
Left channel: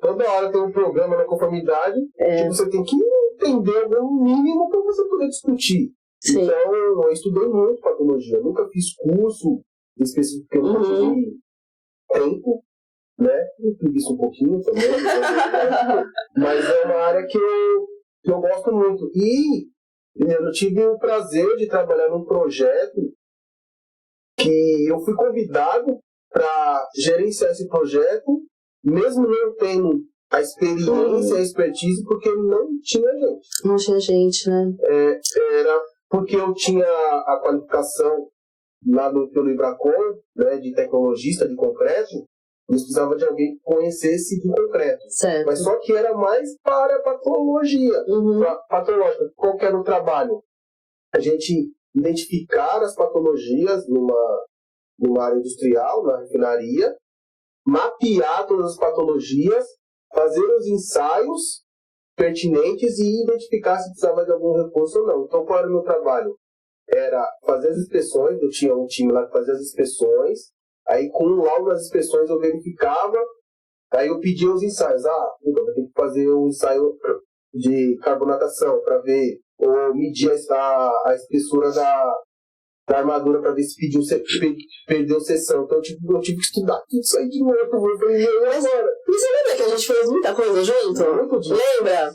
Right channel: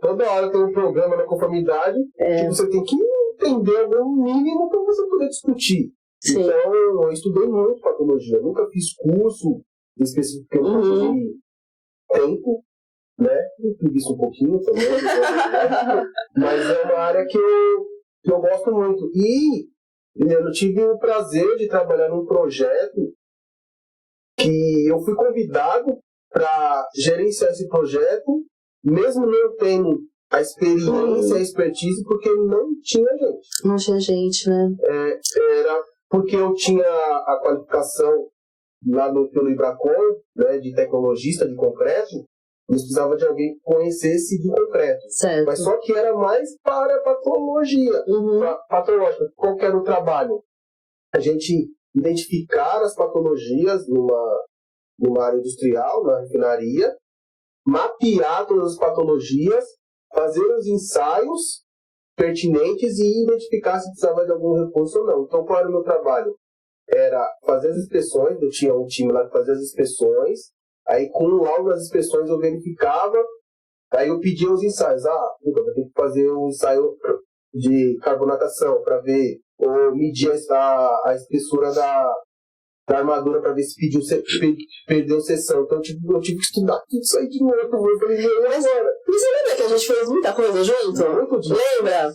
Toda hora tem um problema na conformidade que você tem que entender o mínimo para você poder discutir. Sim. Então, eu estudei muito patologia. Eu nunca fiz curso específico, porque eu nunca tive tempo, né? Eu fiz isso um pouquinho também. Mas é uma área que eu gosto muito. E eu tive o prazer de trabalhar num projeto que eu fui convidado para gerenciar esse projeto mesmo não tendo a experiência, a expertise, porque não tinha gente. Não tinha gente, né? Era porque eu tinha a qualificação lá pelo Ibracon, né, de tecnologista de concreto, eles precisavam de alguém que conhecesse de concreto. Certo. Mas só que era mais para patologia. Patológica. Qual que era o trabalho? A gente identificar as patologias numa área industrial, na refinaria, mapear todas as patologias, fazer os ensaios pertinentes e identificar se precisava de algum recurso ou não. Então, qual era o meu trabalho? Era fazer as inspeções, eu tinha um time lá que fazia as inspeções, aí com o laudo das inspeções eu verificava, aí eu pedia os ensaios. Eu tenho que fazer um ensaio de carbonatação para ver, ou medir a espessura da armadura para ver se perdeu seção. Então eu tive que estudar tudo isso aí de novo. Mas você lembra que a gente fez muita coisa junto? Lembra?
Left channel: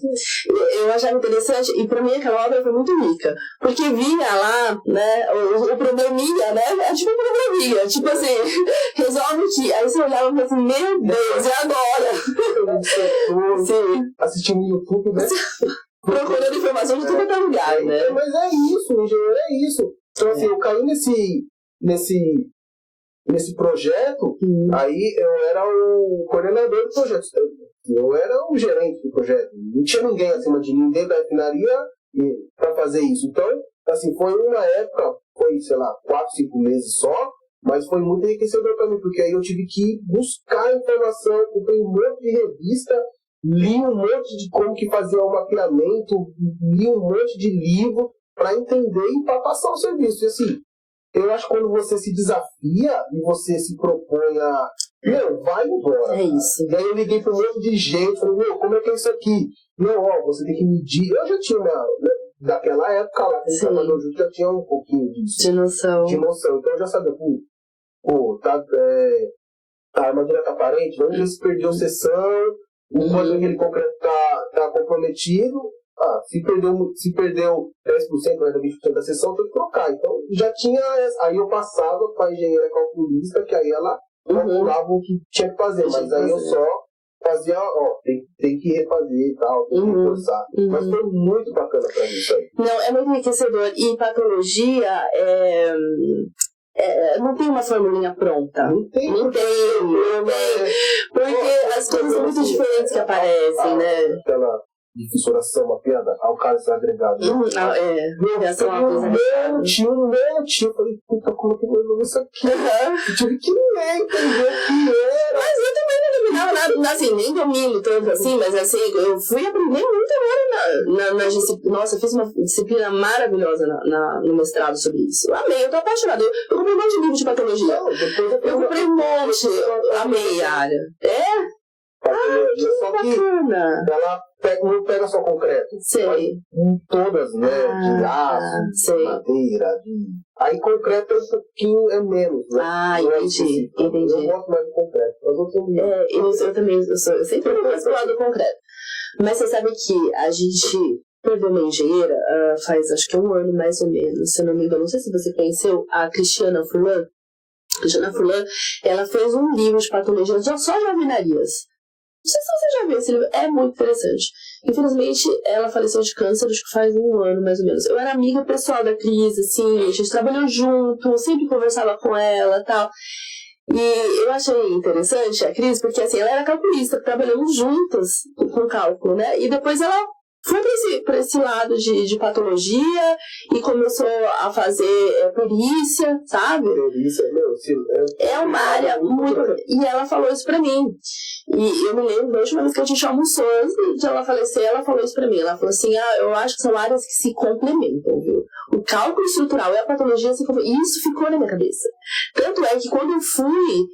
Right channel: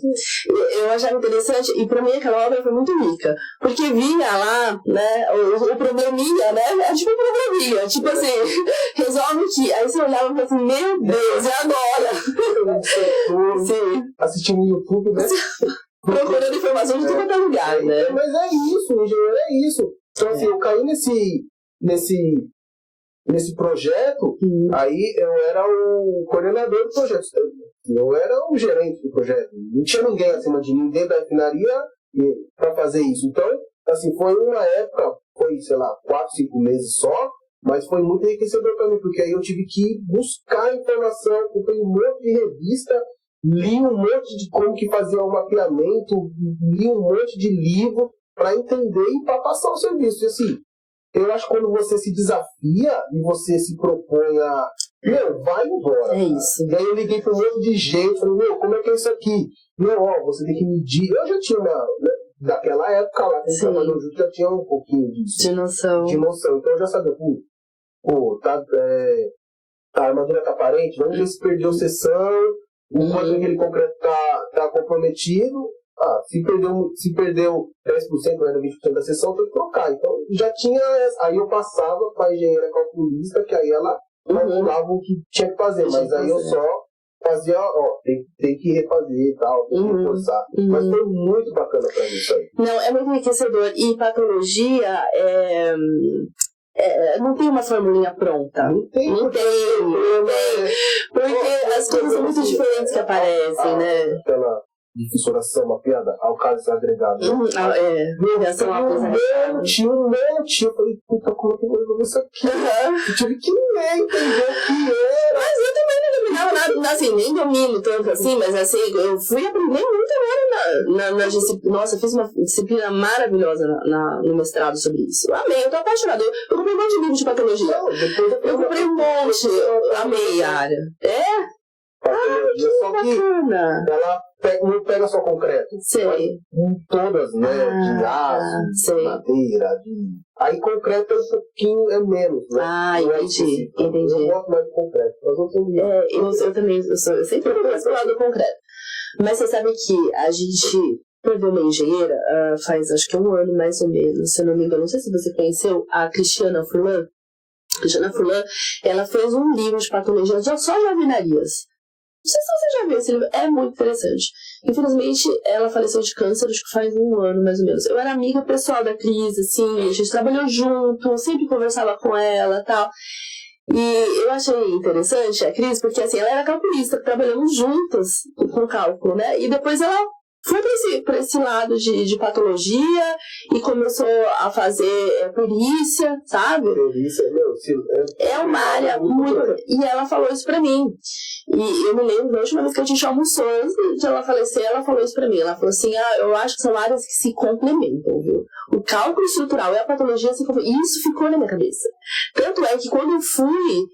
Eu achava interessante, e para mim aquela obra foi muito rica, porque via lá, né, o probleminha, né, é tipo um probleminha, tipo assim, resolve que, aí você olhava e falava assim, meu Deus, e agora? Sim. Assistindo no YouTube, né? Procurando informação de todo lugar, né? Mas é isso, engenheiro, é isso. Então, assim, eu caí nesse projeto, aí eu era o coordenador do projeto. Eu era o gerente do projeto. Não tinha ninguém acima de mim dentro da refinaria para fazer isso. Então, assim, foi uma época, foi, sei lá, 4, 5 meses só, mas foi muito enriquecedor para mim, porque aí eu tive que buscar informação, comprei um monte de revista, li um monte de como que fazia o mapeamento, li um monte de livro, para entender e para passar o serviço. E assim, eu acho que quando você se desafia e você se propõe a... vai embora. É isso. E aí eu liguei para um monte de gente, falei, como é que é isso aqui? Você tem que medir. Eu já tinha daquela época lá, que a gente trabalhou junto, já tinha um pouquinho disso. De noção. Então eu já sabia, a armadura tá aparente, vamos ver se perdeu seção, o quanto aquele concreto tá comprometido. Se perdeu 10%, ainda 20% da sessão, tem que trocar. Então, já tinha essa. Aí eu passava para a engenheira calculista, que aí ela calculava o que tinha que fazer. Mas aí eu só fazia, tem que refazer e tal, tem que reforçar. Mas foi muito bacana para mim isso aí. Não, é muito enriquecedor. E patologia não tem uma formulinha pronta. Não tem. Porque as coisas são muito diferentes que aparecem, né? De fissuração, uma piada, alcálices agregados. Reação a coisa tinha um monte. Eu falei, como é que eu vou resolver isso aqui? Eu tive que ler, entender o que era. Mas eu também não dominava nada, assim, nem domino tanto assim, mas assim, eu fui aprender muito agora na disciplina. Nossa, eu fiz uma disciplina maravilhosa no mestrado sobre isso. Eu amei, eu tô apaixonada. Eu comprei um monte de livro de patologia. Eu comprei um monte, eu amei a área. Só que bacana. Ela não pega só concreto. Sei. Todas, né? De aço, de madeira, Aí concreto é um pouquinho menos, né? Entendi. Eu gosto mais de concreto. Eu também, eu sempre vou mais pro lado do concreto. Mas você sabe que a gente perdeu uma engenheira faz acho que 1 ano mais ou menos, se eu não me engano. Não sei se você conheceu a Cristiana Furlan. Cristiana Furlan, ela fez um livro de patologia só de alvenarias. Não sei se você já viu esse livro, é muito interessante. Infelizmente, ela faleceu de câncer, acho que faz 1 ano mais ou menos. Eu era amiga pessoal da Cris, assim, a gente trabalhou junto, sempre conversava com ela e tal. E eu achei interessante a Cris, porque assim, ela era calculista, trabalhamos juntas com cálculo, né? E depois ela foi para esse lado de patologia e começou a fazer perícia, sabe? Perícia, é uma área muito... E ela falou isso pra mim. E eu me lembro da última vez que a gente almoçou, antes de ela falecer, ela falou isso pra mim. Ela falou assim, eu acho que são áreas que se complementam, viu? O cálculo estrutural e a patologia se complementam. E isso ficou na minha cabeça. Tanto é que quando eu fui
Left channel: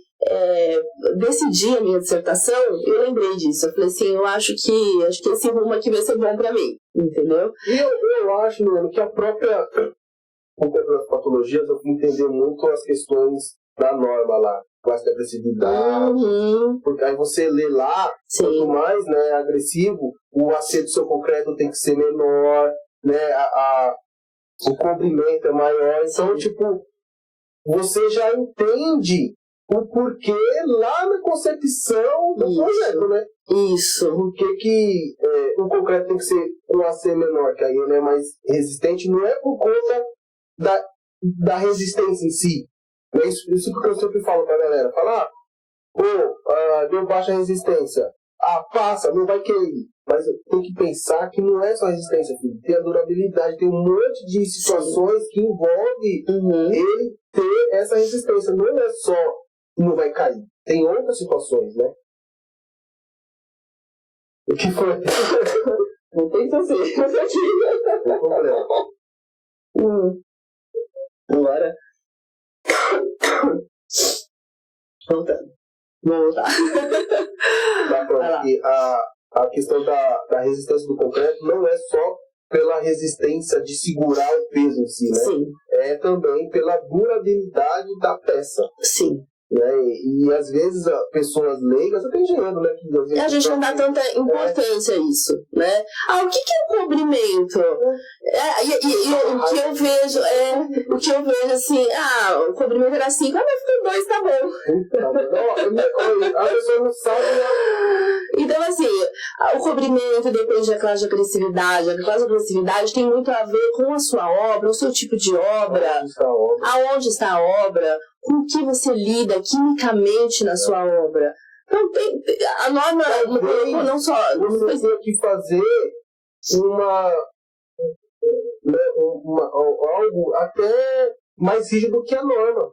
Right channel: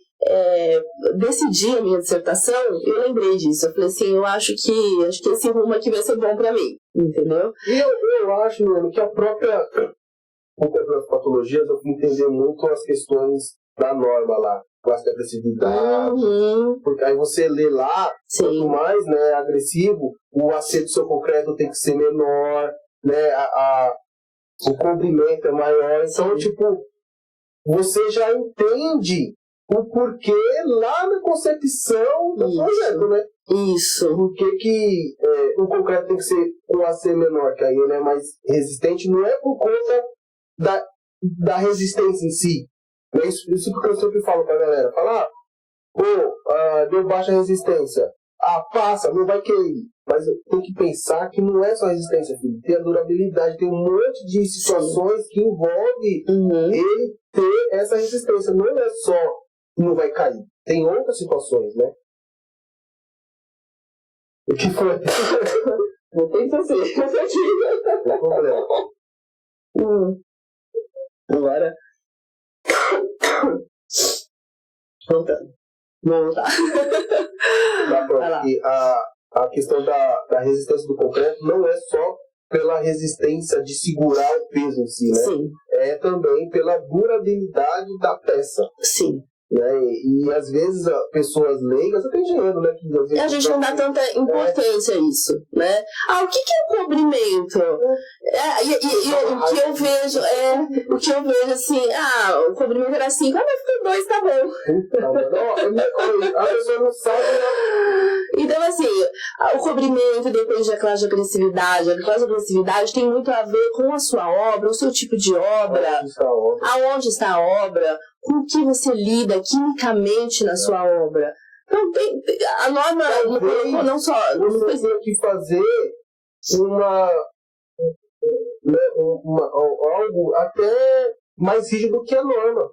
decidir a minha dissertação, eu lembrei disso. Eu falei assim, eu acho que esse rumo aqui vai ser bom pra mim, entendeu? E eu acho, mano, que a própria patologias, eu fui entender muito as questões da norma lá, classe de agressividade, porque aí você lê lá, quanto mais, né, agressivo, o acerto do seu concreto tem que ser menor, né, o comprimento é maior, então, tipo, você já entende o porquê lá na concepção do projeto, né? Isso. Por que o concreto tem que ser um AC menor, que aí ele é mais resistente, não é por conta da resistência em si. É isso que eu sempre falo pra galera. Falar, deu baixa resistência. Passa, não vai cair. Mas tem que pensar que não é só resistência, filho. Tem a durabilidade, tem um monte de situações que envolve ele ter essa resistência. Não é só não vai cair. Tem outras situações, né? O que foi? Não tem assim. Não problema. Agora. Voltando. Vamos voltar. A questão da resistência do concreto não é só pela resistência de segurar o peso em si, né? Sim. É também pela durabilidade da peça. Sim. Né? E às vezes pessoas leigas, até engenheiro, né? Que às vezes a gente não dá tanta importância a isso, né? O que é o cobrimento? O que eu vejo assim, o cobrimento era 5, mas ficou 2, tá bom. A pessoa não sabe, né? Então, assim, o cobrimento depende da classe de agressividade. A classe de agressividade tem muito a ver com a sua obra, o seu tipo de obra, aonde está a obra, com o que você lida quimicamente na sua obra. Então, a norma não só... Você tem que fazer algo até mais rígido que a norma.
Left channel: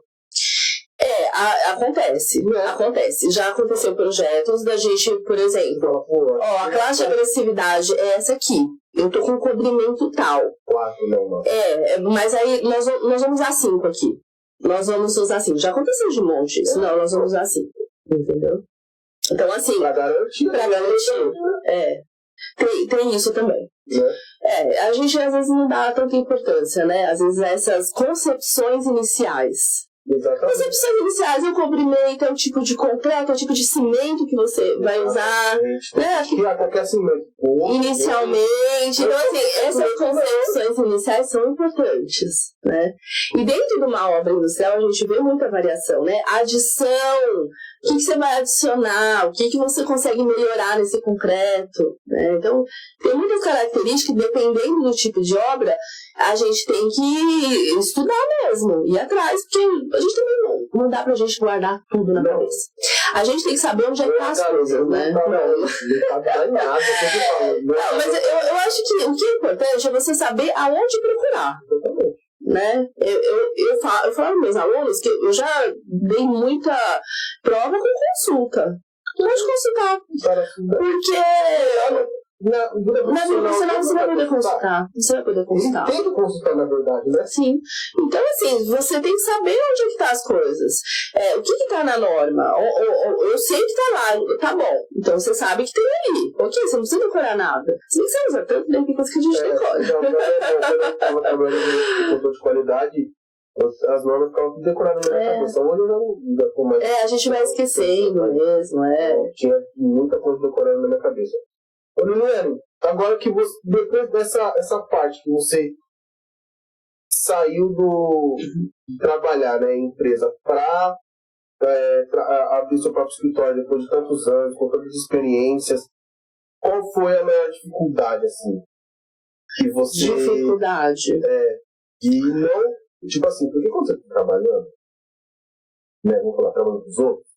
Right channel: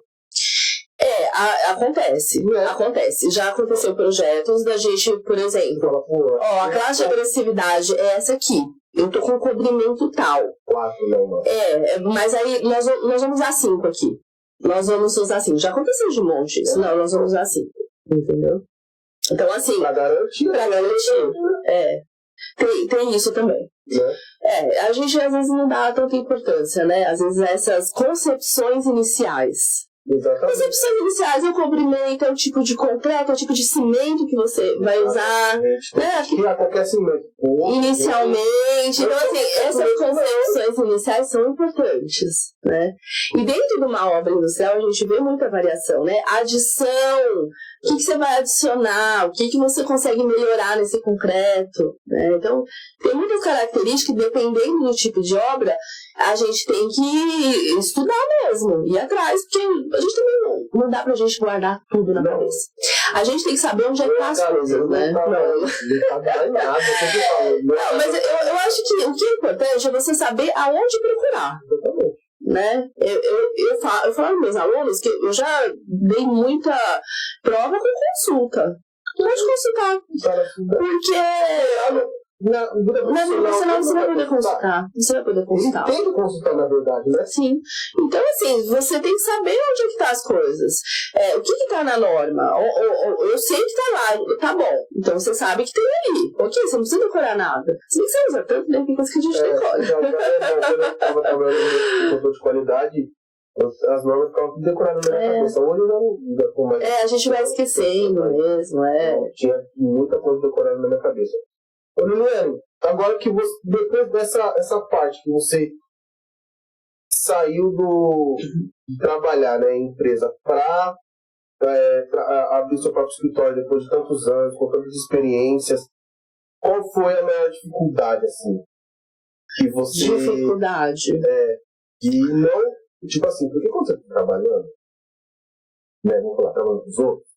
Acontece. Né? Acontece. Já aconteceu projetos da gente, por exemplo, a classe de agressividade é essa aqui. Eu tô com cobrimento tal. 4, não. Mas aí nós vamos usar 5 aqui. Nós vamos usar 5. Já aconteceu de monte isso. Não, nós vamos usar 5. Entendeu? Então, assim... Pra garantir. Tem isso também. A gente às vezes não dá tanta importância, né? Às vezes essas concepções iniciais. Exatamente. Concepções iniciais é o cobrimento, é o tipo de concreto, é o tipo de cimento que você vai usar. Né? Qualquer cimento. Inicialmente. Então, assim, essas concepções iniciais são importantes, né? E dentro de uma obra industrial, a gente vê muita variação, né? Adição, o que você vai adicionar, o que você consegue melhorar nesse concreto, né? Então, tem muitas características, dependendo do tipo de obra, a gente tem que estudar mesmo, ir atrás, porque a gente também não dá pra gente guardar tudo na cabeça. A gente tem que saber onde é que tá as coisas, né? Não, mas eu acho que o que é importante é você saber aonde procurar. Né? Eu falo para meus alunos que eu já dei muita prova com consulta. Pode consultar. Porque... Você vai poder consultar. Você vai poder consultar. Tem que consultar, na verdade, né? Sim. Então, assim, você tem que saber onde é que tá as coisas. O que tá na norma? Eu sei que tá lá. Tá bom. Então, você sabe que tem ali. Ok, você não precisa decorar nada. Você tem que saber usar tanto bem que coisa que a gente decora. Quando eu estava trabalhando no controle de qualidade, as normas ficavam tudo decoradas na minha cabeça. Hoje eu já tô mais... a gente vai esquecendo mesmo, Tinha muita coisa decorada na minha cabeça. Ô, Liliane, agora que você, depois dessa parte que você saiu de trabalhar, né, em empresa para abrir seu próprio escritório depois de tantos anos, com tantas experiências, qual foi a maior dificuldade, assim, que você... Dificuldade? E não, tipo assim, porque quando você está trabalhando, né, vamos falar, trabalhando com os outros,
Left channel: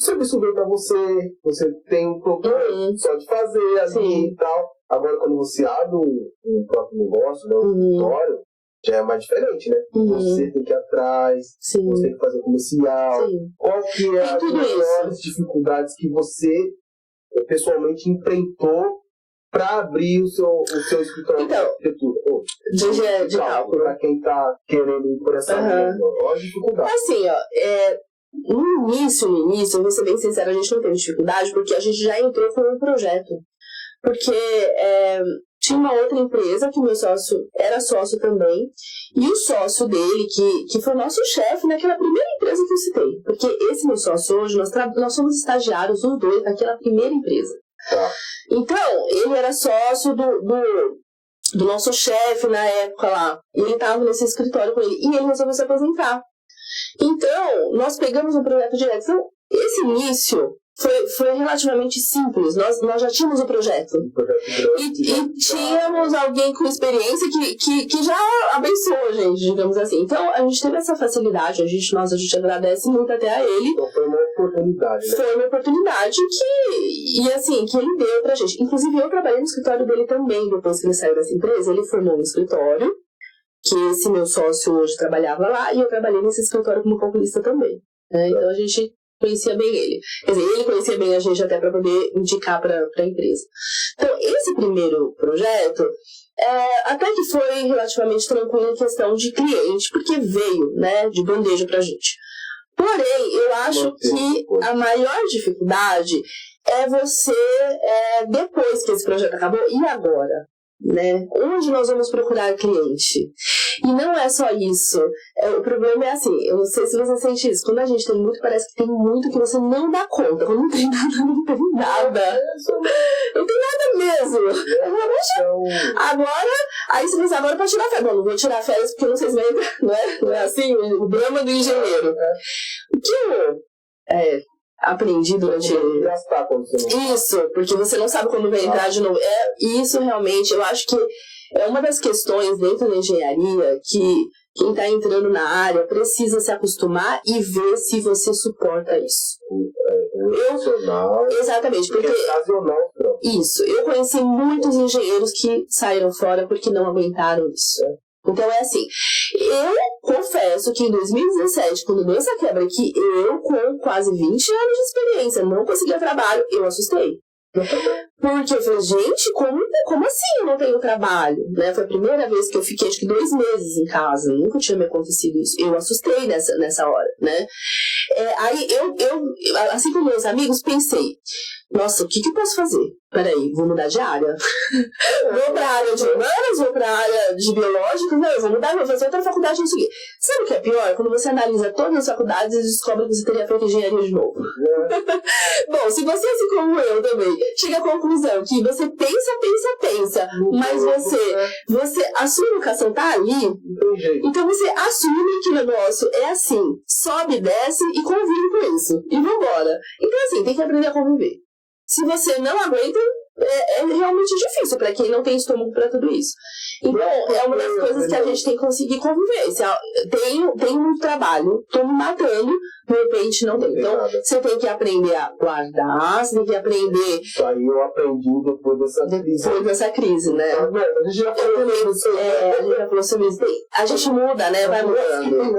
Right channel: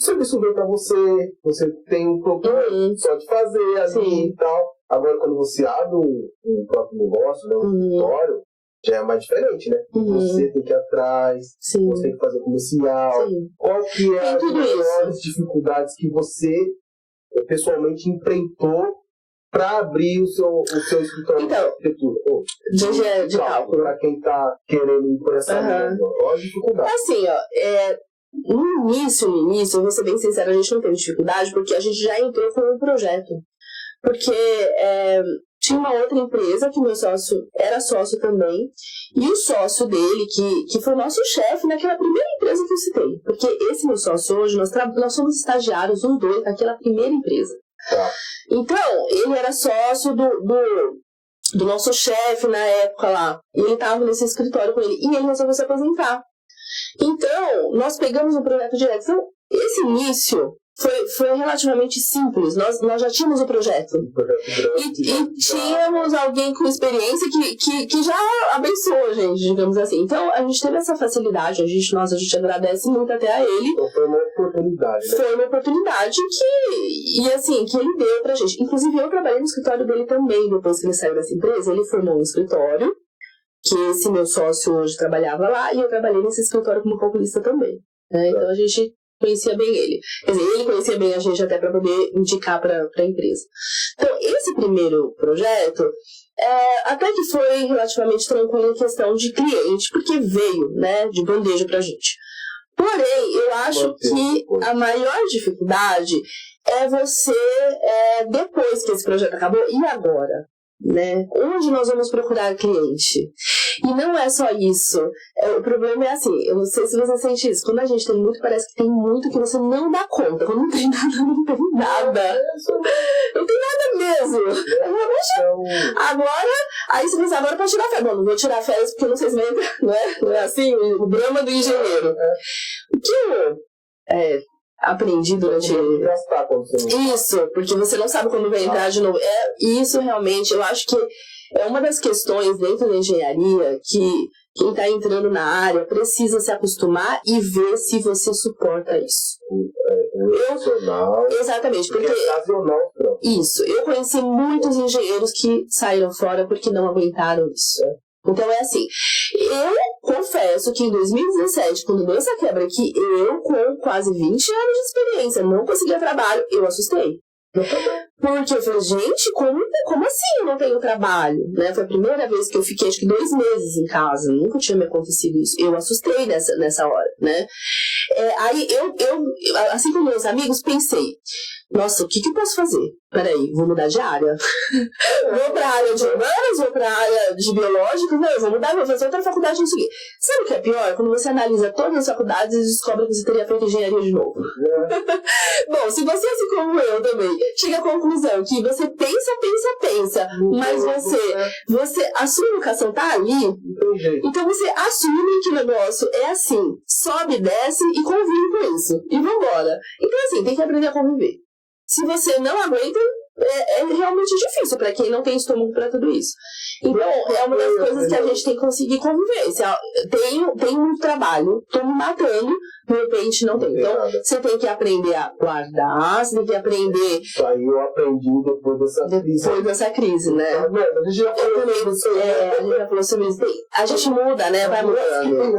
o serviço veio pra você tem um problema só de fazer ali e tal. Agora, quando você abre um próprio negócio, né, um escritório, já é mais diferente, né? Você tem que ir atrás, você tem que fazer comercial. Qual que é as maiores dificuldades que você pessoalmente enfrentou para abrir o seu escritório de arquitetura? De cálculo. Para quem está querendo ir por essa linha, olha a dificuldade. Assim, no início, eu vou ser bem sincera, a gente não teve dificuldade porque a gente já entrou com um projeto. Porque tinha uma outra empresa que o meu sócio era sócio também, e o sócio dele, que foi o nosso chefe naquela primeira empresa que eu citei. Porque esse meu sócio hoje, nós somos estagiários, os dois, naquela primeira empresa. Então, ele era sócio do nosso chefe na época lá, e ele estava nesse escritório com ele, e ele resolveu se aposentar. Então, nós pegamos um projeto direto. Então, esse início foi relativamente simples. Nós já tínhamos o projeto. E tínhamos alguém com experiência que já abençoou a gente, digamos assim. Então, a gente teve essa facilidade. A gente agradece muito até a ele. Então, foi uma oportunidade, né? Foi uma oportunidade que ele deu pra gente. Inclusive, eu trabalhei no escritório dele também, depois que ele saiu dessa empresa. Ele formou um escritório, que esse meu sócio hoje trabalhava lá, e eu trabalhei nesse escritório como calculista também. Né? Então, a gente conhecia bem ele. Quer dizer, ele conhecia bem a gente até para poder indicar para a empresa. Então, esse primeiro projeto, até que foi relativamente tranquilo em questão de cliente, porque veio, né, de bandeja para a gente. Porém, eu acho que a maior dificuldade é você, depois que esse projeto acabou, e agora? Né? Onde nós vamos procurar cliente? E não é só isso. O problema é assim, eu não sei se você sente isso, quando a gente tem muito, parece que tem muito que você não dá conta. Quando não tem nada, não tem nada. Não tem nada mesmo. Agora, aí você pensa, agora pode tirar férias. Bom, não vou tirar férias porque eu não sei se vai entrar, não é assim, o drama do engenheiro. O que eu aprendi durante... Isso, porque você não sabe quando vai entrar de novo. Isso realmente, eu acho que é uma das questões dentro da engenharia que quem está entrando na área precisa se acostumar e ver se você suporta isso. Exatamente, porque isso, eu conheci muitos engenheiros que saíram fora porque não aguentaram isso. Então é assim, eu confesso que em 2017, quando deu essa quebra aqui, eu com quase 20 anos de experiência não conseguia trabalho, eu assustei. Porque eu falei, gente, como assim eu não tenho trabalho? Né? Foi a primeira vez que eu fiquei, acho que 2 meses em casa, nunca tinha me acontecido isso. Eu assustei nessa hora, né? Aí eu, assim como meus amigos, pensei, nossa, o que eu posso fazer? Peraí, vou mudar de área. Vou pra área de humanas, vou pra área de biológicos, não, eu vou mudar, vou fazer outra faculdade, não sei o quê. Sabe o que é pior? Quando você analisa todas as faculdades e descobre que você teria feito engenharia de novo. Bom, se você, assim como eu também, chega à conclusão que você pensa, mas você, a sua educação tá ali, então você assume que o negócio é assim, sobe, desce e convive com isso. E vambora. Então assim, tem que aprender a conviver. Se você não aguenta, é realmente difícil para quem não tem estômago para tudo isso. Então, é uma das coisas que a gente tem que conseguir conviver. Tem muito trabalho, tô me matando, de repente não tem. Então, você tem que aprender a guardar, você tem que aprender... Isso aí eu aprendi depois dessa crise, né? A gente já falou sobre isso. A gente muda, né? Vai mudando.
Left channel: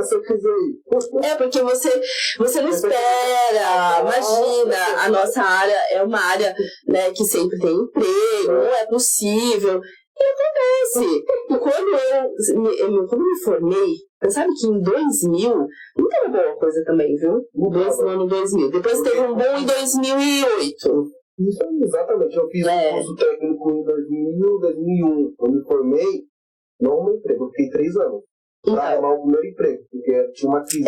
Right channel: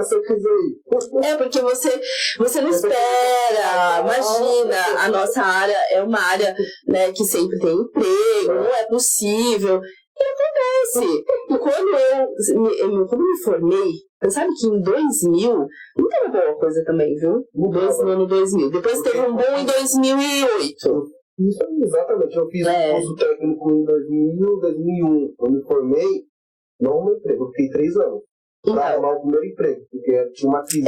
Porque você não espera. Imagina, a nossa área é uma área, né, que sempre tem emprego, não é possível. E acontece. E quando eu me formei, você sabe que em 2000, não teve uma boa coisa também, viu? No ano 2000. Depois teve um bom em 2008. Isso, exatamente. Eu fiz um curso técnico em 2000, 2001. Eu me formei, não no emprego, eu fiquei 3 anos. Pra arrumar o primeiro emprego, porque tinha uma crise.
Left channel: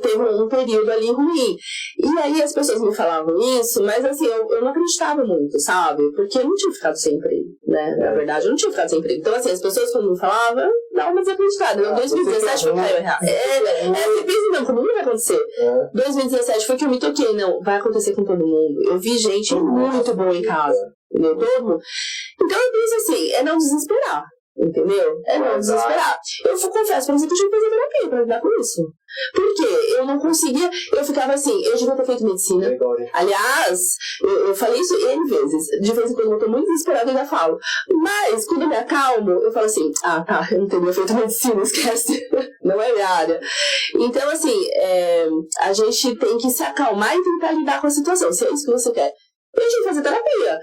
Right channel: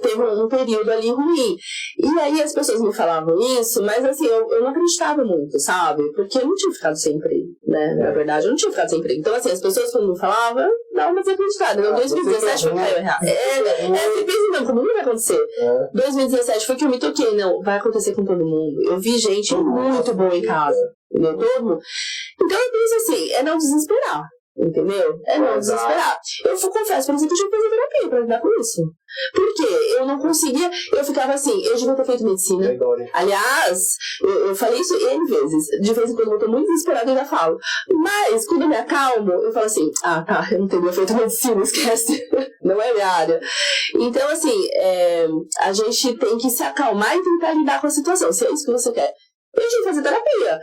Teve um período ali ruim. E aí as pessoas me falavam isso, mas assim, eu não acreditava muito, sabe? Porque eu não tinha ficado sem emprego, né? Na verdade, eu não tinha ficado sem emprego. Então, assim, as pessoas quando me falavam, eu dava uma desacreditada. Em 2017 foi caiu errado. Você pensa, não, como não vai acontecer? 2017 foi que eu me toquei, não, vai acontecer com todo mundo. Eu vi gente muito boa em casa, entendeu? Todo mundo. Então, eu penso assim, é não desesperar. Entendeu? É não desesperar. Eu confesso, por exemplo, eu tive que fazer terapia pra lidar com isso. Porque eu não conseguia, eu ficava assim, eu devia ter feito medicina. Aliás, eu falei isso N vezes. De vez em quando eu tô muito desesperada e ainda falo. Mas quando eu me acalmo, eu falo assim, eu não teria feito medicina, esquece. Não é minha área. Então, assim, a gente tem que se acalmar e tentar lidar com a situação. Se é isso que você quer. Eu tive que fazer terapia.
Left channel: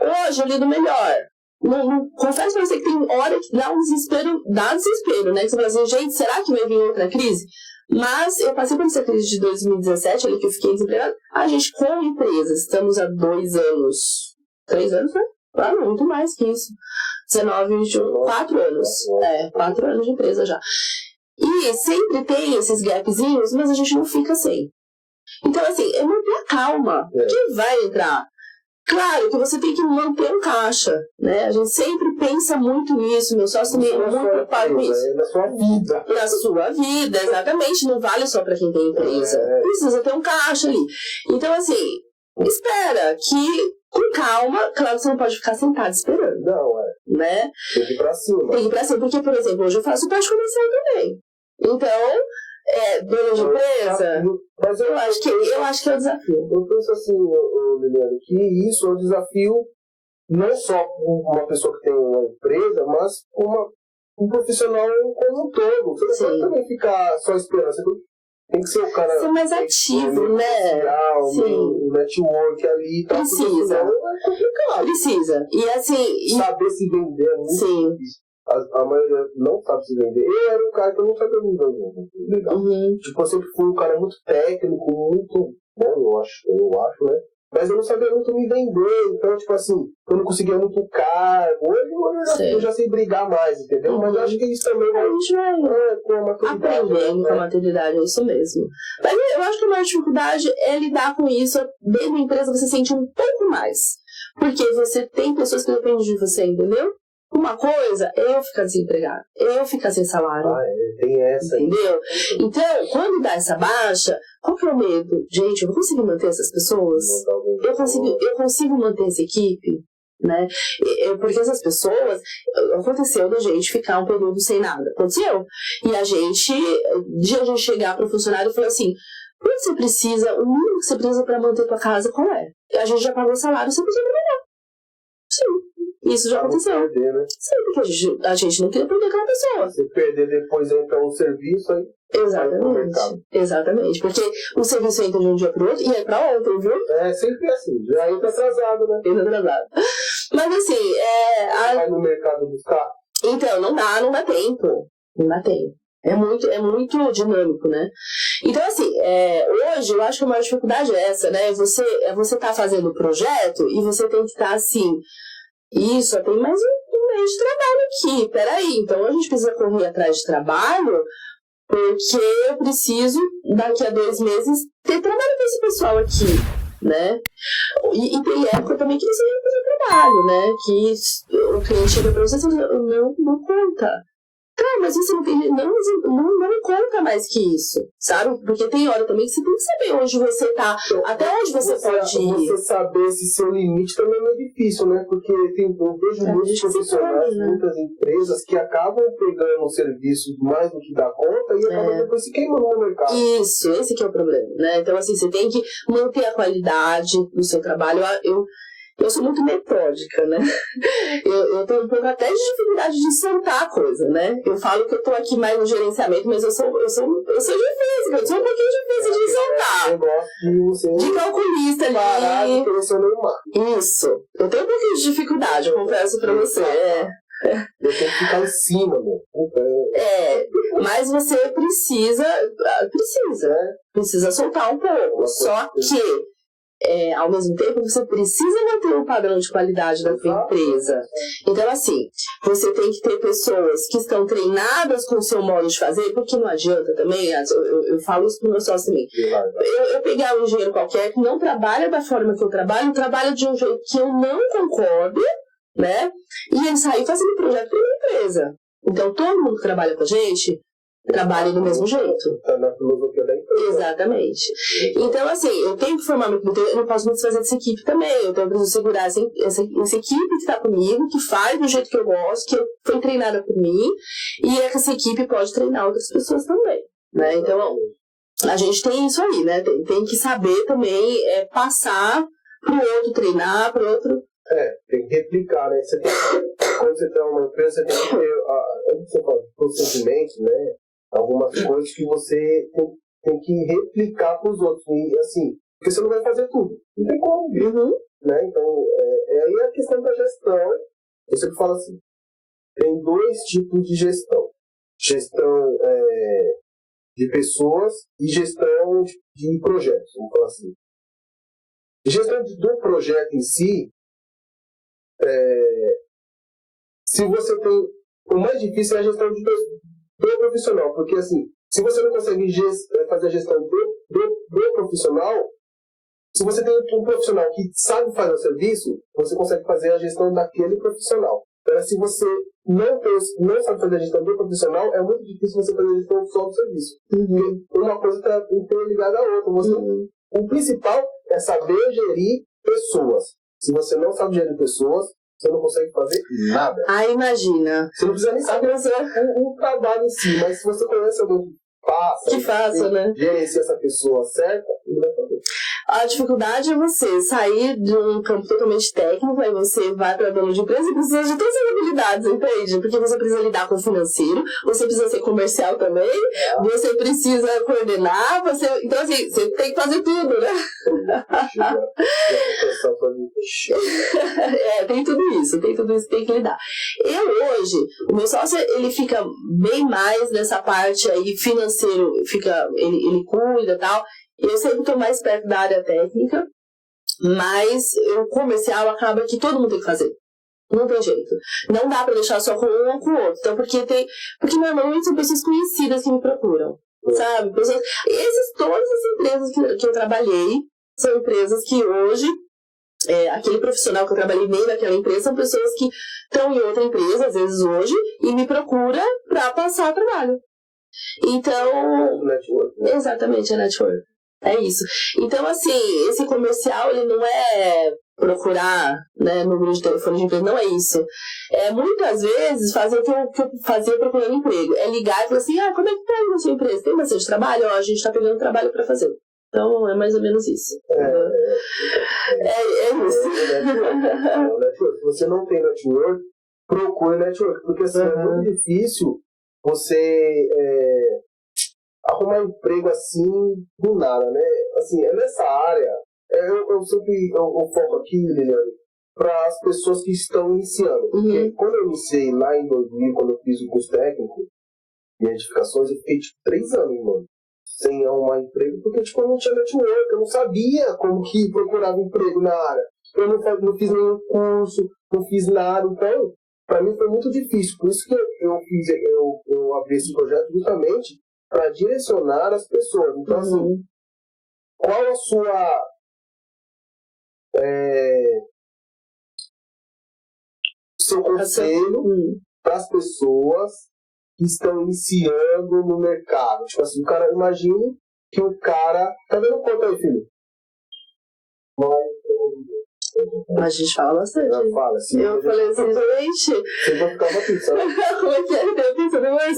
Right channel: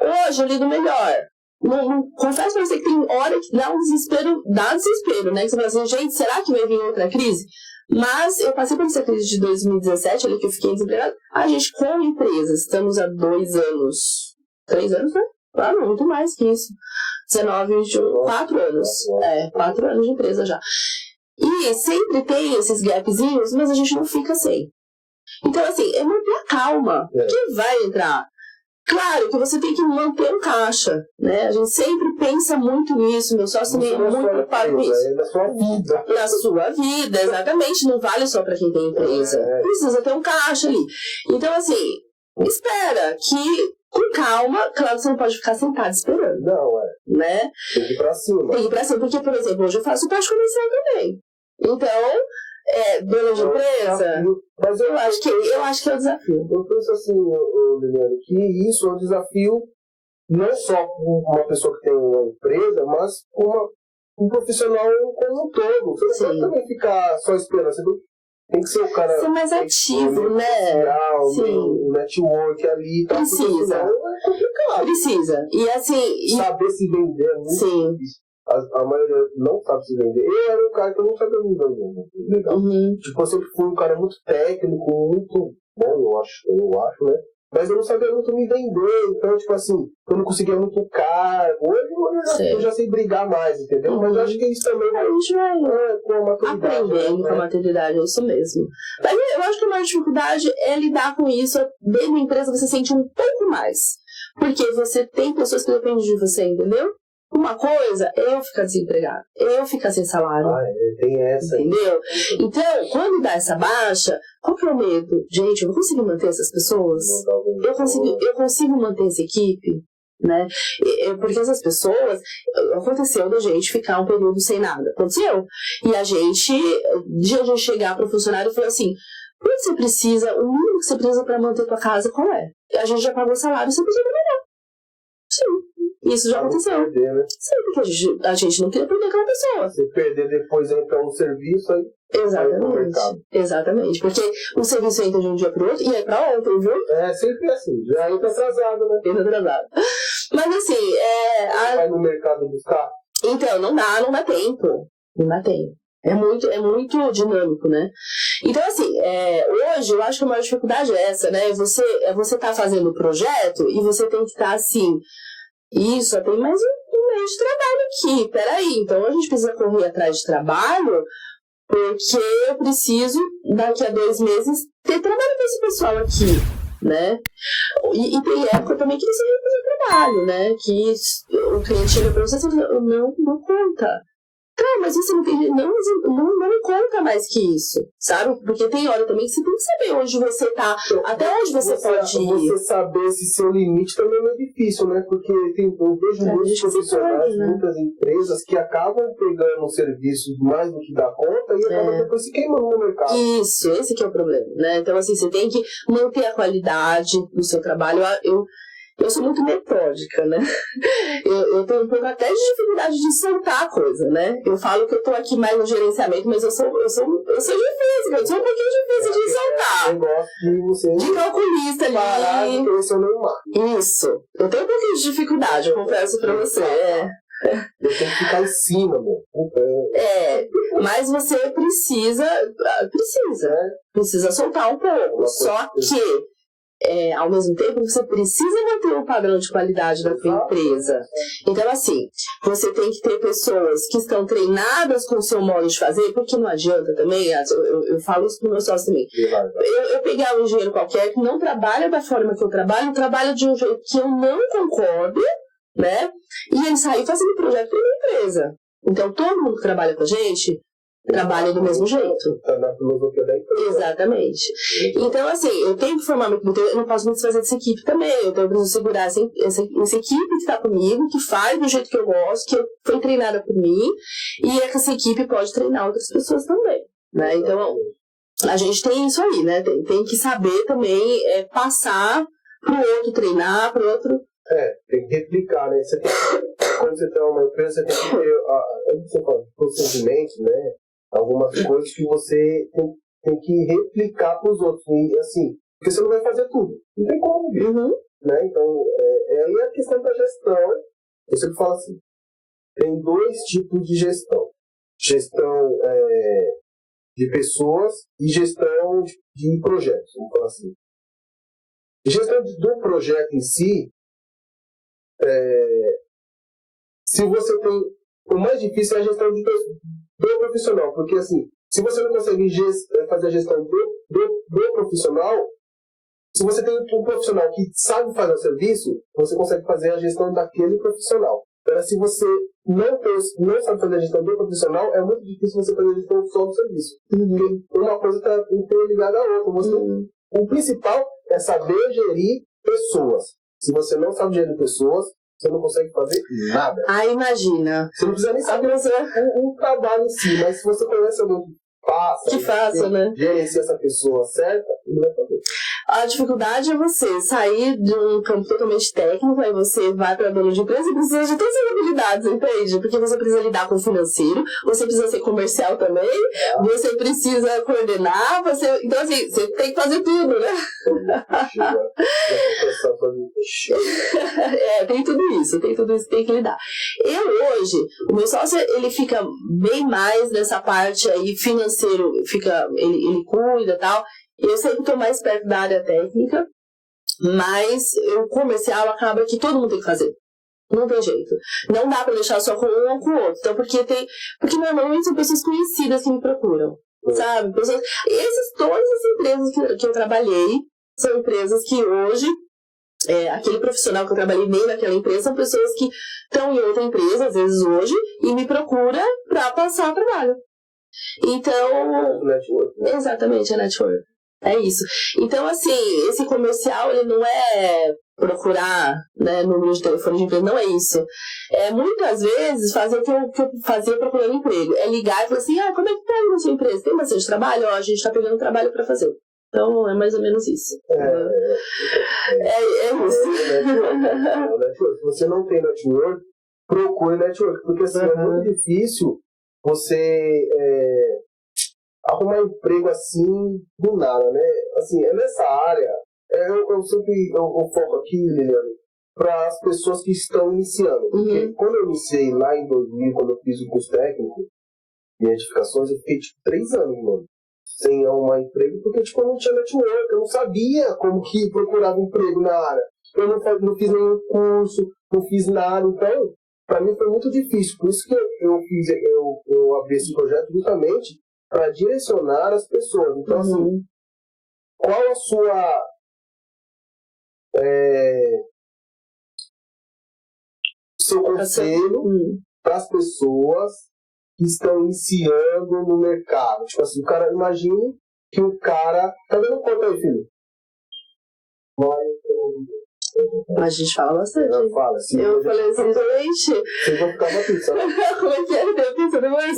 Hoje eu lido melhor. Não, confesso pra você que tem hora que dá desespero, né? Que você fala assim, gente, será que vai vir outra crise? Mas eu passei por essa crise de 2017, ali que eu fiquei desempregada. A gente, como empresa, estamos há 2 anos, 3 anos, né? Claro, muito mais que isso. 19, 21, 4 anos. 4 anos de empresa já. E sempre tem esses gapzinhos, mas a gente não fica sem. Então, assim, é manter a calma. Quem vai entrar? Claro que você tem que manter um caixa, né? A gente sempre pensa muito nisso, meu sócio também é muito preocupado com isso. É na sua vida. Na sua vida, exatamente. Não vale só para quem tem empresa. Precisa ter um caixa ali. Então, assim, espera que, com calma, claro que você não pode ficar sentado esperando. Não, né? Tem que ir pra cima. Tem que ir pra cima, porque, por exemplo, hoje eu faço parte comercial também. Então, dona de empresa, Mas eu acho que é o desafio. Eu penso assim, Liliane, que isso é um desafio não só para uma pessoa que tem uma empresa, mas para um profissional como um todo. Você não pode também ficar só esperando. Você tem que ser o cara... Ser mais ativo, né? O network ali e tal. Precisa. Senão é complicado. Precisa. E assim... Saber se vender é muito difícil. A maioria não sabe se vender. Eu era um cara que eu não sabia me vender. Legal. Tipo, eu sempre fui um cara muito técnico, muito bom, eu acho, né? Mas eu não sabia muito me vender. Então, tipo assim, eu não conseguia muito cargo. Hoje eu já sei brigar mais, entendeu? Mas eu acho que isso também a gente vai com a maturidade. Aprendendo com a maturidade, é isso mesmo. Mas eu acho que a maior dificuldade é lidar com isso. Dentro da empresa você sente um pouco mais. Porque você tem pessoas que dependem de você, entendeu? Uma coisa é eu ficar desempregado, eu ficar sem salário. Tem essa. Entendeu? Então, quando dá essa baixa, qual que é o medo? Gente, eu vou conseguir manter essas pessoas? Eu consigo manter essa equipe? Né? Porque essas pessoas, aconteceu da gente ficar um período sem nada. Aconteceu. E a gente chegar para o funcionário e falar assim: o que você precisa, o mínimo que você precisa para manter tua casa, qual é? A gente já pagou o salário, você precisa trabalhar. Sim. Isso já aconteceu. Perder, né? Sim, porque a gente não queria perder aquela pessoa. Se perder depois entra um serviço aí. Exatamente. Porque o serviço entra de um dia pro outro e aí pra outro, viu? Sempre assim. Já entra atrasado, né? Entra atrasado. Mas assim, vai no mercado buscar? Então, não dá tempo. Não dá tempo. É muito dinâmico, né? Então, assim, hoje eu acho que a maior dificuldade é essa, né? Você tá fazendo o projeto e você tem que estar assim. Isso, tem mais um mês de trabalho aqui. Peraí, então a gente precisa correr atrás de trabalho porque eu preciso, daqui a 2 meses, ter trabalho com esse pessoal aqui, né? E tem época também que você vai fazer trabalho, né? Que o cliente chega pra você e fala, não conta. Tá, mas você não tem... Não conta mais que isso, sabe? Porque tem hora também que você tem que saber onde você tá, até onde você pode ir. Você saber esse seu limite também é difícil, né? Porque eu vejo muitos profissionais, muitas empresas que acabam pegando serviços mais do que dá conta e acabam depois se queimando no mercado. Isso, esse que é o problema, né? Então, assim, você tem que manter a qualidade do seu trabalho. Eu sou muito metódica, né? Eu tenho um pouco até de dificuldade de soltar a coisa, né? Eu falo que eu tô aqui mais no gerenciamento, mas eu sou difícil, eu sou um pouquinho difícil de soltar. Eu gosto de calculista ali. Isso. Eu tenho um pouquinho de dificuldade, eu confesso pra você. Eu tenho que ficar em cima, meu. Mas você precisa soltar um pouco. Só que ao mesmo tempo, você precisa manter um padrão de qualidade da sua empresa. Então, assim, você tem que ter pessoas que estão treinadas com o seu modo de fazer, porque não adianta também, eu falo isso para o meu sócio também. Eu pegar um engenheiro qualquer que não trabalha da forma que eu trabalha de um jeito que eu não concordo, né? E ele sair fazendo projeto para a empresa. Então, todo mundo que trabalha com a gente trabalha do mesmo jeito. Tá na filosofia da empresa. Exatamente. Então, assim, eu tenho que formar meu equipe, eu não posso me desfazer dessa equipe também. Eu tenho que segurar essa equipe que está comigo, que faz do jeito que eu gosto, que foi treinada por mim, e essa equipe pode treinar outras pessoas também, né? Então, a gente tem isso aí, né? Tem que saber também passar pro outro treinar, pro outro... Tem que replicar, né? Quando você tem uma empresa, você tem que ter procedimentos, né? Algumas coisas que você tem que replicar para os outros. E assim, porque você não vai fazer tudo. Não tem como, né? Então, aí a questão da gestão. Eu sempre falo assim, tem 2 tipos de gestão. Gestão de pessoas e gestão de projetos, vamos falar assim. Gestão do projeto em si, se você tem... O mais difícil é a gestão do profissional, porque assim, se você não consegue fazer a gestão do profissional, Se você tem um profissional que sabe fazer o serviço, você consegue fazer a gestão daquele profissional. Agora, se você não sabe fazer a gestão do profissional, é muito difícil você fazer a gestão só do serviço. Porque uma coisa está interligada à outra. O principal é saber gerir pessoas. Se você não sabe gerir pessoas, você não consegue fazer nada. Ah, imagina. Você não precisa nem saber o trabalho em si, mas se você conhece alguém que faça, né? Gerenciar essa pessoa certa, ele vai fazer. A dificuldade é você sair de um campo totalmente técnico, aí você vai para dono de empresa e precisa de todas as habilidades, entende? Porque você precisa lidar com o financeiro, você precisa ser comercial também, você precisa coordenar, então assim, você tem que fazer tudo, né? Tem tudo isso que tem que lidar. Eu hoje, o meu sócio, ele fica bem mais nessa parte aí financeiro, ele cuida e tal. Eu sempre estou mais perto da área técnica, mas o comercial acaba que todo mundo tem que fazer. Não tem jeito. Não dá para deixar só com um ou com o outro. Então, porque normalmente são pessoas conhecidas que me procuram, sabe? Todas as empresas que eu trabalhei são empresas que hoje, aquele profissional que eu trabalhei nem naquela empresa, são pessoas que estão em outra empresa, às vezes hoje, e me procura para passar o trabalho. Então, exatamente, é network. É isso. Então, assim, esse comercial, ele não é procurar, né, número de telefone de empresa, não é isso. É muitas vezes fazer o que eu fazia procurando emprego. É ligar e falar assim, como é que tá aí na sua empresa? Tem bastante trabalho? A gente tá pegando trabalho pra fazer. Então, é mais ou menos isso. É isso. Se você não tem network, procure network, porque assim, é muito difícil você arrumar emprego assim do nada, né? Assim, é nessa área, eu sempre foco aqui, Liliane, para as pessoas que estão iniciando. Porque quando eu iniciei lá em 2000, quando eu fiz o curso técnico de edificações, eu fiquei 3 anos, mano, sem arrumar emprego, porque eu não tinha network, eu não sabia como que procurava emprego na área. Eu não fiz nenhum curso, não fiz nada, então, para mim foi muito difícil. Por isso que eu abri esse projeto justamente para direcionar as pessoas. Então, assim, qual a sua seu conselho para as pessoas que estão iniciando no mercado? Tipo assim, o cara, imagine que o cara... Tá dando conta aí, filho? A gente fala bastante. Eu falo, assim, eu falei assim, gente... Vocês vão ficar uma pizza, né? Como é que é? Eu pensando mais.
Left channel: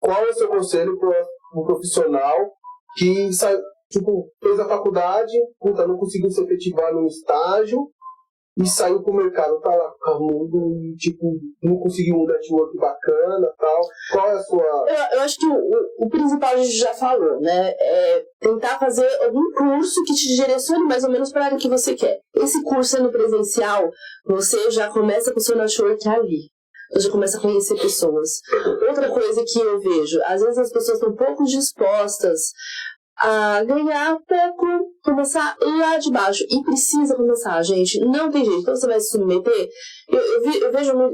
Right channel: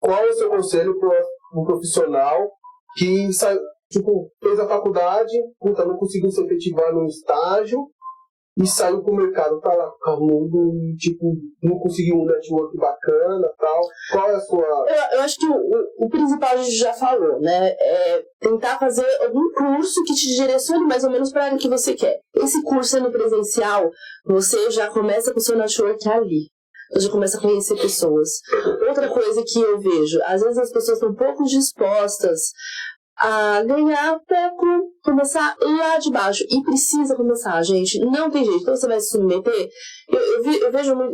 Qual é o seu conselho para um profissional que fez a faculdade, não conseguiu se efetivar no estágio e saiu pro mercado, tá lá carnudo e não conseguiu um network bacana e tal? Qual é a sua... Eu acho que o principal a gente já falou, né? É tentar fazer algum curso que te direcione mais ou menos para a área que você quer. Esse curso sendo presencial, você já começa com o seu network ali. Você já começa a conhecer pessoas. Outra coisa que eu vejo, às vezes as pessoas estão pouco dispostas a ganhar pouco, começar lá de baixo. E precisa começar, gente. Não tem jeito. Então você vai se submeter. Eu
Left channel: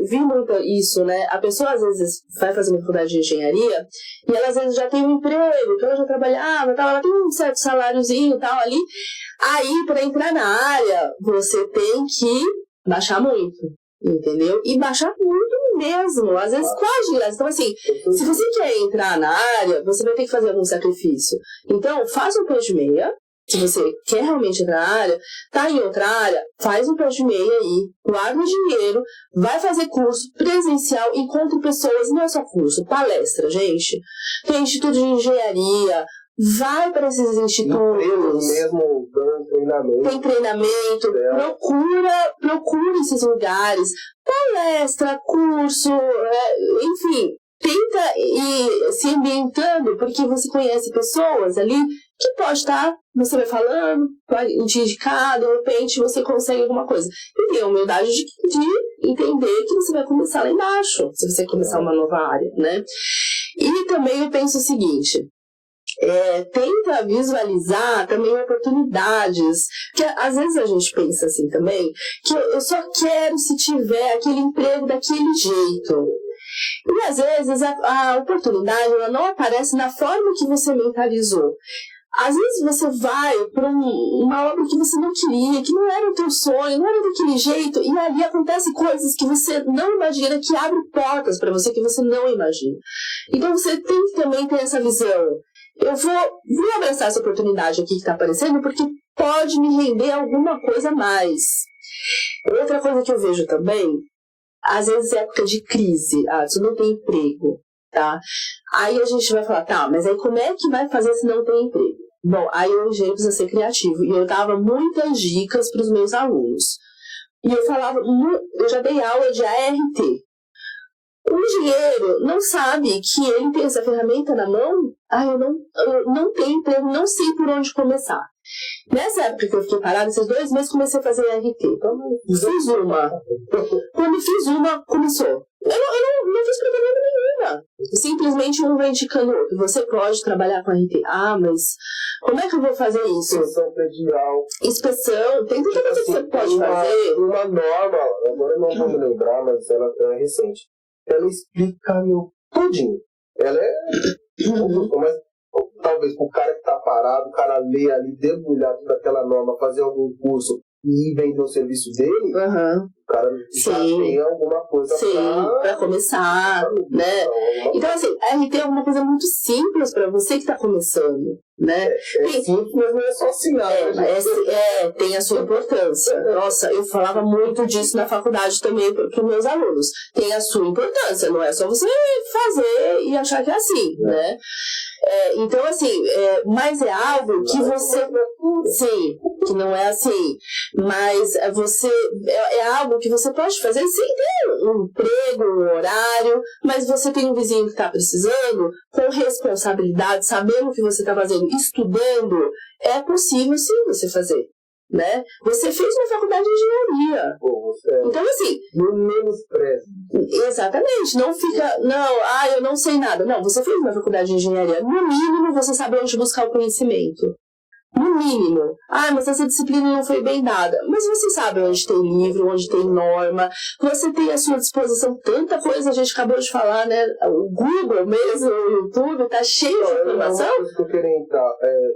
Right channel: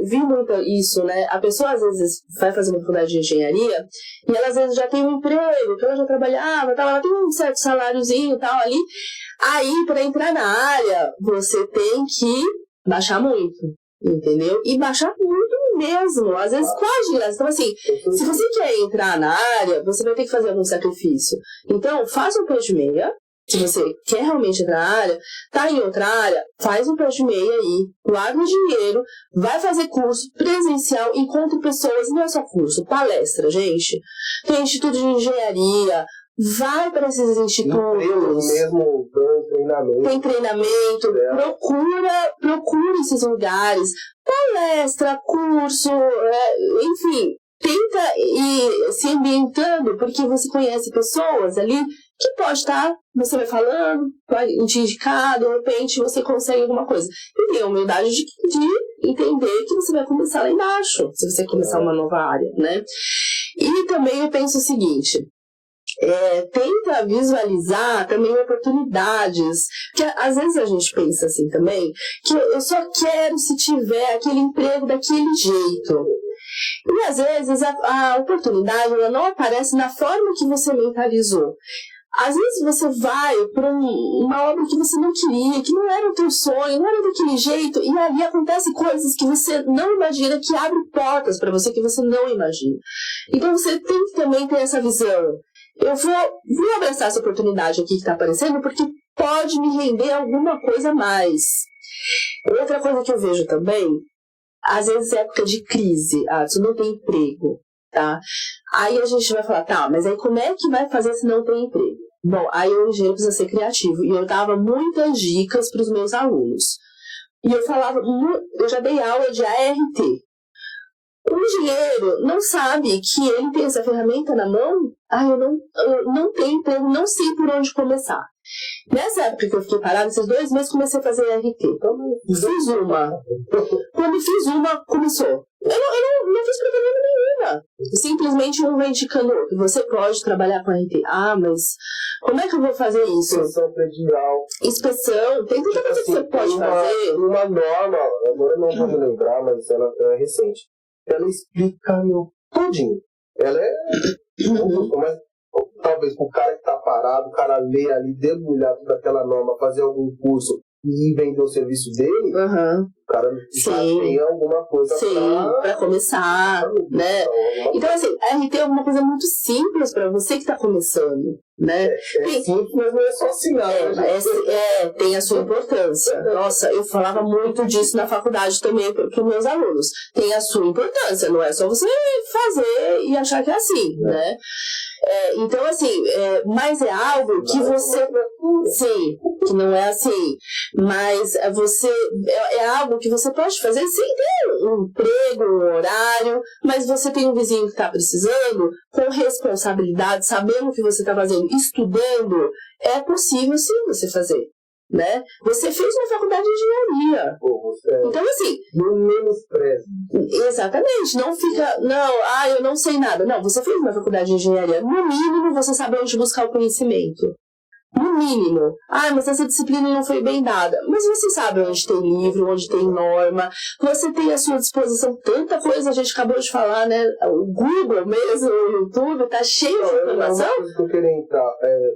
vi muito isso, né? A pessoa às vezes vai fazer uma faculdade de engenharia e ela às vezes já tem um emprego, que ela já trabalhava, tal, ela tem um certo saláriozinho tal ali. Aí, para entrar na área, você tem que baixar muito, entendeu? E baixar muito mesmo, às vezes quase de graça. Então, assim, se você quer entrar na área, você vai ter que fazer algum sacrifício. Então, faça um pé de meia. Se você quer realmente entrar na área, tá em outra área, faz um pé de meia aí, guarda o dinheiro, vai fazer curso presencial, encontre pessoas, não é só curso, palestra, gente. Tem instituto de engenharia, vai para esses institutos. Mesmo treinamento. Tem treinamento, procura esses lugares, palestra, curso, enfim, tenta ir se ambientando, porque você conhece pessoas ali que pode estar, você vai falando, vai te indicar, de repente você consegue alguma coisa. E tem a humildade de entender que você vai começar lá embaixo, se você começar uma nova área, né? E também eu penso o seguinte... tenta visualizar também oportunidades, que às vezes a gente pensa assim também, que eu só quero se tiver aquele emprego daquele jeito. E às vezes a oportunidade ela não aparece na forma que você mentalizou. Às vezes você vai para uma obra que você não queria, que não era o teu sonho, não era daquele jeito, e ali acontecem coisas que você não imagina, que abrem portas para você que você não imagina. Então você tem que também ter essa visão. Eu vou abraçar essa oportunidade aqui que está aparecendo, porque pode me render alguma coisa a mais. Outra coisa que eu vejo também, às vezes é época de crise, você não tem emprego, tá? Aí a gente vai falar, tá, mas aí como é que vai fazer se não tem emprego? Bom, aí o engenheiro precisa ser criativo, e eu dava muitas dicas para os meus alunos. E eu falava, eu já dei aula de ART. O engenheiro não sabe que ele tem essa ferramenta na mão, eu não tenho emprego, não sei por onde começar. Nessa época que eu fiquei parada, esses 2 meses, comecei a fazer ART. Então, fiz uma. Quando fiz uma, começou. Eu não fiz propaganda nenhuma. Simplesmente um vai indicando que você pode trabalhar com ART. Mas como é que eu vou fazer isso? Inspeção predial. Inspeção, tem tanta coisa que você pode fazer. Uma norma, agora eu não vou me lembrar, mas ela é recente. Ela explica tudinho. Ela é... Mas talvez pro cara que tá parado, o cara ler ali, debulhar toda aquela norma, fazer algum curso e vender o serviço dele, o cara já tem alguma coisa pra começar, né? Então, assim, a RT é uma coisa muito simples para você que tá começando, né? Simples, mas não é só assinar. Tem a sua importância. Nossa, eu falava muito disso na faculdade também para os meus alunos. Tem a sua importância, não é só você fazer e achar que é assim, né? Então, assim, mas é algo que você... Sim, que não é assim. Mas é algo que você pode fazer sem ter um emprego, um horário, mas você tem um vizinho que está precisando, com responsabilidade, sabendo o que você está fazendo, estudando, é possível sim você fazer. Né? Você fez uma faculdade de engenharia. Então, assim... No menosprezo. Exatamente. Não fica... eu não sei nada. Não, você fez uma faculdade de engenharia. No mínimo, você sabe onde buscar o conhecimento. No mínimo. Mas essa disciplina não foi bem dada. Mas você sabe onde tem livro, onde tem norma. Você tem à sua disposição tanta coisa. A gente acabou de falar, né? O Google mesmo, o YouTube, tá cheio de informação. Uma coisa que eu queria entrar.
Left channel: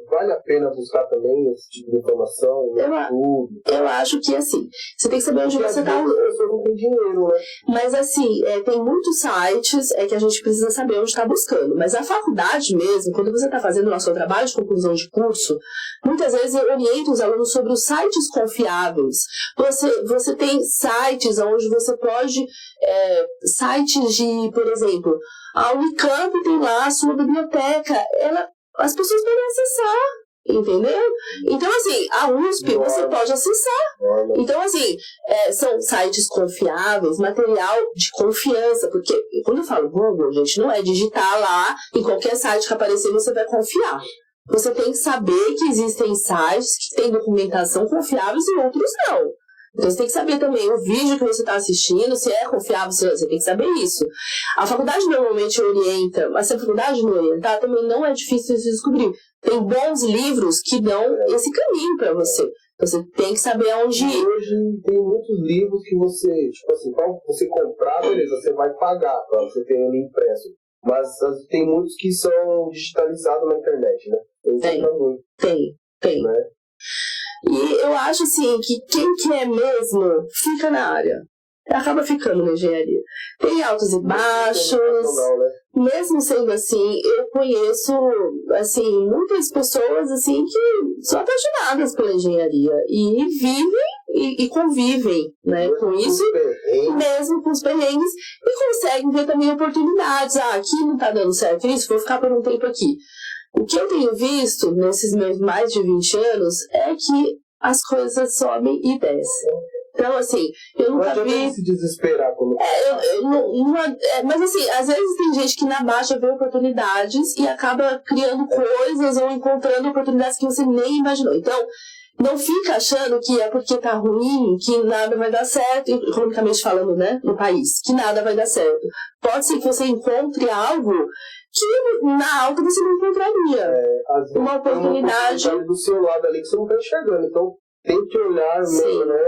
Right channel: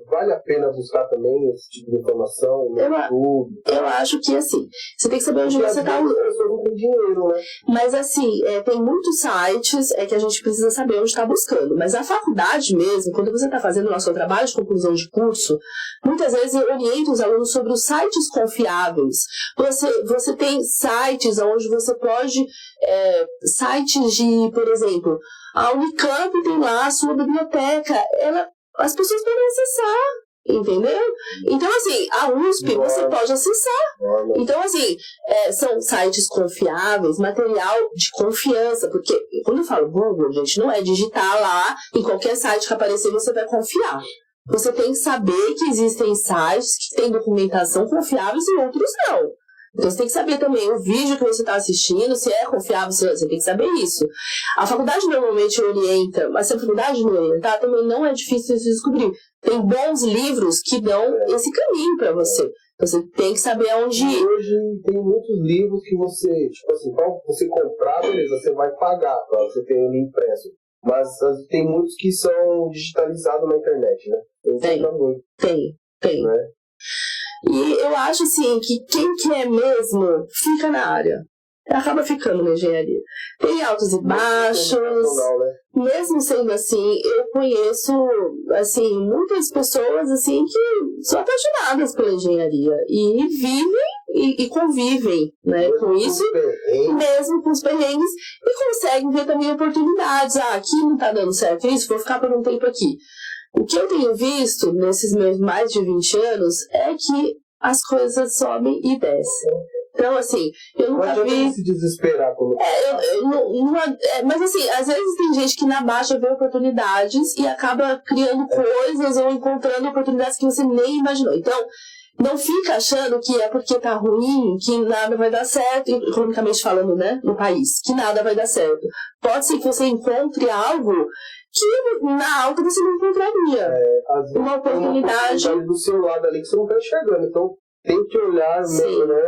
Vale a pena buscar também esse tipo de informação no YouTube? Eu acho que, assim, você tem que saber onde você tá. As pessoas não têm dinheiro, né? Mas, assim, tem muitos sites que a gente precisa saber onde está buscando. Mas a faculdade mesmo, quando você está fazendo o seu trabalho de conclusão de curso, muitas vezes eu oriento os alunos sobre os sites confiáveis. Você tem sites onde você pode... sites de, por exemplo, a Unicamp tem lá a sua biblioteca. As pessoas podem acessar, entendeu? Então, assim, a USP você pode acessar. Então, assim, são sites confiáveis, material de confiança. Porque quando eu falo Google, gente, não é digitar lá em qualquer site que aparecer você vai confiar. Você tem que saber que existem sites que têm documentação confiáveis e outros não. Então você tem que saber também o vídeo que você está assistindo, se é confiável, você tem que saber isso. A faculdade normalmente orienta, mas se a faculdade não orientar, também não é difícil de descobrir. Tem bons livros que dão esse caminho para você. Você tem que saber onde ir. Hoje tem muitos livros que você, tipo assim, para você comprar, beleza, você vai pagar para você ter ele impresso. Mas tem muitos que são digitalizados na internet, né? Tem. Né? E eu acho assim que quem quer mesmo fica na área. Acaba ficando na engenharia. Tem altos e baixos. Mesmo sendo assim, eu conheço assim, muitas pessoas assim, que são apaixonadas pela engenharia e vivem e convivem, né, com isso, mesmo com os perrengues, e conseguem ver também oportunidades. Aqui não está dando certo isso, vou ficar por um tempo aqui. O que eu tenho visto nesses meus mais de 20 anos é que as coisas sobem e descem. Então, assim, eu nunca vi... se desesperar. Mas, assim, às vezes tem gente que na baixa vê oportunidades e acaba criando coisas ou encontrando oportunidades que você nem imaginou. Então, não fica achando que é porque tá ruim, que nada vai dar certo, economicamente falando, né, no país, que nada vai dar certo. Pode ser que você encontre algo que na alta você não encontraria. Uma oportunidade do seu lado ali que você não tá enxergando. Então, tem que olhar mesmo, né,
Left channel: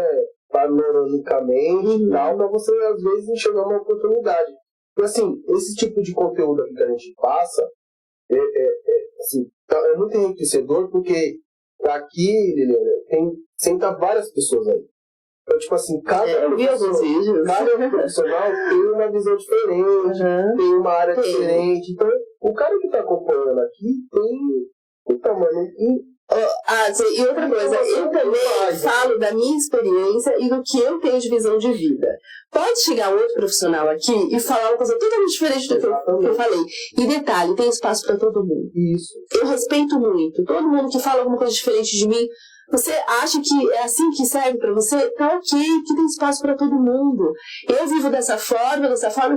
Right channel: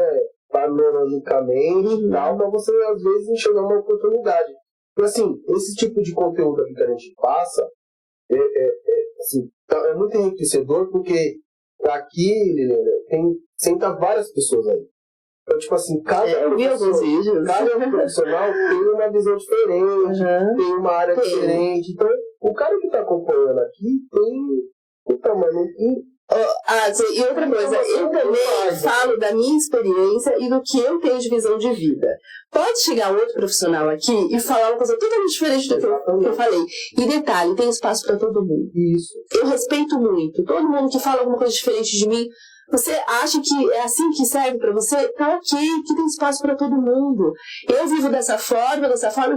panoramicamente e tal, pra você, às vezes, enxergar uma oportunidade. Assim, esse tipo de conteúdo aqui que a gente passa assim, é muito enriquecedor, porque aqui, Liliana, senta várias pessoas aí. Então, tipo assim, cada profissional tem uma visão diferente, tem uma área diferente. Então, o cara que tá acompanhando aqui tem o tamanho. E outra coisa, eu também falo da minha experiência e do que eu tenho de visão de vida. Pode chegar outro profissional aqui e falar uma coisa totalmente diferente do que eu falei. E detalhe, tem espaço para todo mundo. Isso. Eu respeito muito. Todo mundo que fala alguma coisa diferente de mim, você acha que é assim que serve para você? Tá ok, que tem espaço para todo mundo. Eu vivo dessa forma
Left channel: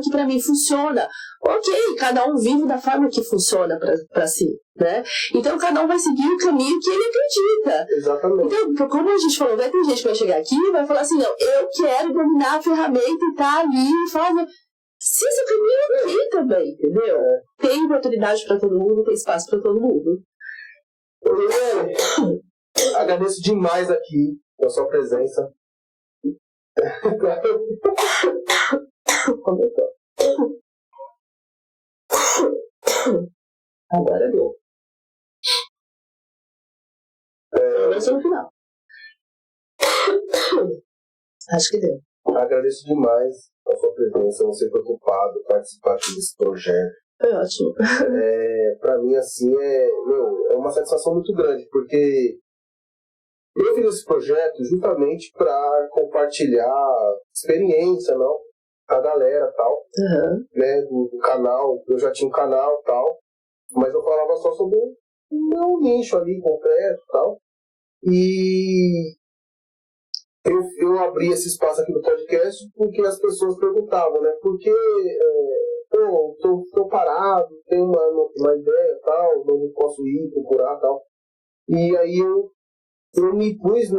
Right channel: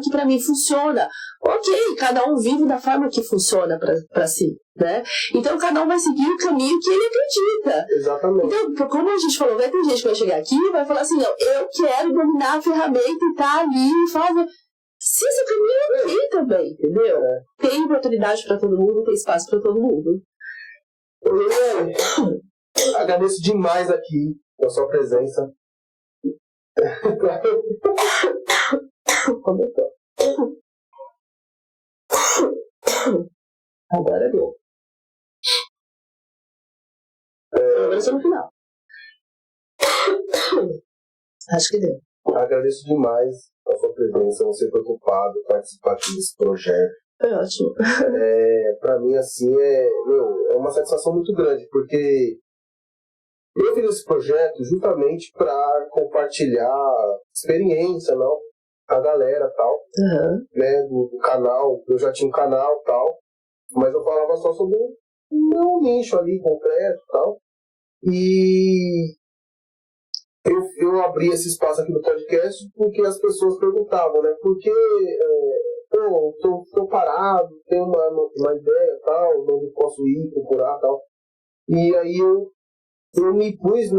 que para mim funciona. Ok, cada um vive da forma que funciona para si, né? Então cada um vai seguir o caminho que ele acredita. Exatamente. Então, como a gente falou, vai ter gente que vai chegar aqui e vai falar assim, não, eu quero dominar a ferramenta e tá ali e fazer. Se esse caminho é ok também, entendeu? Tem oportunidade para todo mundo, tem espaço para todo mundo. Agradeço demais aqui a sua presença. Agora deu. Agora só no final. Acho que deu. Agradeço demais a sua presença, você preocupado, participar aqui desse projeto. Foi ótimo. Pra mim, assim, é uma satisfação muito grande, porque eu fiz esse projeto justamente para compartilhar experiência, não? Com a galera e tal, né? Do canal, eu já tinha um canal e tal, mas eu falava só sobre o meu nicho ali concreto e tal. E eu abri esse espaço aqui no podcast porque as pessoas perguntavam, né? Porque tô parado, tenho uma ideia e tal, não posso ir procurar e tal. E aí eu me pus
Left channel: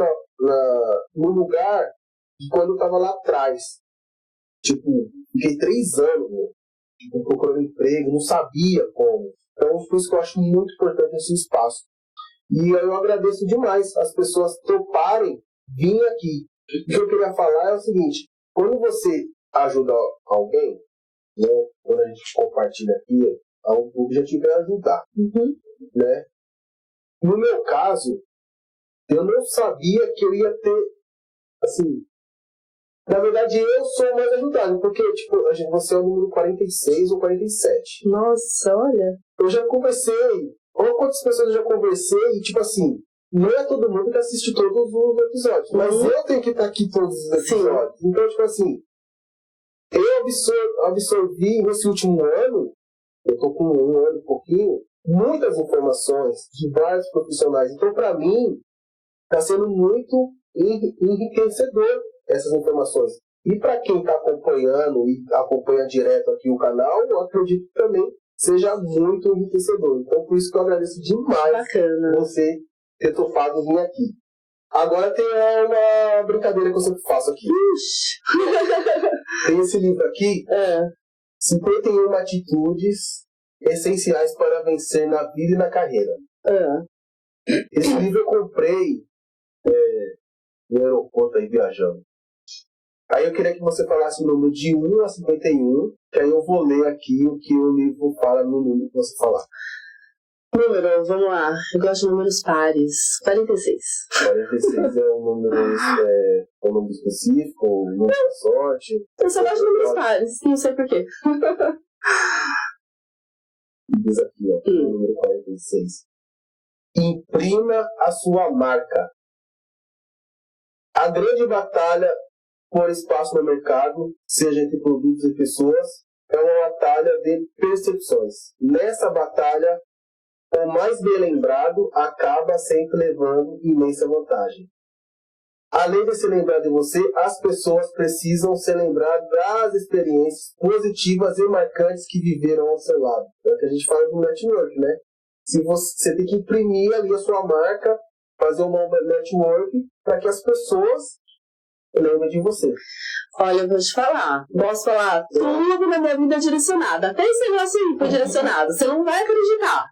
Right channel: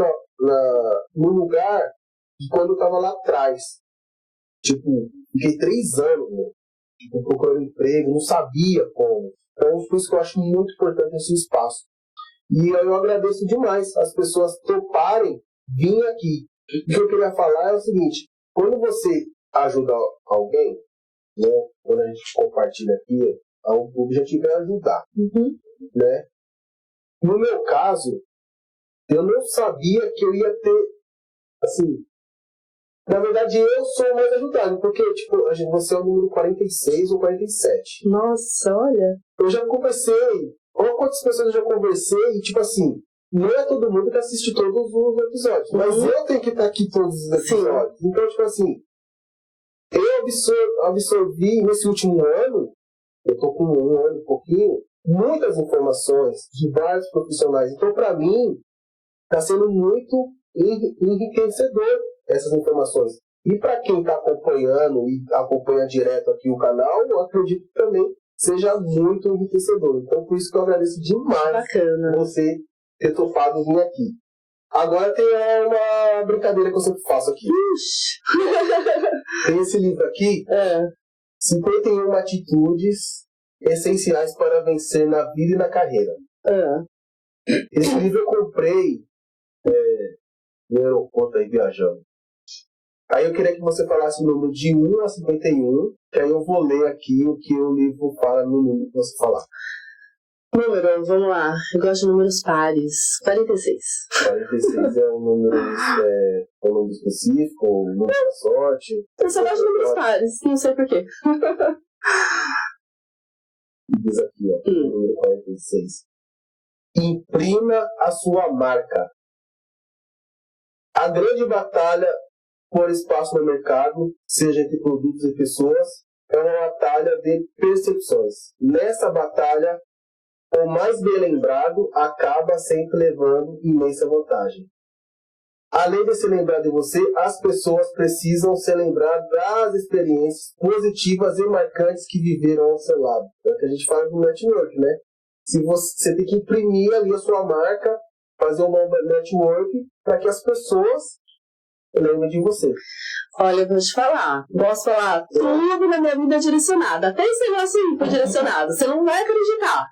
no lugar de quando eu tava lá atrás. Tipo, fiquei 3 anos, né? Tipo, procurando emprego, não sabia como. Então, por isso que eu acho muito importante esse espaço. E aí eu agradeço demais as pessoas toparem vir aqui. O que eu queria falar é o seguinte, quando você ajuda alguém, né? Quando a gente compartilha aqui, o objetivo é ajudar. Né? No meu caso, eu não sabia que eu ia ter, assim, na verdade eu sou mais ajudado, porque, tipo, você é o número 46 ou 47. Nossa, olha. Eu já conversei, olha quantas pessoas eu já conversei, e, tipo assim, não é todo mundo que assiste todos os episódios, mas eu tenho que estar aqui todos os episódios. Sim. Então, tipo assim, eu absorvi nesse último ano, eu tô com 1 ano e pouquinho, muitas informações de vários profissionais. Então, pra mim, está sendo muito enriquecedor essas informações. E para quem está acompanhando e acompanha direto aqui o canal, eu acredito que também seja muito enriquecedor. Então, por isso que eu agradeço demais você ter topado vir aqui. Agora tem uma brincadeira que eu sempre faço aqui. Tem esse livro aqui, 51 atitudes essenciais para vencer na vida e na carreira. Esse livro eu comprei no aeroporto aí viajando. Aí eu queria que você falasse o número de 1 a 51, que aí eu vou ler aqui o que o livro fala no número que você falar. Número, vamos lá. Eu gosto de números pares. 46. 46 é um número específico, um número da sorte. Eu só gosto de números pares, não sei porquê. Diz aqui, ó, o número 46. Imprima a sua marca. A grande batalha por espaço no mercado, seja entre produtos e pessoas, é uma batalha de percepções. Nessa batalha, o mais bem lembrado acaba sempre levando imensa vantagem. Além de se lembrar de você, as pessoas precisam se lembrar das experiências positivas e marcantes que viveram ao seu lado. É o que a gente fala do network, né? Se você tem que imprimir ali a sua marca, fazer um bom network para que as pessoas lembrem de você. Olha, eu vou te falar. Posso falar tudo na minha vida direcionada. Até esse negócio aí foi direcionado. Você não vai acreditar.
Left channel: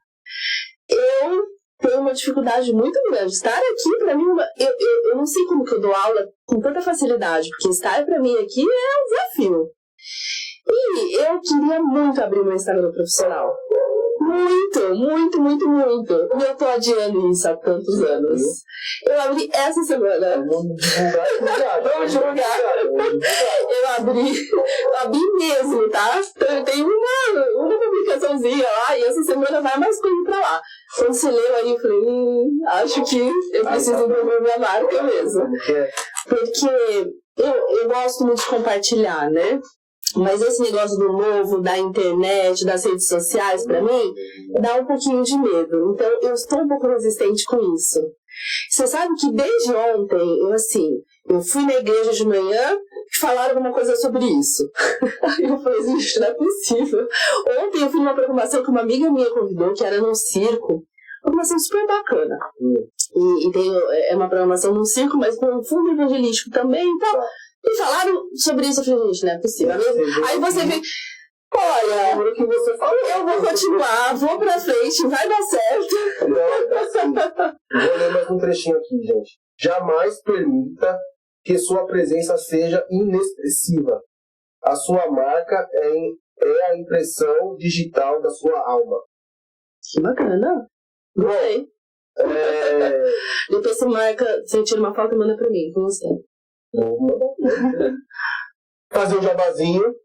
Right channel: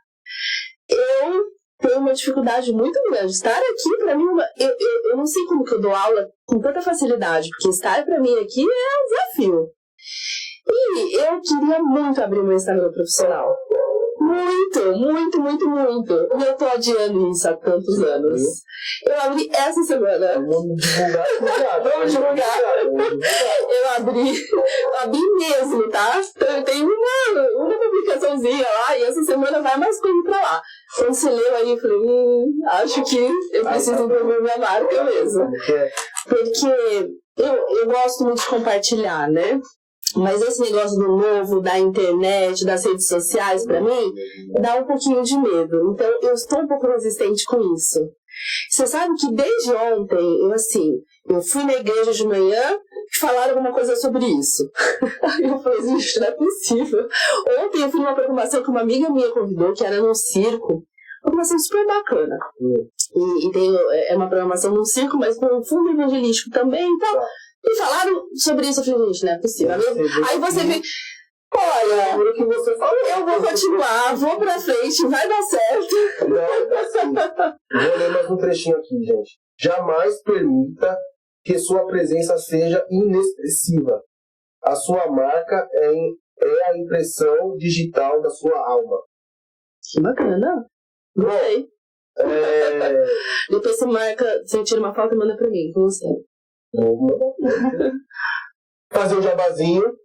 Eu tenho uma dificuldade muito grande. Estar aqui, pra mim, eu não sei como que eu dou aula com tanta facilidade, porque estar pra mim aqui é um desafio. E eu queria muito abrir meu Instagram profissional. Muito, muito, muito, muito. E eu tô adiando isso há tantos anos. Eu abri essa semana. Vamos divulgar. Vamos divulgar. Eu abri mesmo, tá? Então eu tenho uma publicaçãozinha lá e essa semana vai mais coisa pra lá. Quando você leu aí, eu falei, acho que eu preciso promover minha marca mesmo. Porque eu gosto muito de compartilhar, né? Mas esse negócio do novo, da internet, das redes sociais, pra mim, dá um pouquinho de medo. Então, eu estou um pouco resistente com isso. Você sabe que desde ontem, eu fui na igreja de manhã e falaram alguma coisa sobre isso. Eu falei, gente, não é possível. Ontem eu fui numa programação que uma amiga minha convidou, que era num circo. Uma programação super bacana. É uma programação num circo, mas com um fundo evangelístico também e tal. E falaram sobre isso, eu falei, gente, não é possível. Aí você vê, olha, que você falou, eu vou continuar, vou pra frente, vai dar certo. Não, assim, vou ler mais um trechinho aqui, gente. Jamais permita que sua presença seja inexpressiva. A sua marca é a impressão digital da sua alma. Que bacana. Gostei. Depois você tira uma foto e manda pra mim, com você. Fazer um jabazinho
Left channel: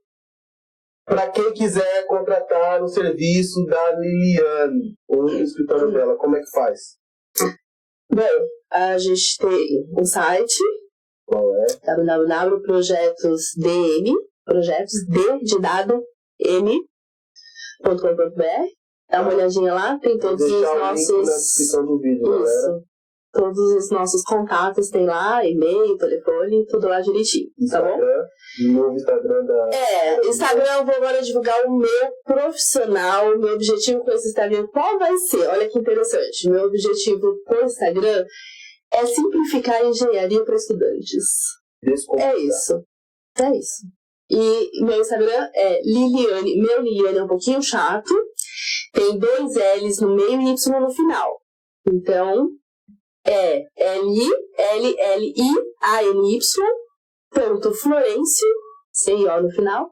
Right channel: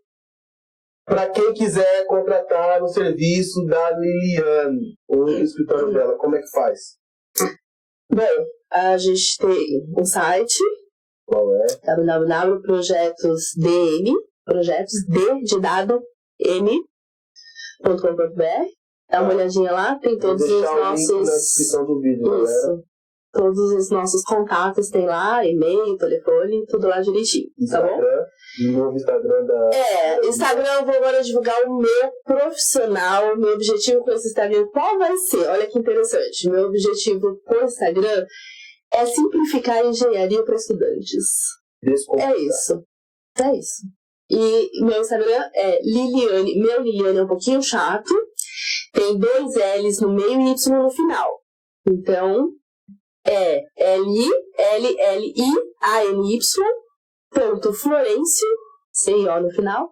para quem quiser contratar o serviço da Liliane ou o escritório dela, como é que faz? Bom, a gente tem um site. Qual é? www.projetosdm, projetos de dado m.com.br. Dá uma olhadinha lá, tem todos os nossos. Link na descrição do vídeo, galera. Todos os nossos contatos tem lá, e-mail, telefone, tudo lá direitinho, tá bom? Novo Instagram da... Instagram eu vou agora divulgar o meu profissional, meu objetivo com esse Instagram, qual vai ser? Olha que interessante, meu objetivo com o Instagram é simplificar a engenharia para estudantes. É isso. E meu Instagram é Liliane, meu Liliane é um pouquinho chato, tem 2 L's no meio e Y no final. Então, é LLIANY.Florencio, sem O no final.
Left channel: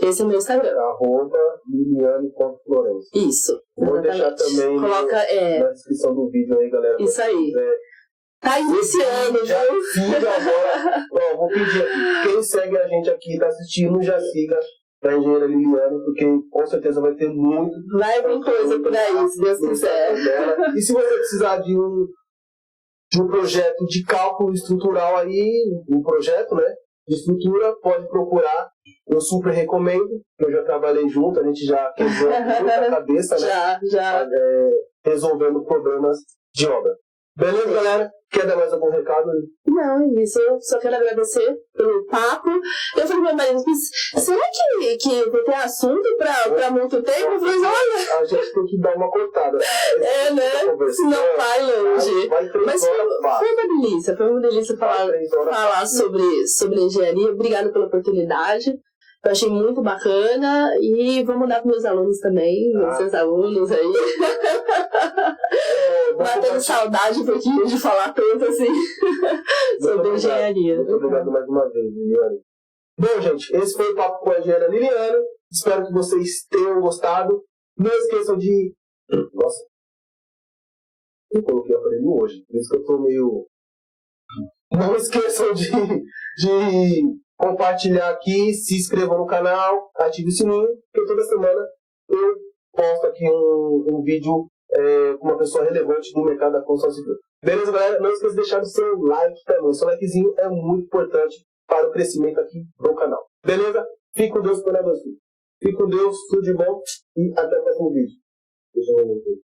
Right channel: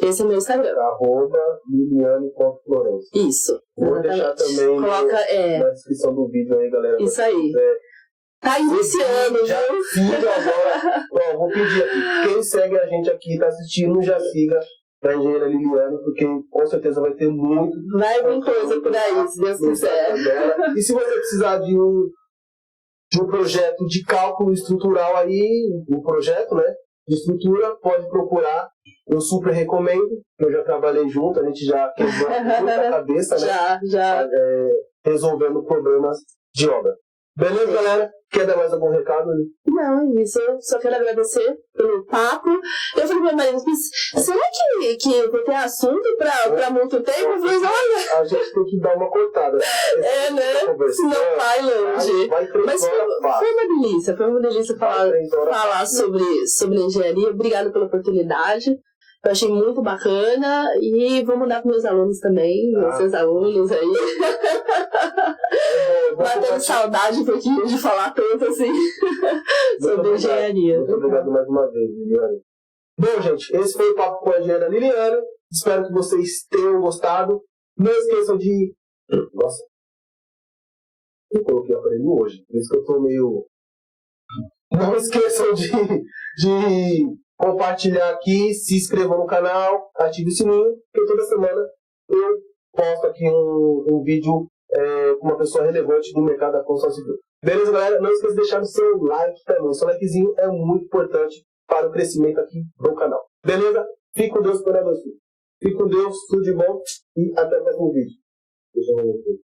Esse é o meu Instagram. @Liliane.Florencio. Isso. Vou deixar também na descrição do vídeo aí, galera. Isso aí. Tá iniciando, já siga agora. Ó, vou pedir aqui. Quem segue a gente aqui, tá assistindo, já siga a engenheira Liliane, porque com certeza vai ter muito. Vai vir coisa por aí, se Deus quiser. E se você precisar de um projeto de cálculo estrutural aí, um projeto, né, de estrutura, pode procurar. Eu super recomendo. Eu já trabalhei junto, a gente já quebrou muita cabeça, né? Já. Resolvendo problemas de obra. Beleza, galera? Quer dar mais algum recado? Não, isso. Eu só quero agradecer pelo papo. Eu falei pro meu marido, será que eu vou ter assunto pra muito tempo? Eu falei, olha... A gente tem que dar uma cortada. Né? Senão vai longe. Mas foi uma delícia falar sobre engenharia. Obrigada pela oportunidade. Eu achei muito bacana e vou mandar para meus alunos também, seus alunos aí. Batendo saudade um pouquinho de falar tanto assim sobre engenharia. Muito obrigado mais uma vez, Liliane. Bom, gente, esse foi o papo com a engenheira Liliane. Espero que vocês tenham gostado. Não esqueçam de... Nossa, eu coloquei o aparelho hoje, por isso que eu tô meio... Não esqueçam de compartilhar aqui, se inscrevam no canal, ative o sininho, porque toda semana eu posto aqui um vídeo com uma pessoa relevante do mercado da construção civil. Beleza, galera? Não esqueça de deixar o seu like também. O seu likezinho é muito importante para o crescimento aqui do canal. Beleza? Fique com Deus, Fique com Deus, tudo de bom e até o próximo vídeo. Deixa eu ver aqui.